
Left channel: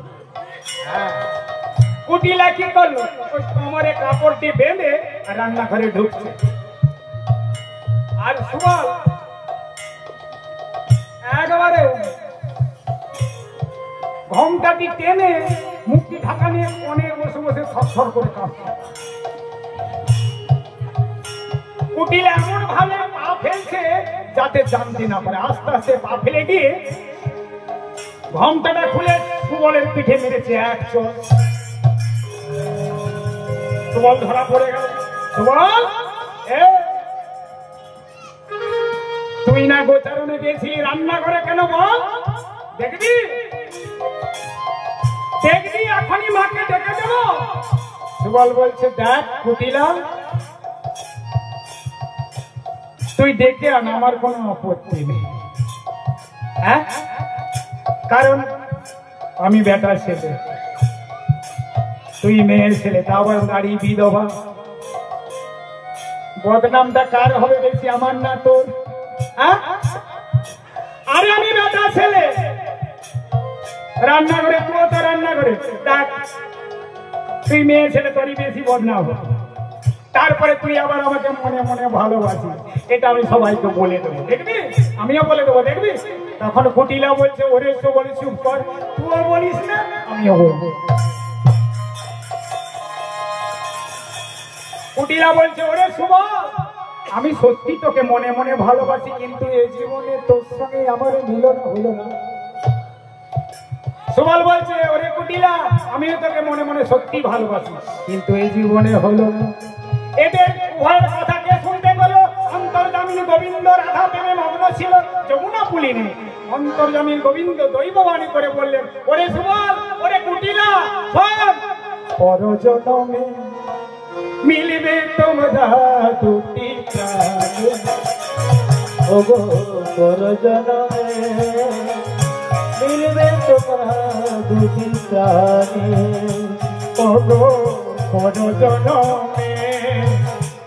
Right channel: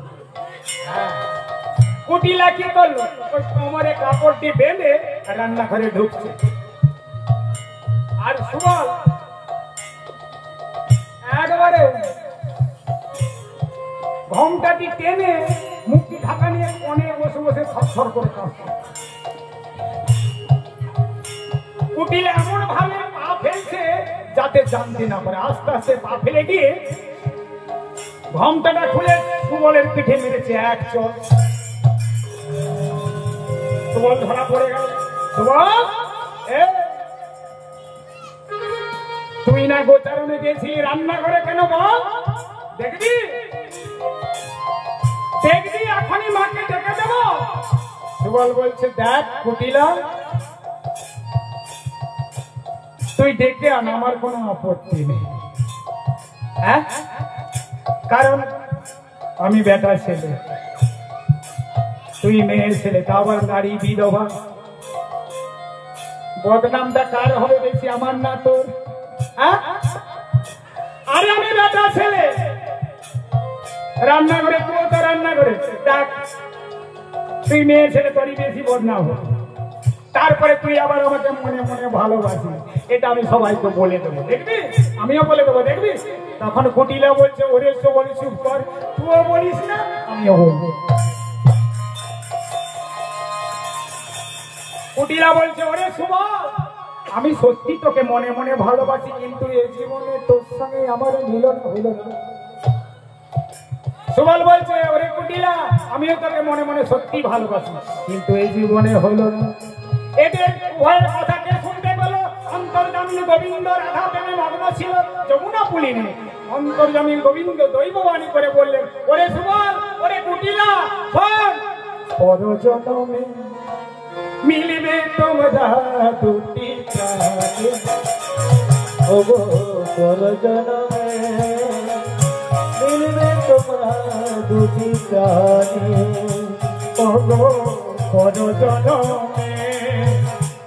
কুটিলা কি করলো? ওই কোমরে কাপড়টি বেঁধে রান্নাঘরে ঢুকছে। আর সুবল একবারে ঘোমটাটি টেনে মুখটি ঢাকা নিয়ে কোণে বসে বসে থরথর করে কাঁপছে। কুটিলা এমন ভাবে পা ফেলছে যাতে জানতে না পারে। আস্তে আস্তে পা ফেলে দিয়ে ঘোমটাটা খুলে সুবলের পিঠে মেরেছে এক চোট। সুবল ধরা পড়ে গেল। সুবল, তুই না গোচারণে গেছিলি, রান্নাঘরে কেন বল? দেখবি দেখবি এখনই মাকে ডেকে দেব। সুবল বলছে, দেখ কুটিলা, তুই ডেকে আন, আমার কোনো আপত্তি নেই। হ্যাঁ, কারণ আমি বেটা ছেলে, তুই মেয়ের ছেলে, তা আবার গাড়ি বিধবা। বদনামটা কার হবে বেশি, আমার না তোর? হ্যাঁ, আরে আমি বেটা ছেলে, রান্না করে তুই তো রান্না করে দেখ, তুই মেয়ে ছেলে তোরই বেশি বদনাম। তারপরে তুই আবার আমাকে মনে মনে ভালোবাসিস, এটা আমি সবাইকে বলে দেবো, দেখবি? আমিও বলে দেবো, দেখবি? তখন কুটিলা বলছে, ওরে তো বলে চুপ কর, তুইও বলিস না, আমিও বলবো। কুটিলা বলছে, ওরে সুবল, আমি সত্যি তোকে মনে মনে ভালোবাসি, কিন্তু এই জীবনে তোর সঙ্গে আমার মিলন হলো না। সুবল বলছে, ওরে কুটিলা, আমিও তোকে মনে মনে সত্যি ভালোবাসি, কিন্তু এই জীবনে হলো না। এদের উভয়ের কথা কে শুনতে পেলো? অন্তর্যামী গোবিন্দ রাধা প্রেমে মগ্ন ছিল, যমুনা পুলিনে। অন্তর্যামী গোবিন্দ দৈববাণী করে বললেন, ওরে সুবল, ওরে কুটিলা, শোন, পরজনমে মিলিবে তোমরা দুটি প্রাণে, ওগো পরজনমে মিলবে তোমরা দুটি প্রাণে, ওগো পরজনমে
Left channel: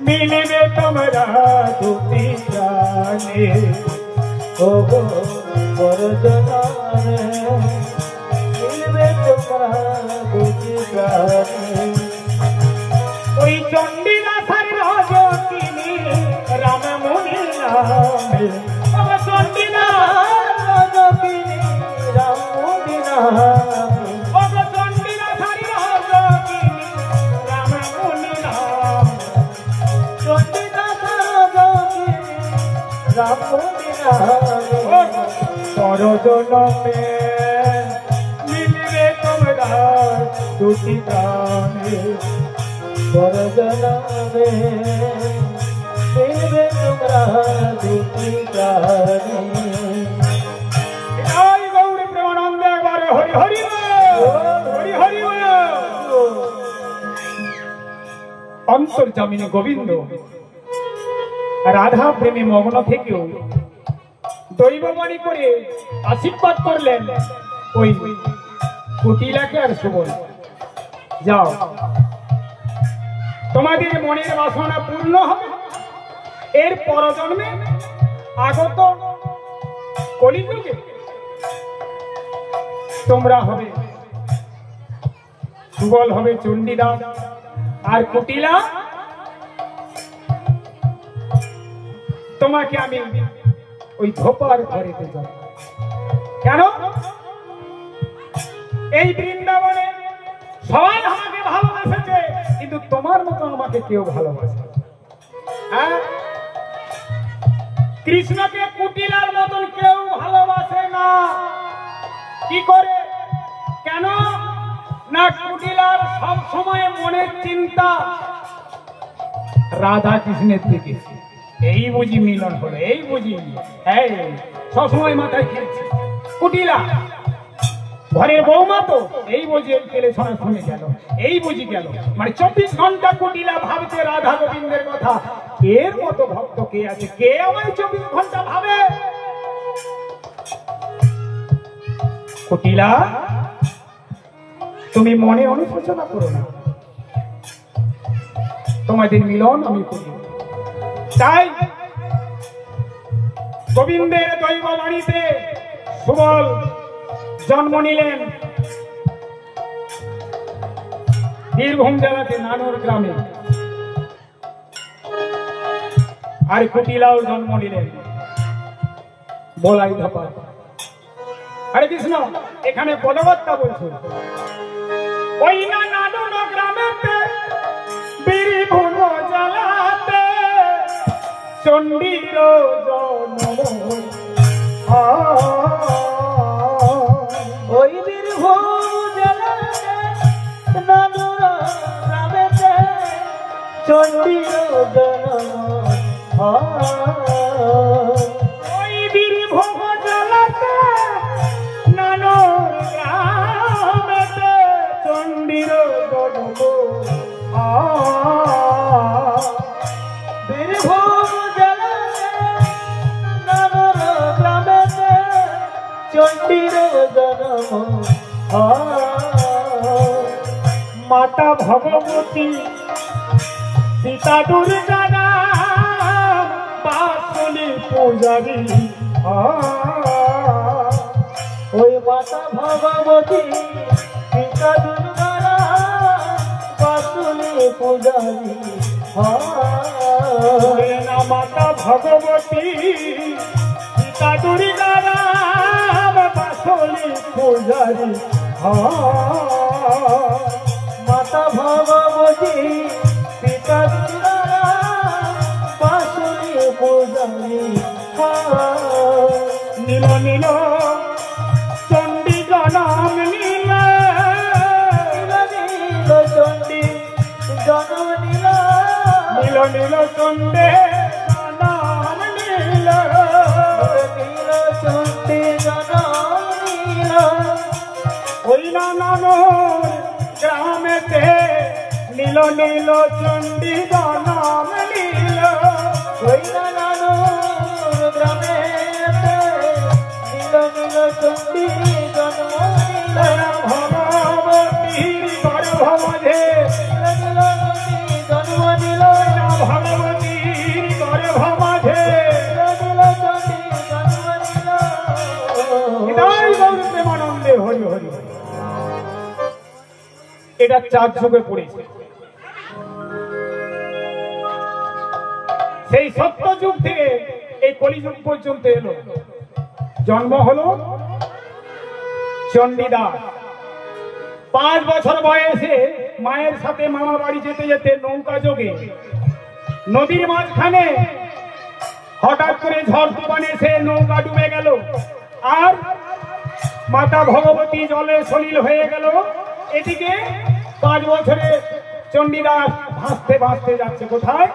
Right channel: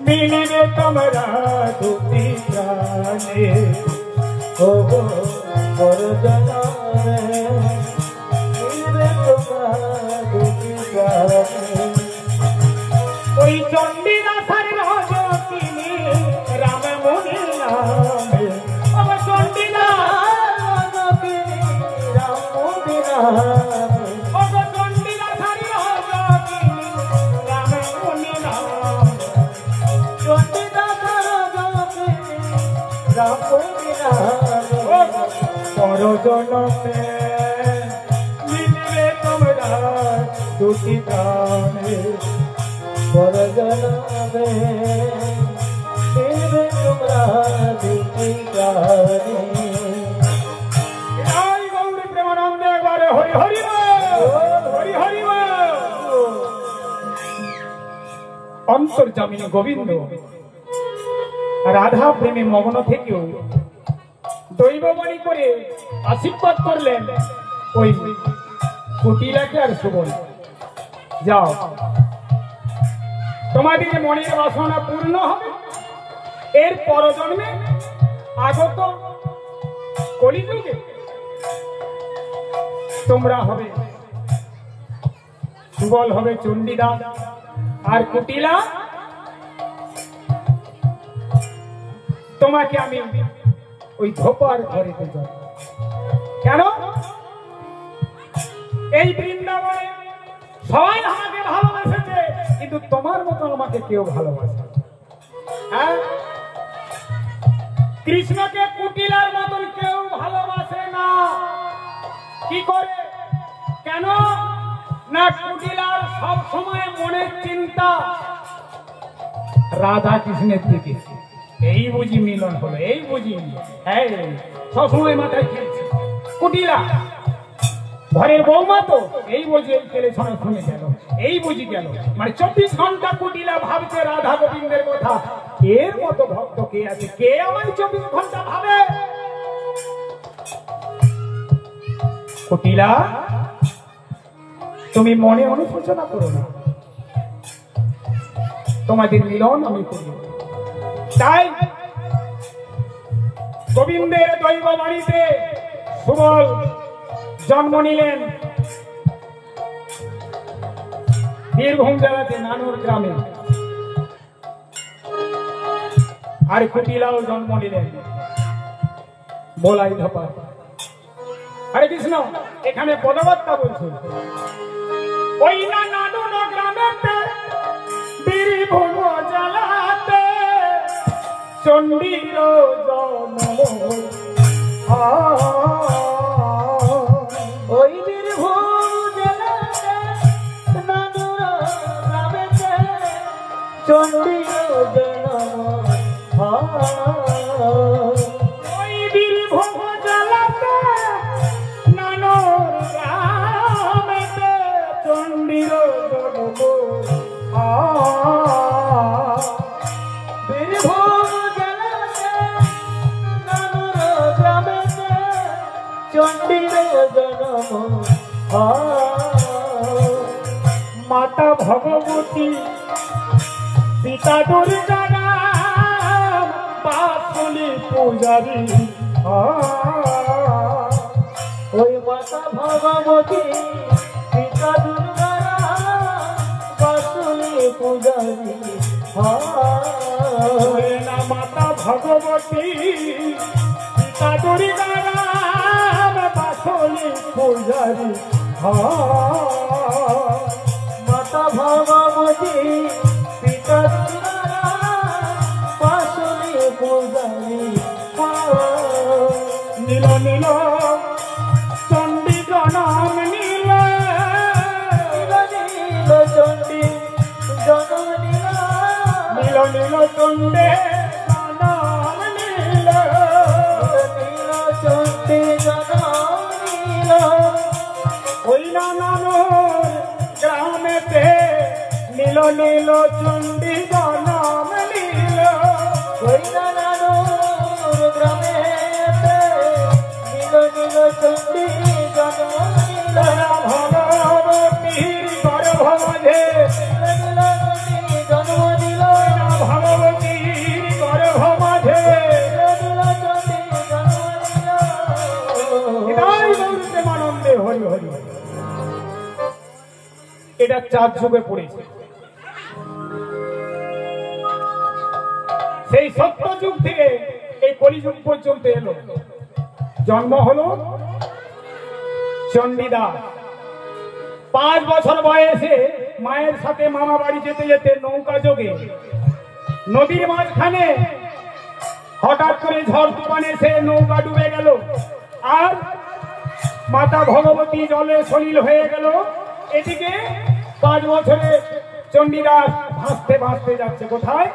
মিলিবে তোমরা দুটি প্রাণে, ওগো পরজনমে মিলবে তোমরা দুটি প্রাণে। ওই চণ্ডীদাসার রাজকিনী রামমুনি নামে, ও চণ্ডীদাস রাজকিনী রামমুনি নামে, ও চণ্ডীদাসার রাজকিনী রামমুনি নামে, চণ্ডীদাস রাজকিনী রামমুনি নামে, পরজনমে মিলিবে তোমরা দুটি প্রাণে, পরজনমে মিলবে তোমরা দুটি প্রাণে। জয় গৌরী প্রেমানন্দে একবারে হরি হরি বল, হরি হরি বল। অন্তর্যামিনী গোবিন্দ রাধা প্রেমে মগ্ন থেকেও দৈববাণী করে আশীর্বাদ করলেন ওই কুটিলাকে আর সুবল, যাও, তোমাদের মনের বাসনা পূর্ণ হবে, এর পরজন্মে আগত কলিযুগে তোমরা হবে, সুবল হবে চণ্ডীদাস আর কুটিলা তোমাকে আমি ওই ধোপার ঘরেতে যাব। কেন? এই বৃন্দাবনে সবাই আমাকে ভালোবাসেছে, কিন্তু তোমার মতো আমাকে কেউ ভালোবাসে। হ্যাঁ, কৃষ্ণকে কুটিলার মতন কেউ ভালোবাসে না। কি করে? কেন না, কুটিলার সব সময় মনের চিন্তা রাধা কৃষ্ণের দিকে। এই বুঝি মিলন হলো, এই বুঝি সবসময় মাথায় খেলছে কুটিলা, ঘরের বৌমা তো এই বুঝি এই ছেলে শোনা শুনে গেল, এই বুঝি গেল, মানে 24 ঘন্টা কুটিলা ভাবছে রাধা গোবিন্দের কথা। এর মতো ভক্ত কে আছে? কে আমায় 24 ঘন্টা ভাবে? কুটিলা, তুমি মনে অনুশোচনা করো না, তোমাদের মিলন আমি করি। তাই গোবিন্দের দৈব বাড়িতে সুবল জন্ম নিলেন বীরভূম জেলাতে নানুর গ্রামে, আর কুটিলাও জন্ম নিলেন বলাই ধাপা। হরে কৃষ্ণ। এখানে পদবত্তা বলছে, ওই না নানুর গ্রামেতে বীরভূম জেলাতে চণ্ডীর জন্ম, ওই বীরভূম জেলাতে নানুর গ্রামেতে চণ্ডীর জন্ম, ওই বীরভূম জেলাতে নানুর গ্রামেতে চণ্ডীর জন্ম, বীরভূম জেলাতে নানুর গ্রামেতে চণ্ডীর জন্ম, মাতা ভগবতী পিতা দুর্গা নাম বাসুলি পূজারী, ওই মাতা মাতা ভগবতী পিতা দুর্গারা বাসুলি পূজারি মাতা ভগবতী পিতা দুর্গারা বাসুলি পূজারি মাতা ভগবতী পিতা দুর্গারা বাসুলি পূজারি নীল নীল চণ্ডী জনম নীল নীল চণ্ডী জনম নীল নীল নীল চণ্ডে জনম নীল নীল চণ্ডী জনম নীল ওই নানানোর গ্রামেতে নীল নীল চণ্ডী জনম নীল ওই নানানোর গ্রামেতে নীল নীল চণ্ডী জনম নীল ভগবতীর গর্ভমাঝে নীল চণ্ডী জনম নীল ভগবতীর গর্ভমাঝে নীল চণ্ডী জনম নীল হৃদয় গৌর প্রেমানন্দে হরি হরি হরি। এটা 4 যুগে পড়েছে। সেই সত্য যুগ থেকে এই কলিযুগ পর্যন্ত এলো। জন্ম হলো চণ্ডীদাস। 5 বছর বয়সে মায়ের সাথে মামা বাড়ি যেতে যেতে নৌকা যোগে নদীর মাঝখানে হঠাৎ করে ঝড় তুফান এসে নৌকা ডুবে গেল আর মাতা ভগবতী জলে সলিল হয়ে গেল। এদিকে 5 বছরে চণ্ডীদাস ভাসতে ভাসতে যাচ্ছে কোথায়?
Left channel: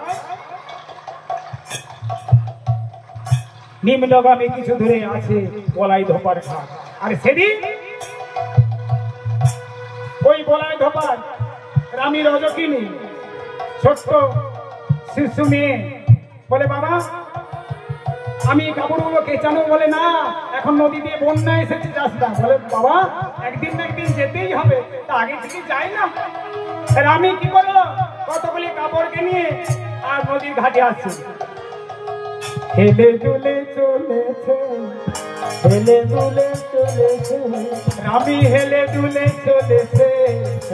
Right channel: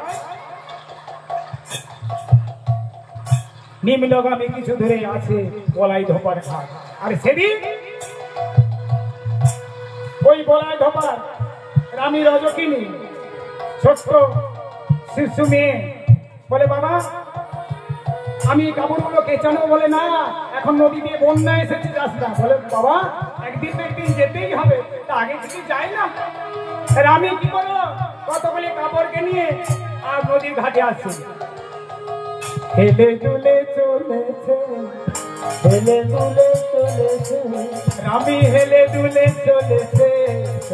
নিম্নগামী কিছু দূরে আছে বলাই ধোপার ঘাট। আর সেদিন ওই বলাই ধোপার রানী রজকিনী ছোট্ট শিশু মেয়ে বলে, বাবা আমি কাপড়গুলো কেচানো। বলে না, এখন নদী দিয়ে বন্যা এসেছে, যাস না। বলে বাবা একদিন না একদিন যেতেই হবে, তা আগে থেকে যাই না। রানী কি করলো, কতগুলি কাপড়কে নিয়ে আর নদীর ঘাটে আসছে। হেলে দুলে চলেছে, হেলে দুলে চলেছে রামি হেলে দুলে চলেছে,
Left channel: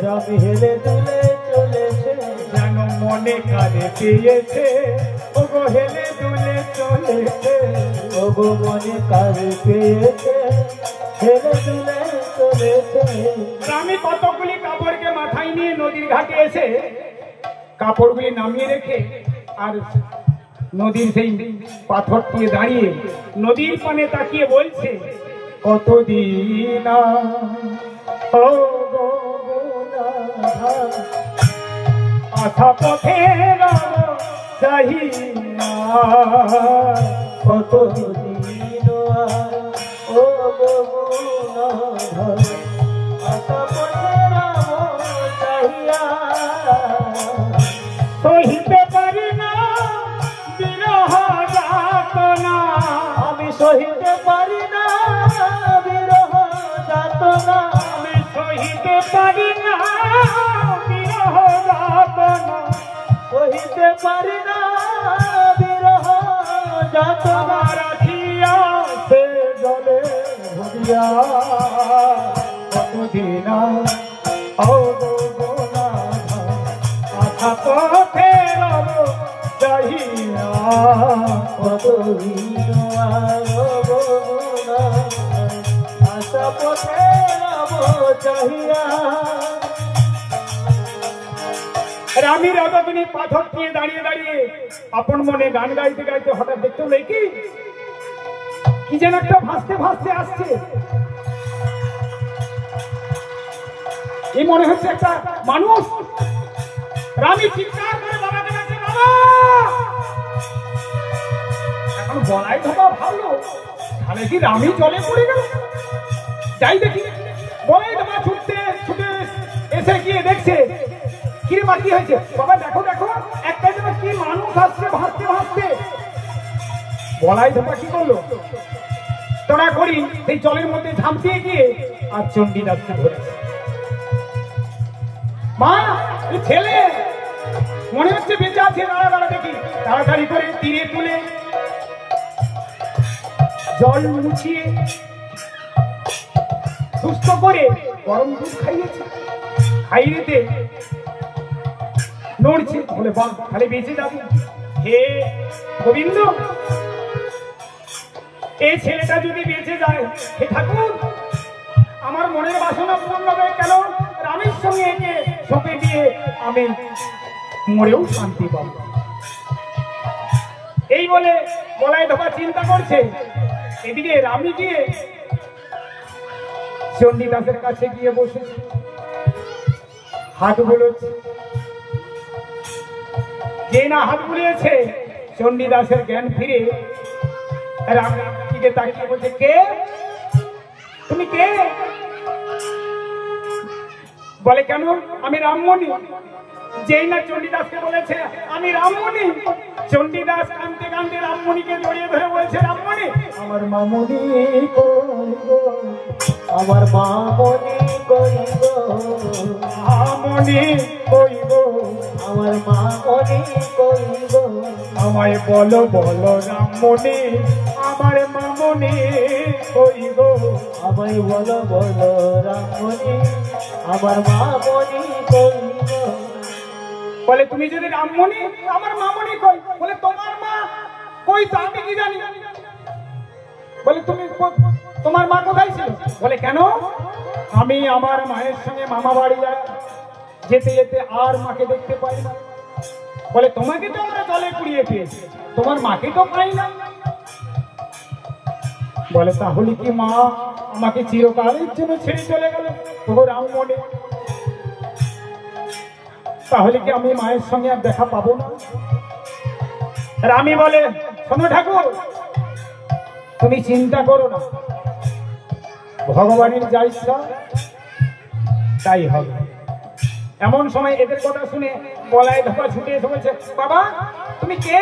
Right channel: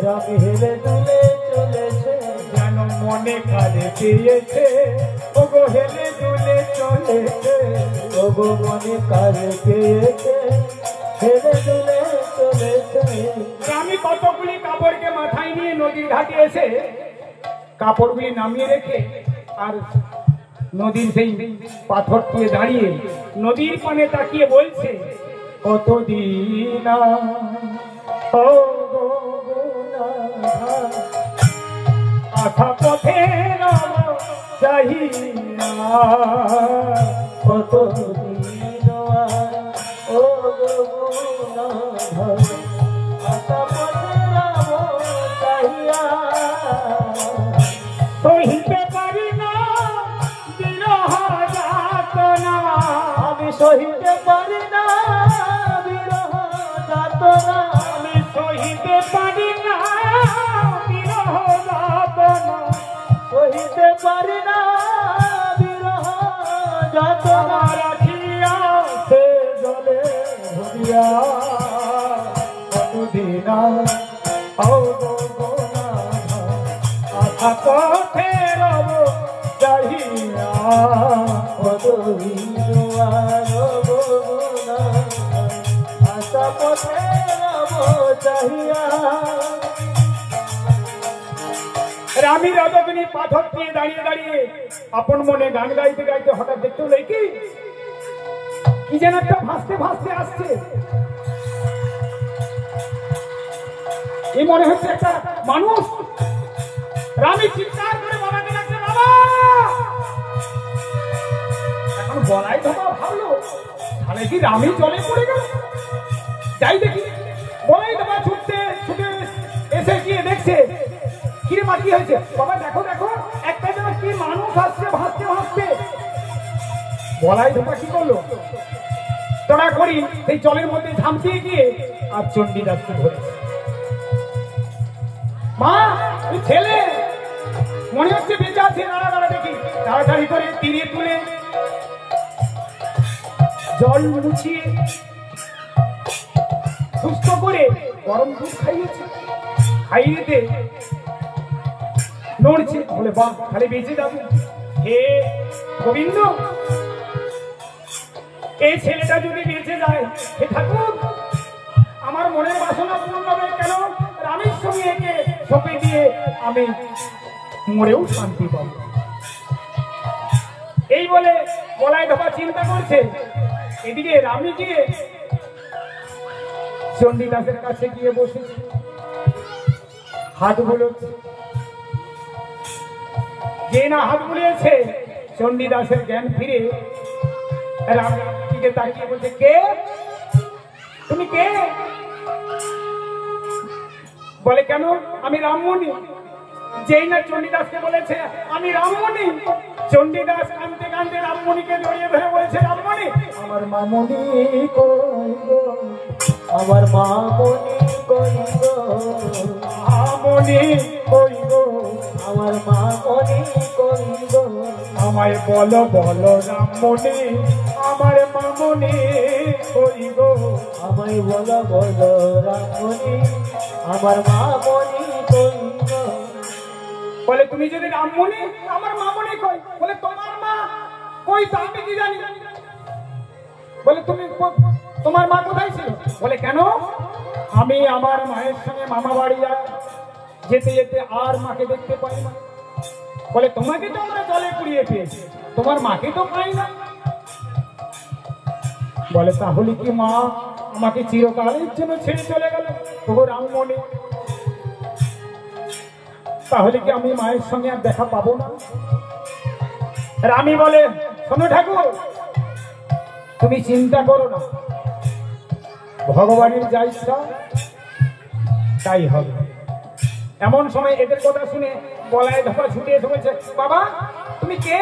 রবি হেলে দুলে চলেছে যেন মনে কারে পেয়েছে। ওগো হেলে দুলে চলেছে, ওগো মনে তারে পেয়েছে হেলে দুলে চলেছে। আমি কতগুলি কাপড়কে মাথায় নিয়ে নদীর ঘাটে এসে কাপড়গুলি নামিয়ে রেখে আর নদীর সেই পাথর দিয়ে দাঁড়িয়ে নদীর পানে তাকিয়ে বলছে, কতদিন আশা পথে চাহিনা, কতদিন ও আশা চাহিয়া সহিতে পারি না বিরহ যাতনা, আমি সহিতে পারি না বিরহ যাতনা, আমি সহিতে পারি না বিরহ যাতনা, সহিতে পারি না বিরহ যাতনা। রাখিয়া সে জলে ভরিয়া কতদিন আশা পথে যাইয়া, কতদিন আশা পথে চাহিয়া। রানী রজকিনী পাথর দিয়ে দাঁড়িয়ে দাঁড়িয়ে আপন মনে গান গাইতে গাইতে হঠাৎ দেখতে পেলে কি যেন একটা ভাসতে ভাসতে আসছে। এই মনে হচ্ছে একটা মানুষ। রানী চিৎকার করে বাবাকে ডাকছে, বাবা। এখন বলাই ধোপা ভাবলো তাহলে কি রানী জলে পড়ে গেল। যাই দেখি, বলাই ধোপা ছুটতে ছুটে এসে গিয়ে দেখছে, কিরে মা কি হয়েছে? বাবা দেখো দেখো, একটা যেন কি মানুষ আসছে ভাসতে ভাসতে। বলাই ধোপা কি করলো, তোরা করি সেই জলের মধ্যে ঝাঁপিয়ে গিয়ে আর চণ্ডীদাসকে ধরেছে। মা ওই ছেলে মনে হচ্ছে বেঁচে আছে, দাঁড়া দাঁড়া দেখি। তাড়াতাড়ি করে তীরে তুলে জল মুছিয়ে সুস্থ করে গরম দুধ খাইয়েছে, খাইয়েতে নড়ছে, বলে বাহ তাহলে বেঁচে যাবে। হে গোবিন্দ, এই ছেলেটা যদি বেঁচে যায়, হে ঠাকুর আমার মনের বাসনা পূর্ণ হবে কেন? রামের সঙ্গে একে সঁপে দিয়ে আমি মরেও শান্তি পাব। এই বলে বলাই ধোপা চিন্তা করছে, এদিকে রামী গিয়ে চণ্ডীদাসের কাছে গিয়ে বসেছে, হাত বুলোচ্ছে। যে না হাত বুলিয়েছে, চণ্ডীদাসের জ্ঞান ফিরে রামের দিকে তাকিয়ে বলছে, কে তুমি? কে? বলে কেন? আমি রামমণি। যেই না চণ্ডীদাসকে বলেছে আমি রামমণি, চণ্ডীদাস কাঁদতে কাঁদতে রামমণিকে জড়িয়ে ধরে বলছে, রামমণি আমার মামনি কই গো, আমার মামনি কই গো, রামমণি কই গো, আমার মামনি কই গো, আমায় বলো বলো রামমণি, আমার মামনি কই গো, আমায় বলো বলো রামমণি, আমার মামনি কই গো। বলে তুমি যদি রামমণি, আমার মামনি কই? বলে তোমার মা কই তা আমি কি জানি? বলে তুমি তোমার মা কোথায় ছিল? বলে কেন? আমি আমার মায়ের সঙ্গে মামা বাড়ি যেতে যেতে আর মাকে দেখতে পাই না। বলে তোমাকে তো আমরা জলে পুড়িয়ে পেয়েছি, তোমার মাকে তো পাই না। বলে তাহলে কি মা আমাকে চিরকালের জন্য ছেড়ে চলে গেল? ও রামমণি, তাহলে কি আমি মায়ের সঙ্গে আর দেখা পাবো না? রামী বলে, শোনো ঠাকুর, তুমি চিন্তা করো না, ভগবানের যা ইচ্ছা তাই হবে। এমন সময় এদের কথা শুনে গলায় ধোপা ছুটে এসে বলছে, বাবা তুমি কে?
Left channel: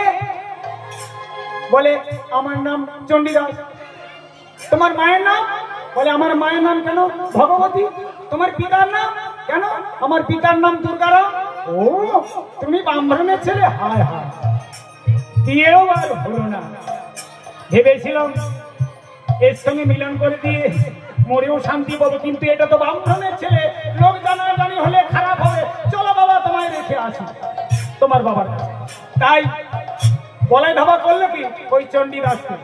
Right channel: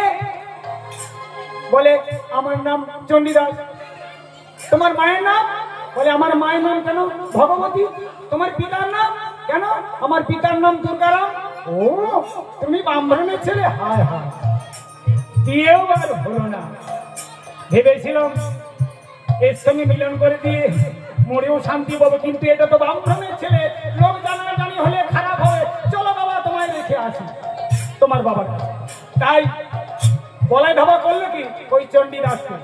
বলে আমার নাম চণ্ডীদাস। তোমার মায়ের নাম? বলে আমার মায়ের নাম কেন ভগবতী। তোমার পিতার নাম? কেন আমার পিতার নাম দুর্গারাম। ও তুমি ব্রাহ্মণের ছেলে? হায় হায়, দিয়েও আর হলো না। ভেবেছিলাম এর সঙ্গে মিলন করে দিয়ে মরেও শান্তি পাবো, কিন্তু এটা তো ব্রাহ্মণের ছেলে, লোক জানাজানি হলে খারাপ হবে। চলো বাবা তোমায় রেখে আসি তোমার বাবার কাছে। তাই গলায় ধাবা করলো কি ওই চণ্ডীদাসকে।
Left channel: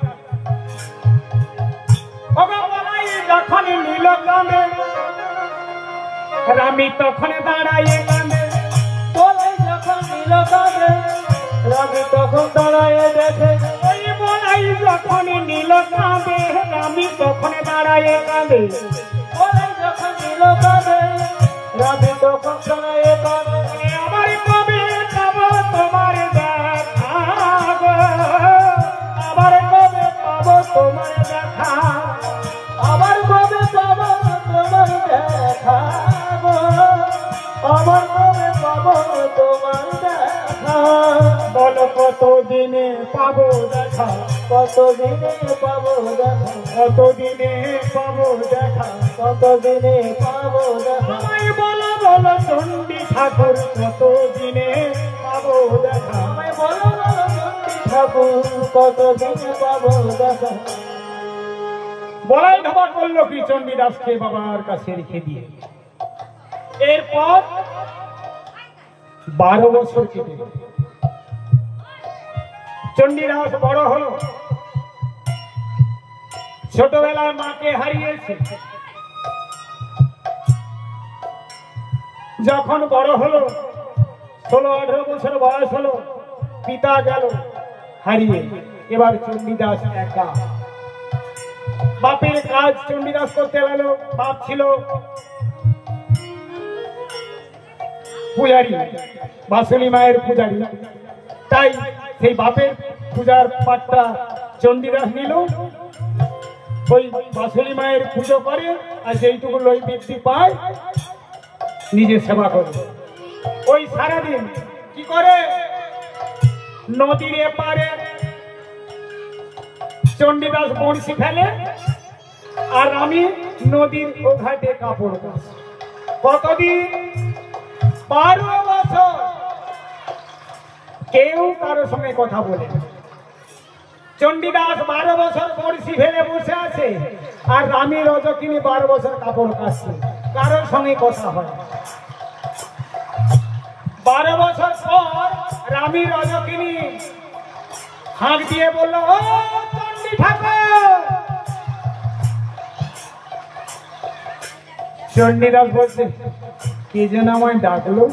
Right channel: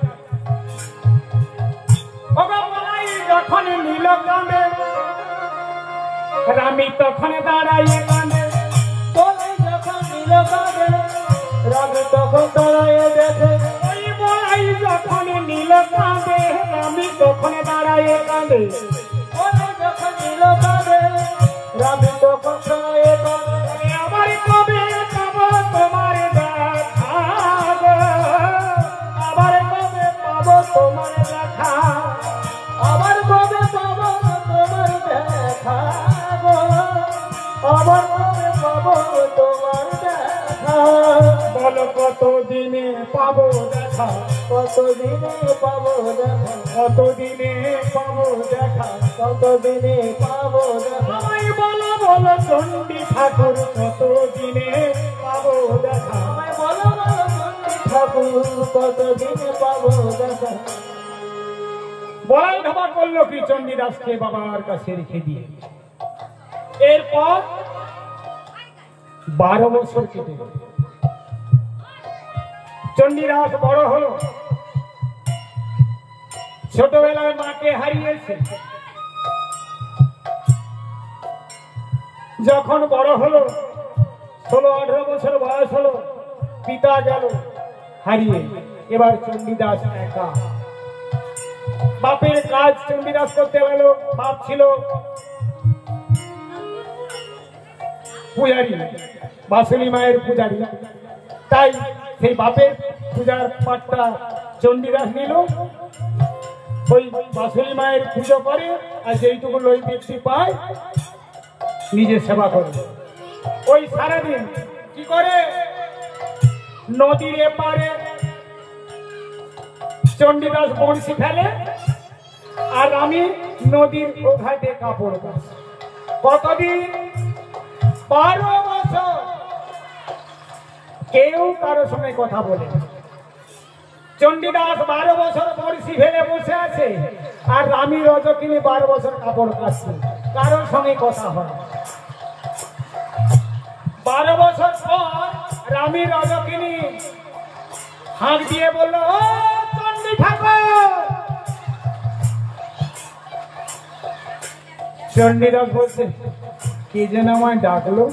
যখন নীল কাঁদে রামী তখন দাঁড়াইয়ে কাঁদে, বলে যখন নীল কাঁদে রামী তখন দাঁড়াইয়ে দেখে। এই বলাই যখন নীল কাঁদে রামী তখন দাঁড়াইয়ে কাঁদে, বলে যখন নীল কাঁদে রামী তখন দাঁড়াইয়ে কাঁদে। আমার কবে পাবো তোমার দেখা গো, আমার কবে পাবো তোমার দেখা, আমার কবে পাবো তোমার দেখা গো, আমার কবে পাবো তোমার দেখা। বলো কতদিনে পাবো দেখা, কতদিনে পাবো দেখা, কতদিনে পাবো দেখা, কতদিনে পাবো দেখা। আমায় বলো বলো চণ্ডী ঠাকুর কতদিনে পাবো দেখা। আমায় বলো না চণ্ডী ঠাকুর কতদিনে পাবো দেখা। বলাই ধাবা করলো কি চণ্ডীদাসকে বাবার কাছে রেখে দিয়ে। এরপর 12 বছর কেটে গেল। চণ্ডীদাস বড় হলো, ছোটবেলায় মাকে হারিয়েছে। যখন বড় হলো 16-18 বছর বয়স হলো, পিতা গেল হারিয়ে, এবার চণ্ডীদাস একা। বাপের কাজ চণ্ডীদাস করতে লাগলো। বাপ ছিল পূজারী, বাসুলি মায়ের পূজারী, তাই সেই বাপের পূজার পাঠটা চণ্ডীদাস নিল। ওই বাসুলি মায়ের পুজো করে আর যেইটুকু লই বৃদ্ধি পায় নিজে সেবা করে। ওই সারাদিন কি করে, নদীর এপারে চণ্ডীদাস বড়শি ফেলে আর আমি নদীর ওঘাটে কাপড় কাচি। কতদিন? 12 বছর। কেউ কারোর সঙ্গে কথা বলে না। চণ্ডীদাস 12 বছর বর্ষি ফেলে বসে আছে, আর রামী রজকিনী 12 বছর কাপড় কাচছে, কারোর সঙ্গে কথা হয়। 12 বছর পর রামী রজকিনী হাঁক দিয়ে বলল, ও চণ্ডী ঠাকুর। চণ্ডীদাস বলছে, কে যেন আমায় ডাকলো।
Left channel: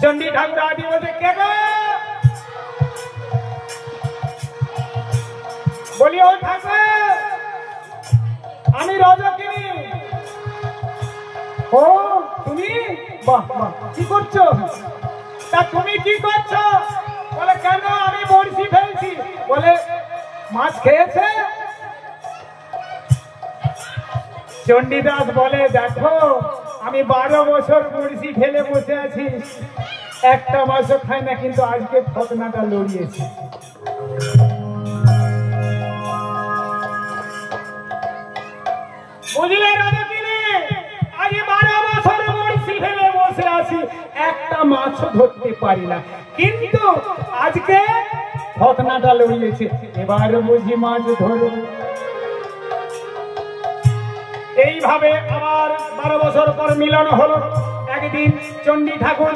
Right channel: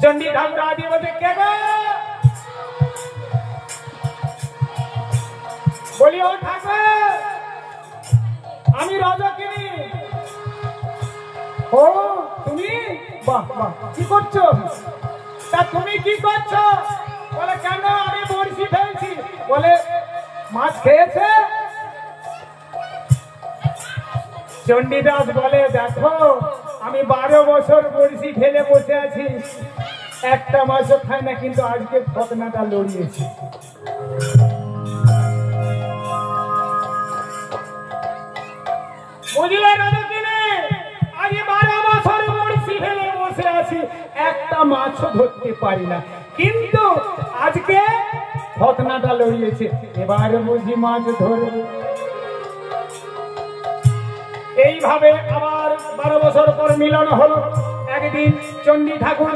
চণ্ডী ঠাকুর আদি বলছে, কে গো? বলি, ও ঠাকুর, আমি রজকিনী। ও তুমি? বাহ বাহ, কি করছো? তা তুমি কি করছো? বলে, কেন? আমি বড়শি ফেলছি। বলে, মাছ খেয়েছে? চণ্ডীদাস বলে, দেখো আমি 12 বছর বড়শি ফেলে বসে আছি, একটা মাছও খাই না, কিন্তু আজকে ঘটনাটা লড়িয়েছি। বুঝলে রজকিনী, আজ 12 বছর বড়শি ফেলে বসে আছি, একটা মাছও ধরতে পারি না, কিন্তু আজকে ঘটনাটা লড়িয়েছে, এবার বুঝি মাছ ধরব। এইভাবে আবার 12 বছর পর মিলন হলো। একদিন চণ্ডী ঠাকুর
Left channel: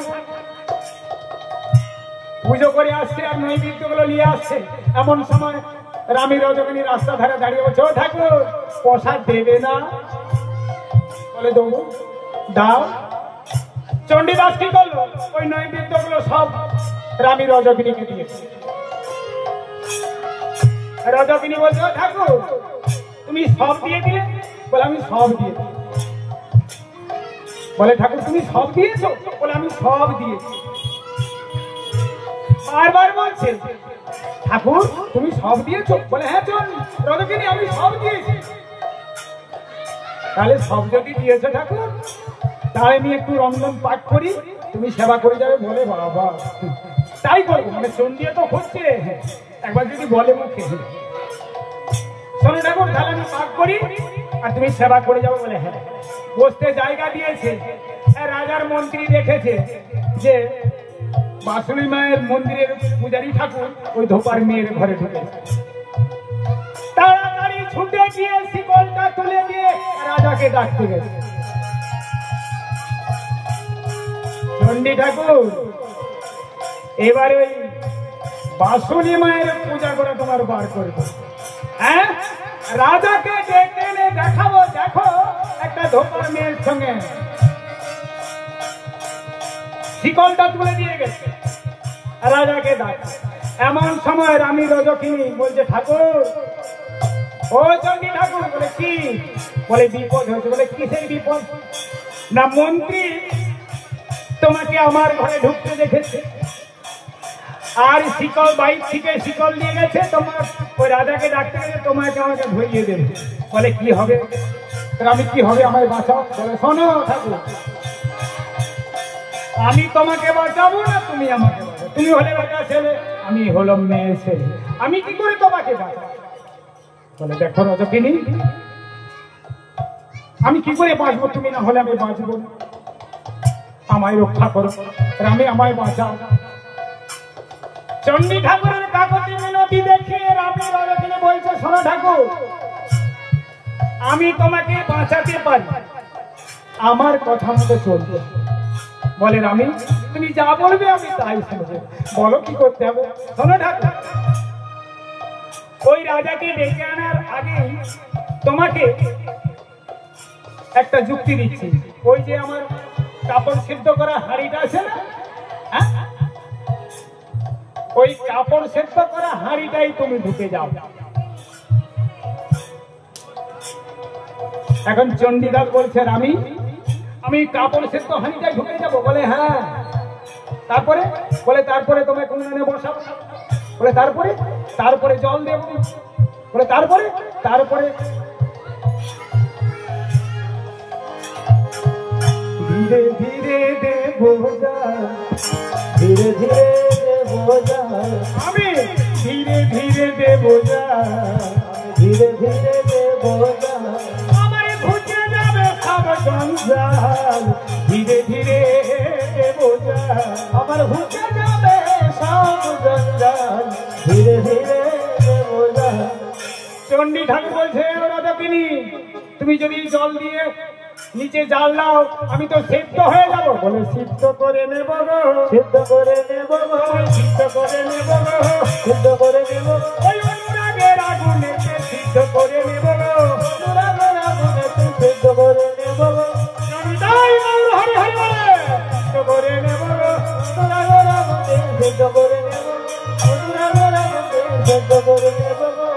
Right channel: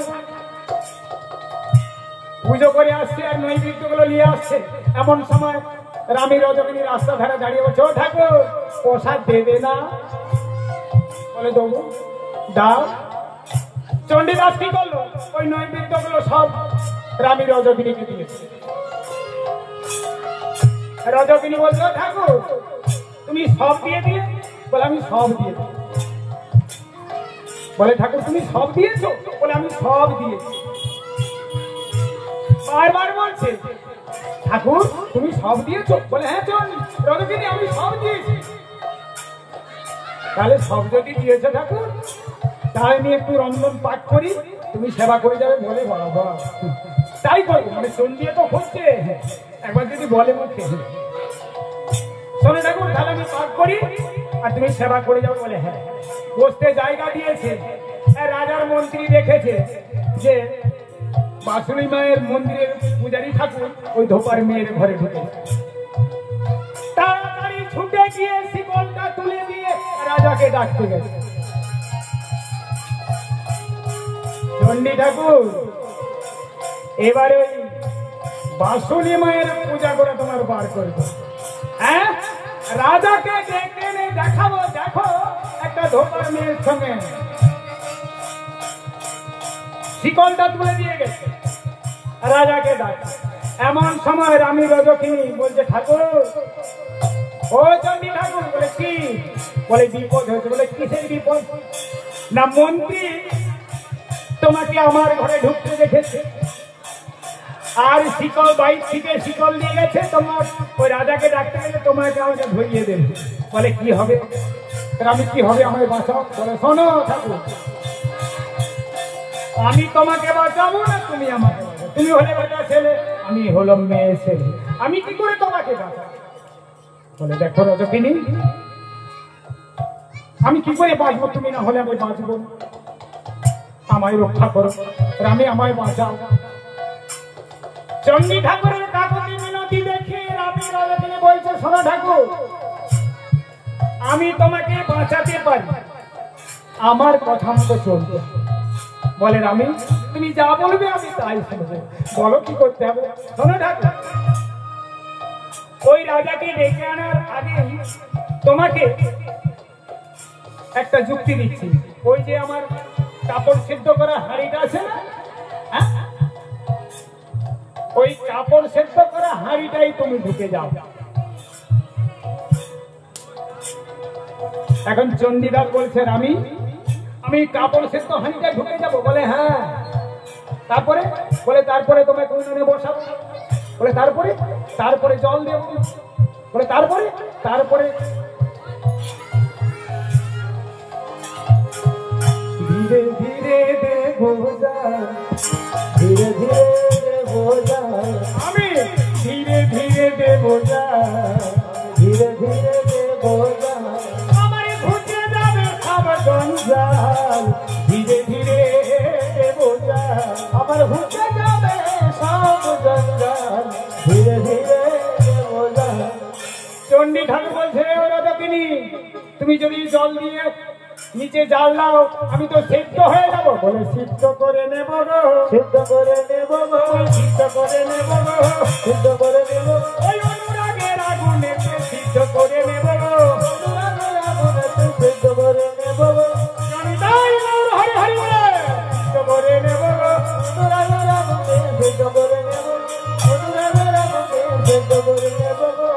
পুজো করে আসছে আর নৈবেদ্য গুলো নিয়ে আসছে। এমন সময় রামী রজকিনী রাস্তা ধারে দাঁড়িয়ে বলছে, ও ঠাকুর, প্রসাদ দেবে না? বলে, দেবো, দাও। চণ্ডীদাস কি করলো? ওই নৈবেদ্য গুলো সব রামী রজকিনীকে দিয়েছে। রজকিনী বলছে, ও ঠাকুর, তুমি সব দিয়ে দিলে? বলে, আমি সব দিয়ে দিই। বলে, ঠাকুর তুমি সব দিয়েছো? বলে, আমি সব দিয়েছি। বারবার বলছে, ঠাকুর তুমি সব দিয়েছো? বলে, হ্যাঁ চল রজকিনী, আমি সব দিয়েছি। তাহলে সব যদি দিয়েছো ঠাকুর, তাহলে আমি একটু রমদম পাঠ করি, তুমি সেবা করে যাবে। বলে, বাবা তাই করবো। মানে চণ্ডী তো হচ্ছে, একবার যদি বলে মুখে, শোনো ঠাকুর, তাহলে আমি পাঠ করি আর তুমি সেবা করে যাবো। বলে, হ্যাঁ। বসতে জায়গা দিয়েছে। রাজার মন্ত্রী দেখেছে যে বাসুরি মায়ের মন্দিরের পূজারী ঠাকুর ওই ধোপার মেয়ের ঘরে ঢুকেছে। তাড়াতাড়ি ছুটে গিয়ে শিকলটা তুলে দিয়ে রাজাকে ডাকতে গেছে। চণ্ডী ঠাকুর, এবার ওই বাসুরি মায়ের পূজা করে তোমার বার করবে। হ্যাঁ, রাজাকে ডেকে এনে দেখাবো, দেখো একটা ধোপার মেয়ের সঙ্গে। শিকলটা তুলে দিয়ে গেছে, রাজাকে ডাক। এমন সময় রামী রজকিনী বলছে, ঠাকুর, ও চণ্ডী ঠাকুর। বলে, কি? বলে, বিপদ হয়েছে। বলে, কিসের বিপদ? না, মন্ত্রী তোমাকে আমার ঘরে ঢুকতে দেখেছে, আর শিকল বাইর থেকে শিকল দিয়ে গেছে, তোমার ওই রাজাকে ডাকতে গেছে, তোমাকে আমাকে ধরিয়ে দেবে। বলে, কি হবে? আমি কি হবে, আমায় বাঁচাও। বলে, শোনো ঠাকুর, আমি তোমাকে বাঁচাবো না তুমি আমাকে বাঁচাবো। তুমি হলে বেটা ছেলে, আমি হলাম মেয়ে ছেলে, আমি কি করে তোমাকে বাঁচাবো? বলে, দেখো রজকিনী, আমি কি করে বাঁচবো? তুমি না হলে আমি বাঁচবো, আমায় রক্ষা করো, রামে আমায় বাঁচাও। চণ্ডী ঠাকুরের কাকতি মিনতি দেখে রামী রজকিনী বলছে, শোনো ঠাকুর, আমি তোমাকে বাঁচাতে পারি, আমার কথা মতো চলবে। বলে, রামী তুমি যা বলবে আমি তাই শুনবো, বলো কি করতে হবে। শোনো ঠাকুর, ওই রাজাকে ডেকে আনার আগে তোমাকে একটা যুক্তি দিচ্ছি। ওই যে আমার কাপড় সিদ্ধ করা হাঁড়িটা আছে না, হ্যাঁ, ওই কাপড় সিদ্ধ করা হাঁড়িটাই তুমি ঢুকে যাও। এখন চণ্ডীদাস বলছে, আমি কাপড় সিদ্ধ হাঁড়িটা ঢুকে যাবো। বলে, হ্যাঁ। তারপরে? বলে, তারপরে তোমাকে উনুনে বসাবো। বলে, তারপরে জল দেবো। বলে, তারপরে ধীরে ধীরে দেবো জল, ধীরে ধীরে দেবো জল, আমি ধীরে ধীরে দেবো জল, ধীরে ধীরে দেবো জল, আমার ঘুচে যাবে সব জঞ্জাল, ধীরে ধীরে দেবো জল, আমার ঘুচে যাবে সব জঞ্জাল, ধীরে ধীরে রাজকিনী, তুমি যদি জল দিয়ে নিচে জাল দাও আমি তো সিদ্ধ হয়ে যাব। বলে সিদ্ধ করে নেব গো, সিদ্ধ করে নেব গো, সিদ্ধ করে নেব গো, সিদ্ধ করে নেব, ওই অনুরাগের আগুনেতে সিদ্ধ করে নেব গো, অনুরাগের আগুনেতে সিদ্ধ করে নেব গো, আমি তাই গৌর হরি হরি বলে সিদ্ধ করে নেব গো, অনুরাগের আগুনে সিদ্ধ করে নেব, অনুরাগের আগুনে সিদ্ধ করে নেব গো।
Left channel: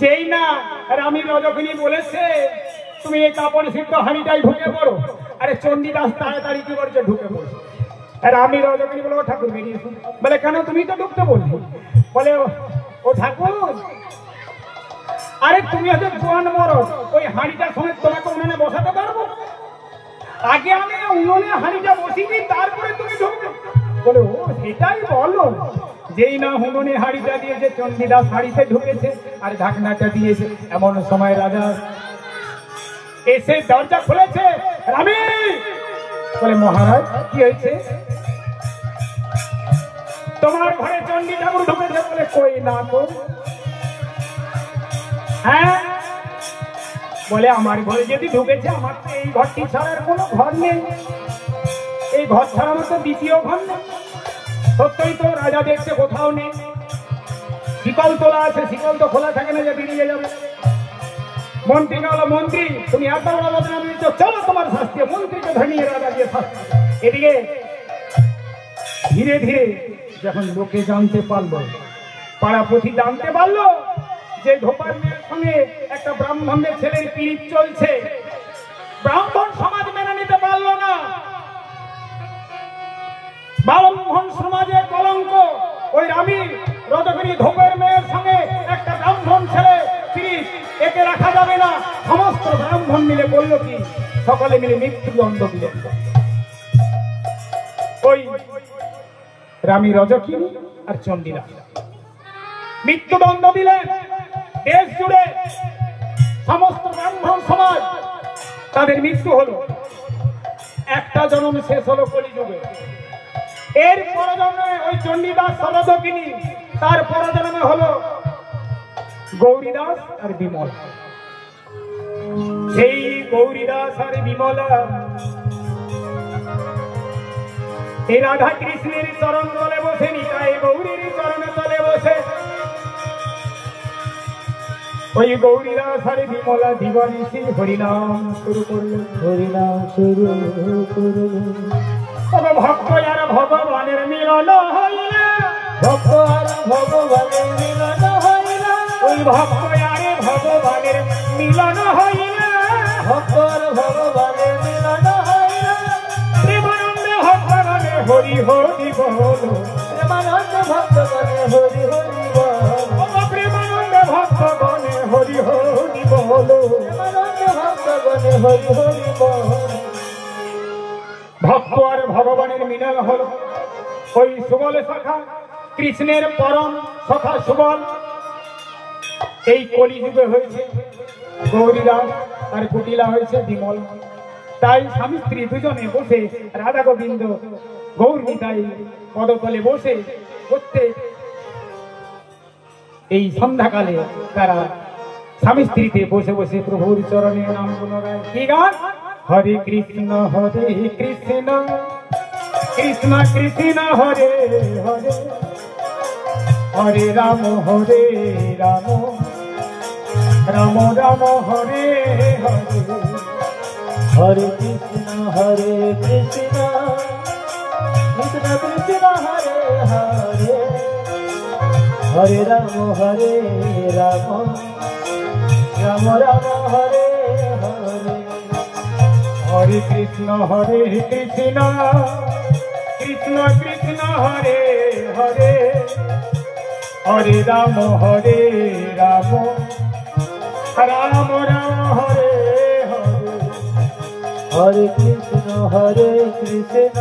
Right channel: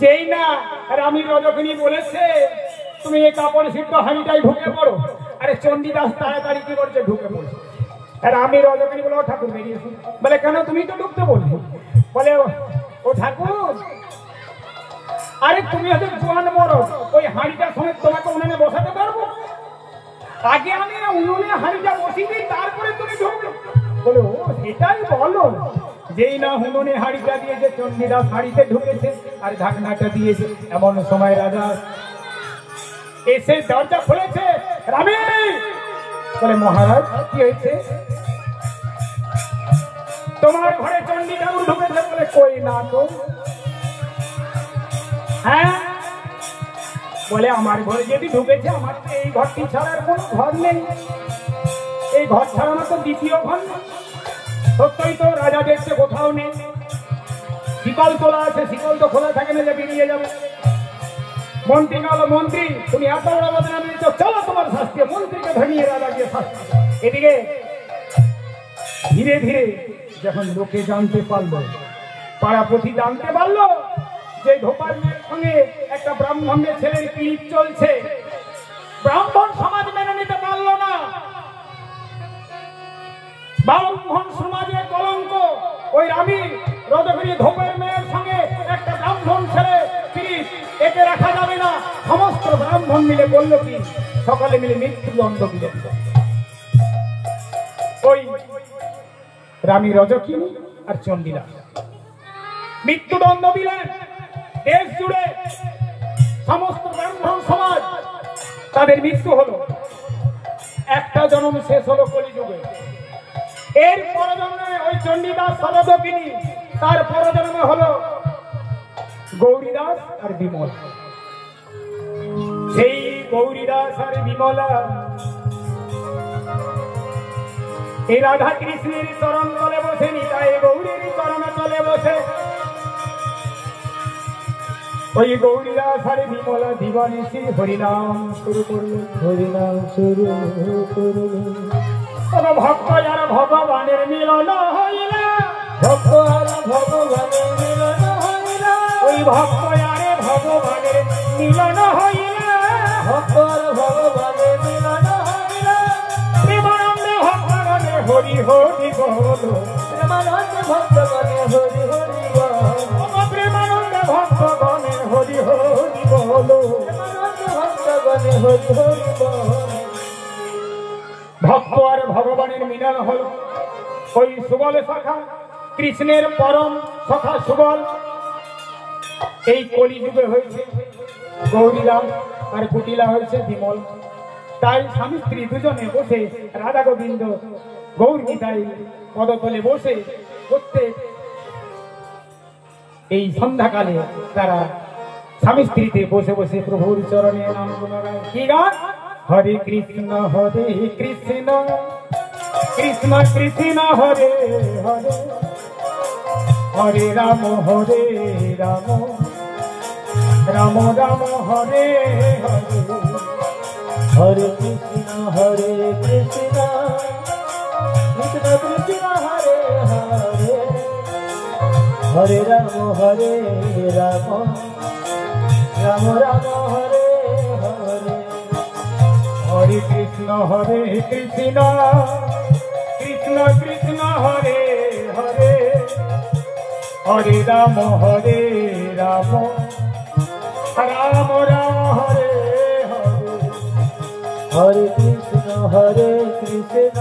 যেই না রানী রজকিনী বলেছে তুমি এই কাপড় সিদ্ধ হাঁড়িটাই ঢুকে পড়ো, আরে চণ্ডীদাস তাড়াতাড়ি কি করছে ঢুকে পড়ছে। আর আমি রজকিনী বলে ও ঠাকুর বেরিয়েছি। বলে কেন তুমি তো ঢুকতে বললে? বলে ও ঠাকুর, আরে তুমি হয়তো জোয়ান মরো, ওই হাঁড়িটার সময় তোমাকে উনুনে বসাতে পারবো? আগে আমি উনুনে হাঁড়িটা বসিয়ে দিই তারপরে তুমি ঢুকবে। বলে ও সেটাই বলো। যেই না উনুনে হাঁড়িটা দিয়েছে চণ্ডীদাস হাঁড়িতে ঢুকেছে আর ঢাকনাটা দিয়েছে, এমন সময় রাজা এসে দরজা খুলেছে। রানী বলে মহারাজ কি হয়েছে? তোমার ঘরে চণ্ডী ঠাকুর ঢুকেছে। বলে কই না তো। হ্যাঁ, বলে আমার ঘরে যদি ঢুকেছে, আমার তো এই ঘরটি ছাড়ার কোনো ঘর নেই, এই ঘর ছাড়া আমার তো দ্বিতীয় ঘর নেই। সত্যই তো, রাজা দেখছে কোথাও নেই, শিকল তোলা আছে, শিকল তো খোলা থাকে না যে বেরিয়ে যাবে। মন্ত্রী বলো মন্ত্রী তুমি এত বড় বদনাম দিয়েছো, চলো তোমার শাস্তি। মন্ত্রীকে ধরিয়ে রাজা দিয়ে শাস্তি। এদিকে ধীরে ধীরে যখন লোকে জানতে পারলো, পাড়াপতি জানতে পারলো যে ধোপার মেয়ের সঙ্গে একটা ব্রাহ্মণের ছেলের পিড়িত চলছে, ব্রাহ্মণ সমাজ মেনে নিতে পারলো না। ব্রাহ্মণ সমাজের কলঙ্ক, ওই রানী রজকিনী ধোপের মেয়ের সঙ্গে একটা ব্রাহ্মণ ছেলে পিড়িত, একে রাখা যাবে না। সমস্ত ব্রাহ্মণ মিলে বলল কি, সকলে মিলে মৃত্যুদণ্ড দিলেন। ওই রানী রজকিনী আর চণ্ডীদাস মৃত্যুদণ্ড দিলেন। দেশ জুড়ে সমস্ত ব্রাহ্মণ সমাজ তাদের মৃত্যু হলো। একটা জন্ম শেষ হলো কলিযুগে। এর পরজন্মে ওই চণ্ডীদাস রজকিনী, তার পরজন্মে হলো গৌরীদাস আর বিমলা। সেই গৌরীদাস আর বিমলা এই রাধা কৃষ্ণের চরণ তলে বসে, নিতাই গৌরীর চরণ তলে বসে ওই গৌরীদাস আর বিমলা দিবনিশি হরিনাম শুরু করল, হরিনাম শুরু করল। ভক্ত যারা ভগবানের মিলন হইলে, ভক্ত আর ভগবানের মিলন হইলে, ওই ভক্ত আরে ভগবানের মিলন হইলে, ভক্ত আর ভগবানের মিলন হইলে, প্রেমানন্দে ভক্তগণে হরি হরি বল, প্রেমানন্দে ভক্তগণে হরি হরি বল, প্রেমানন্দে ভক্তগণে হরি হরি বল, প্রেমানন্দে ভক্তগণে হরি হরি বল। ভক্ত আর ভগবানের মিলন হলো। ওই সুবল সখা কৃষ্ণের পরম সখা সুবল এই কলিযুগে হয়েছে গৌরীদাস আর কুটিলা হয়েছে বিমল। তাই স্বামী স্ত্রী দুজনে বসে রাধা গোবিন্দ গৌর নিতাই পদতলে বসে প্রত্যেক এই সন্ধ্যাকালে তারা স্বামী স্ত্রীতে বসে বসে প্রভুর চরণে নাম গুণগায়। কি গান? হরে কৃষ্ণ কৃষ্ণ কৃষ্ণ হরে হরে, হরে রাম রাম রাম হরে হরে, হরে কৃষ্ণ কৃষ্ণ কৃষ্ণ কৃষ্ণ হরে হরে, হরে রাম রাম রাম রাম হরে হরে, হরে কৃষ্ণ কৃষ্ণ কৃষ্ণ কৃষ্ণ হরে হরে, হরে রাম রাম রাম রাম হরে হরে, হরে কৃষ্ণ কৃষ্ণ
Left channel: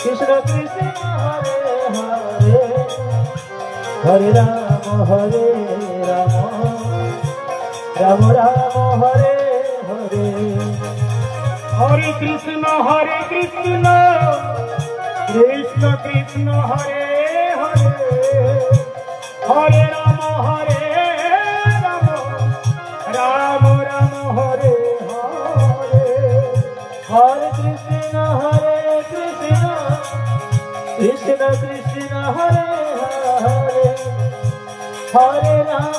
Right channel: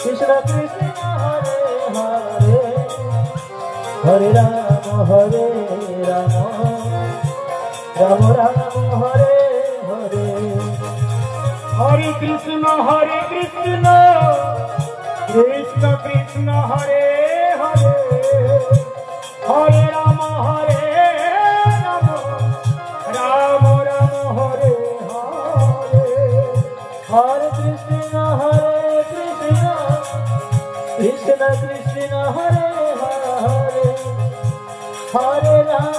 কৃষ্ণ কৃষ্ণ হরে হরে, হরে রাম রাম রাম হরে হরে, হরে কৃষ্ণ কৃষ্ণ কৃষ্ণ কৃষ্ণ হরে হরে, হরে রাম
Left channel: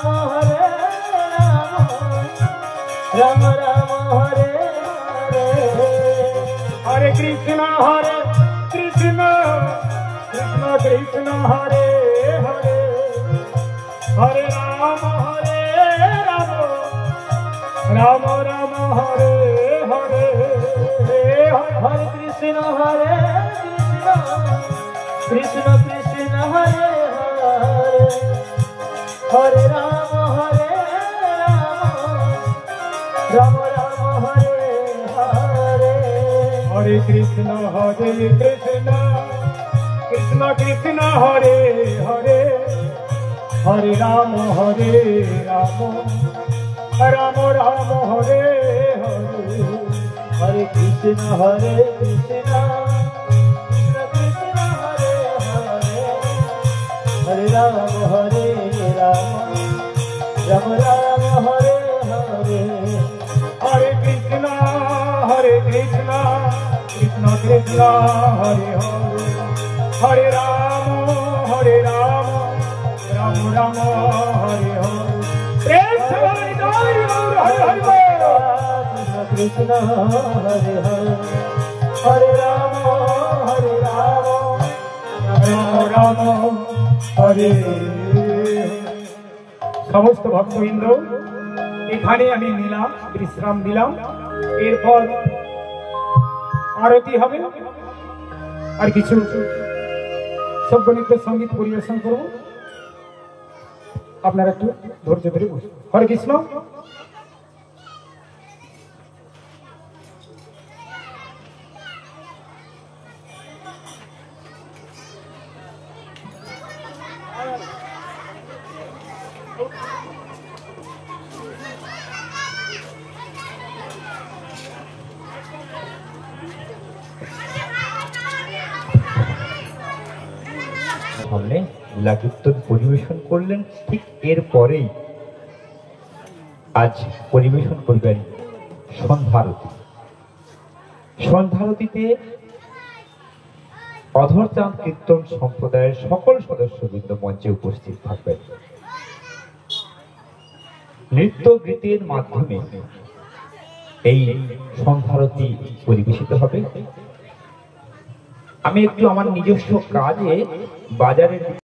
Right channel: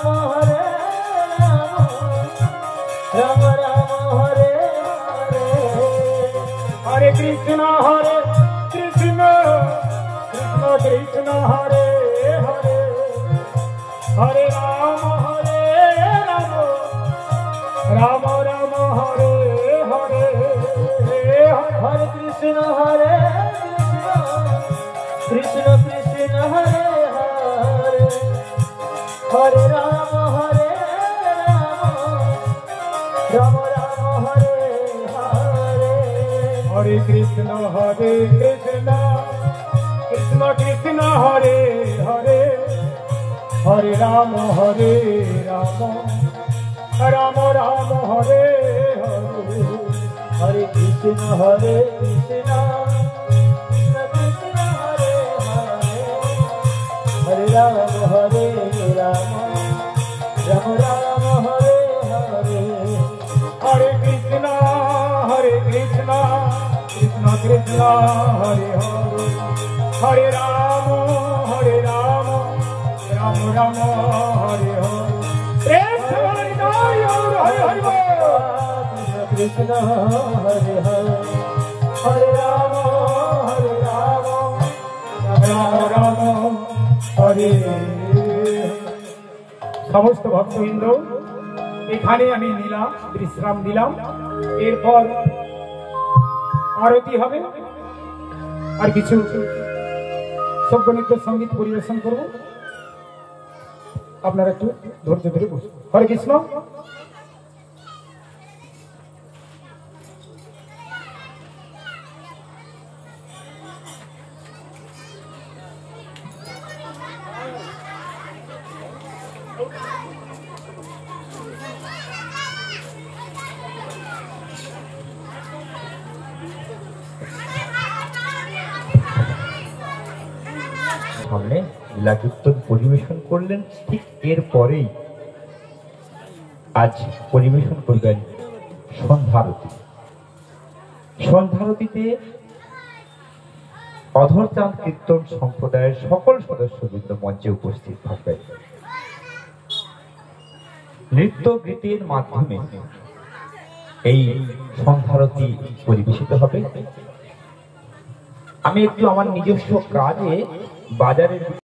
হরে রাম রাম হরে হরে কৃষ্ণ কৃষ্ণ কৃষ্ণ হরে হরে হরে রাম রাম রাম হরে হরে হরে কৃষ্ণ কৃষ্ণ কৃষ্ণ হরে হরে হরে রাম রাম রাম হরে হরে হরে কৃষ্ণ কৃষ্ণ কৃষ্ণ হরে হরে হরে রাম রাম রাম রাম হরে হরে হরে কৃষ্ণ কৃষ্ণ কৃষ্ণ হরে হরে হরে রাম রাম রাম হরে হরে হরে কৃষ্ণ কৃষ্ণ কৃষ্ণ হরে হরে হরে রাম রাম রাম হরে হরে প্রেম से हरि हरि बोल কৃষ্ণ হরে হরে হরে রাম রাম রাম হরে। সমস্ত ভক্তবৃন্দ এখানে আমি নিলাম বিশ্রাম দিলাম, এরপর আরতি হবে আর কিছু সঙ্গীত সঙ্গীত পরিবেশন করব, আপনারা একটু ধৈর্য ধরে বসুন। হরে কৃষ্ণ। সামনে লীলাকীর্তন পরিবেশন করলেন, ঠিক এরপরেই আজ পরিবেশন করবেন সন্ধ্যারতি। সন্ধ্যারতিতে অধরচাঁদ কীর্তন সম্প্রদায়ের সকল সদস্যবৃন্দ মঞ্চে উপস্থিত থাকবেন। নৃত্য গীতের মাধ্যমে এই সন্ধ্যারতি পরিবেশিত হবে। আমি একটু আমার নিজস্ব কাজে বাজারের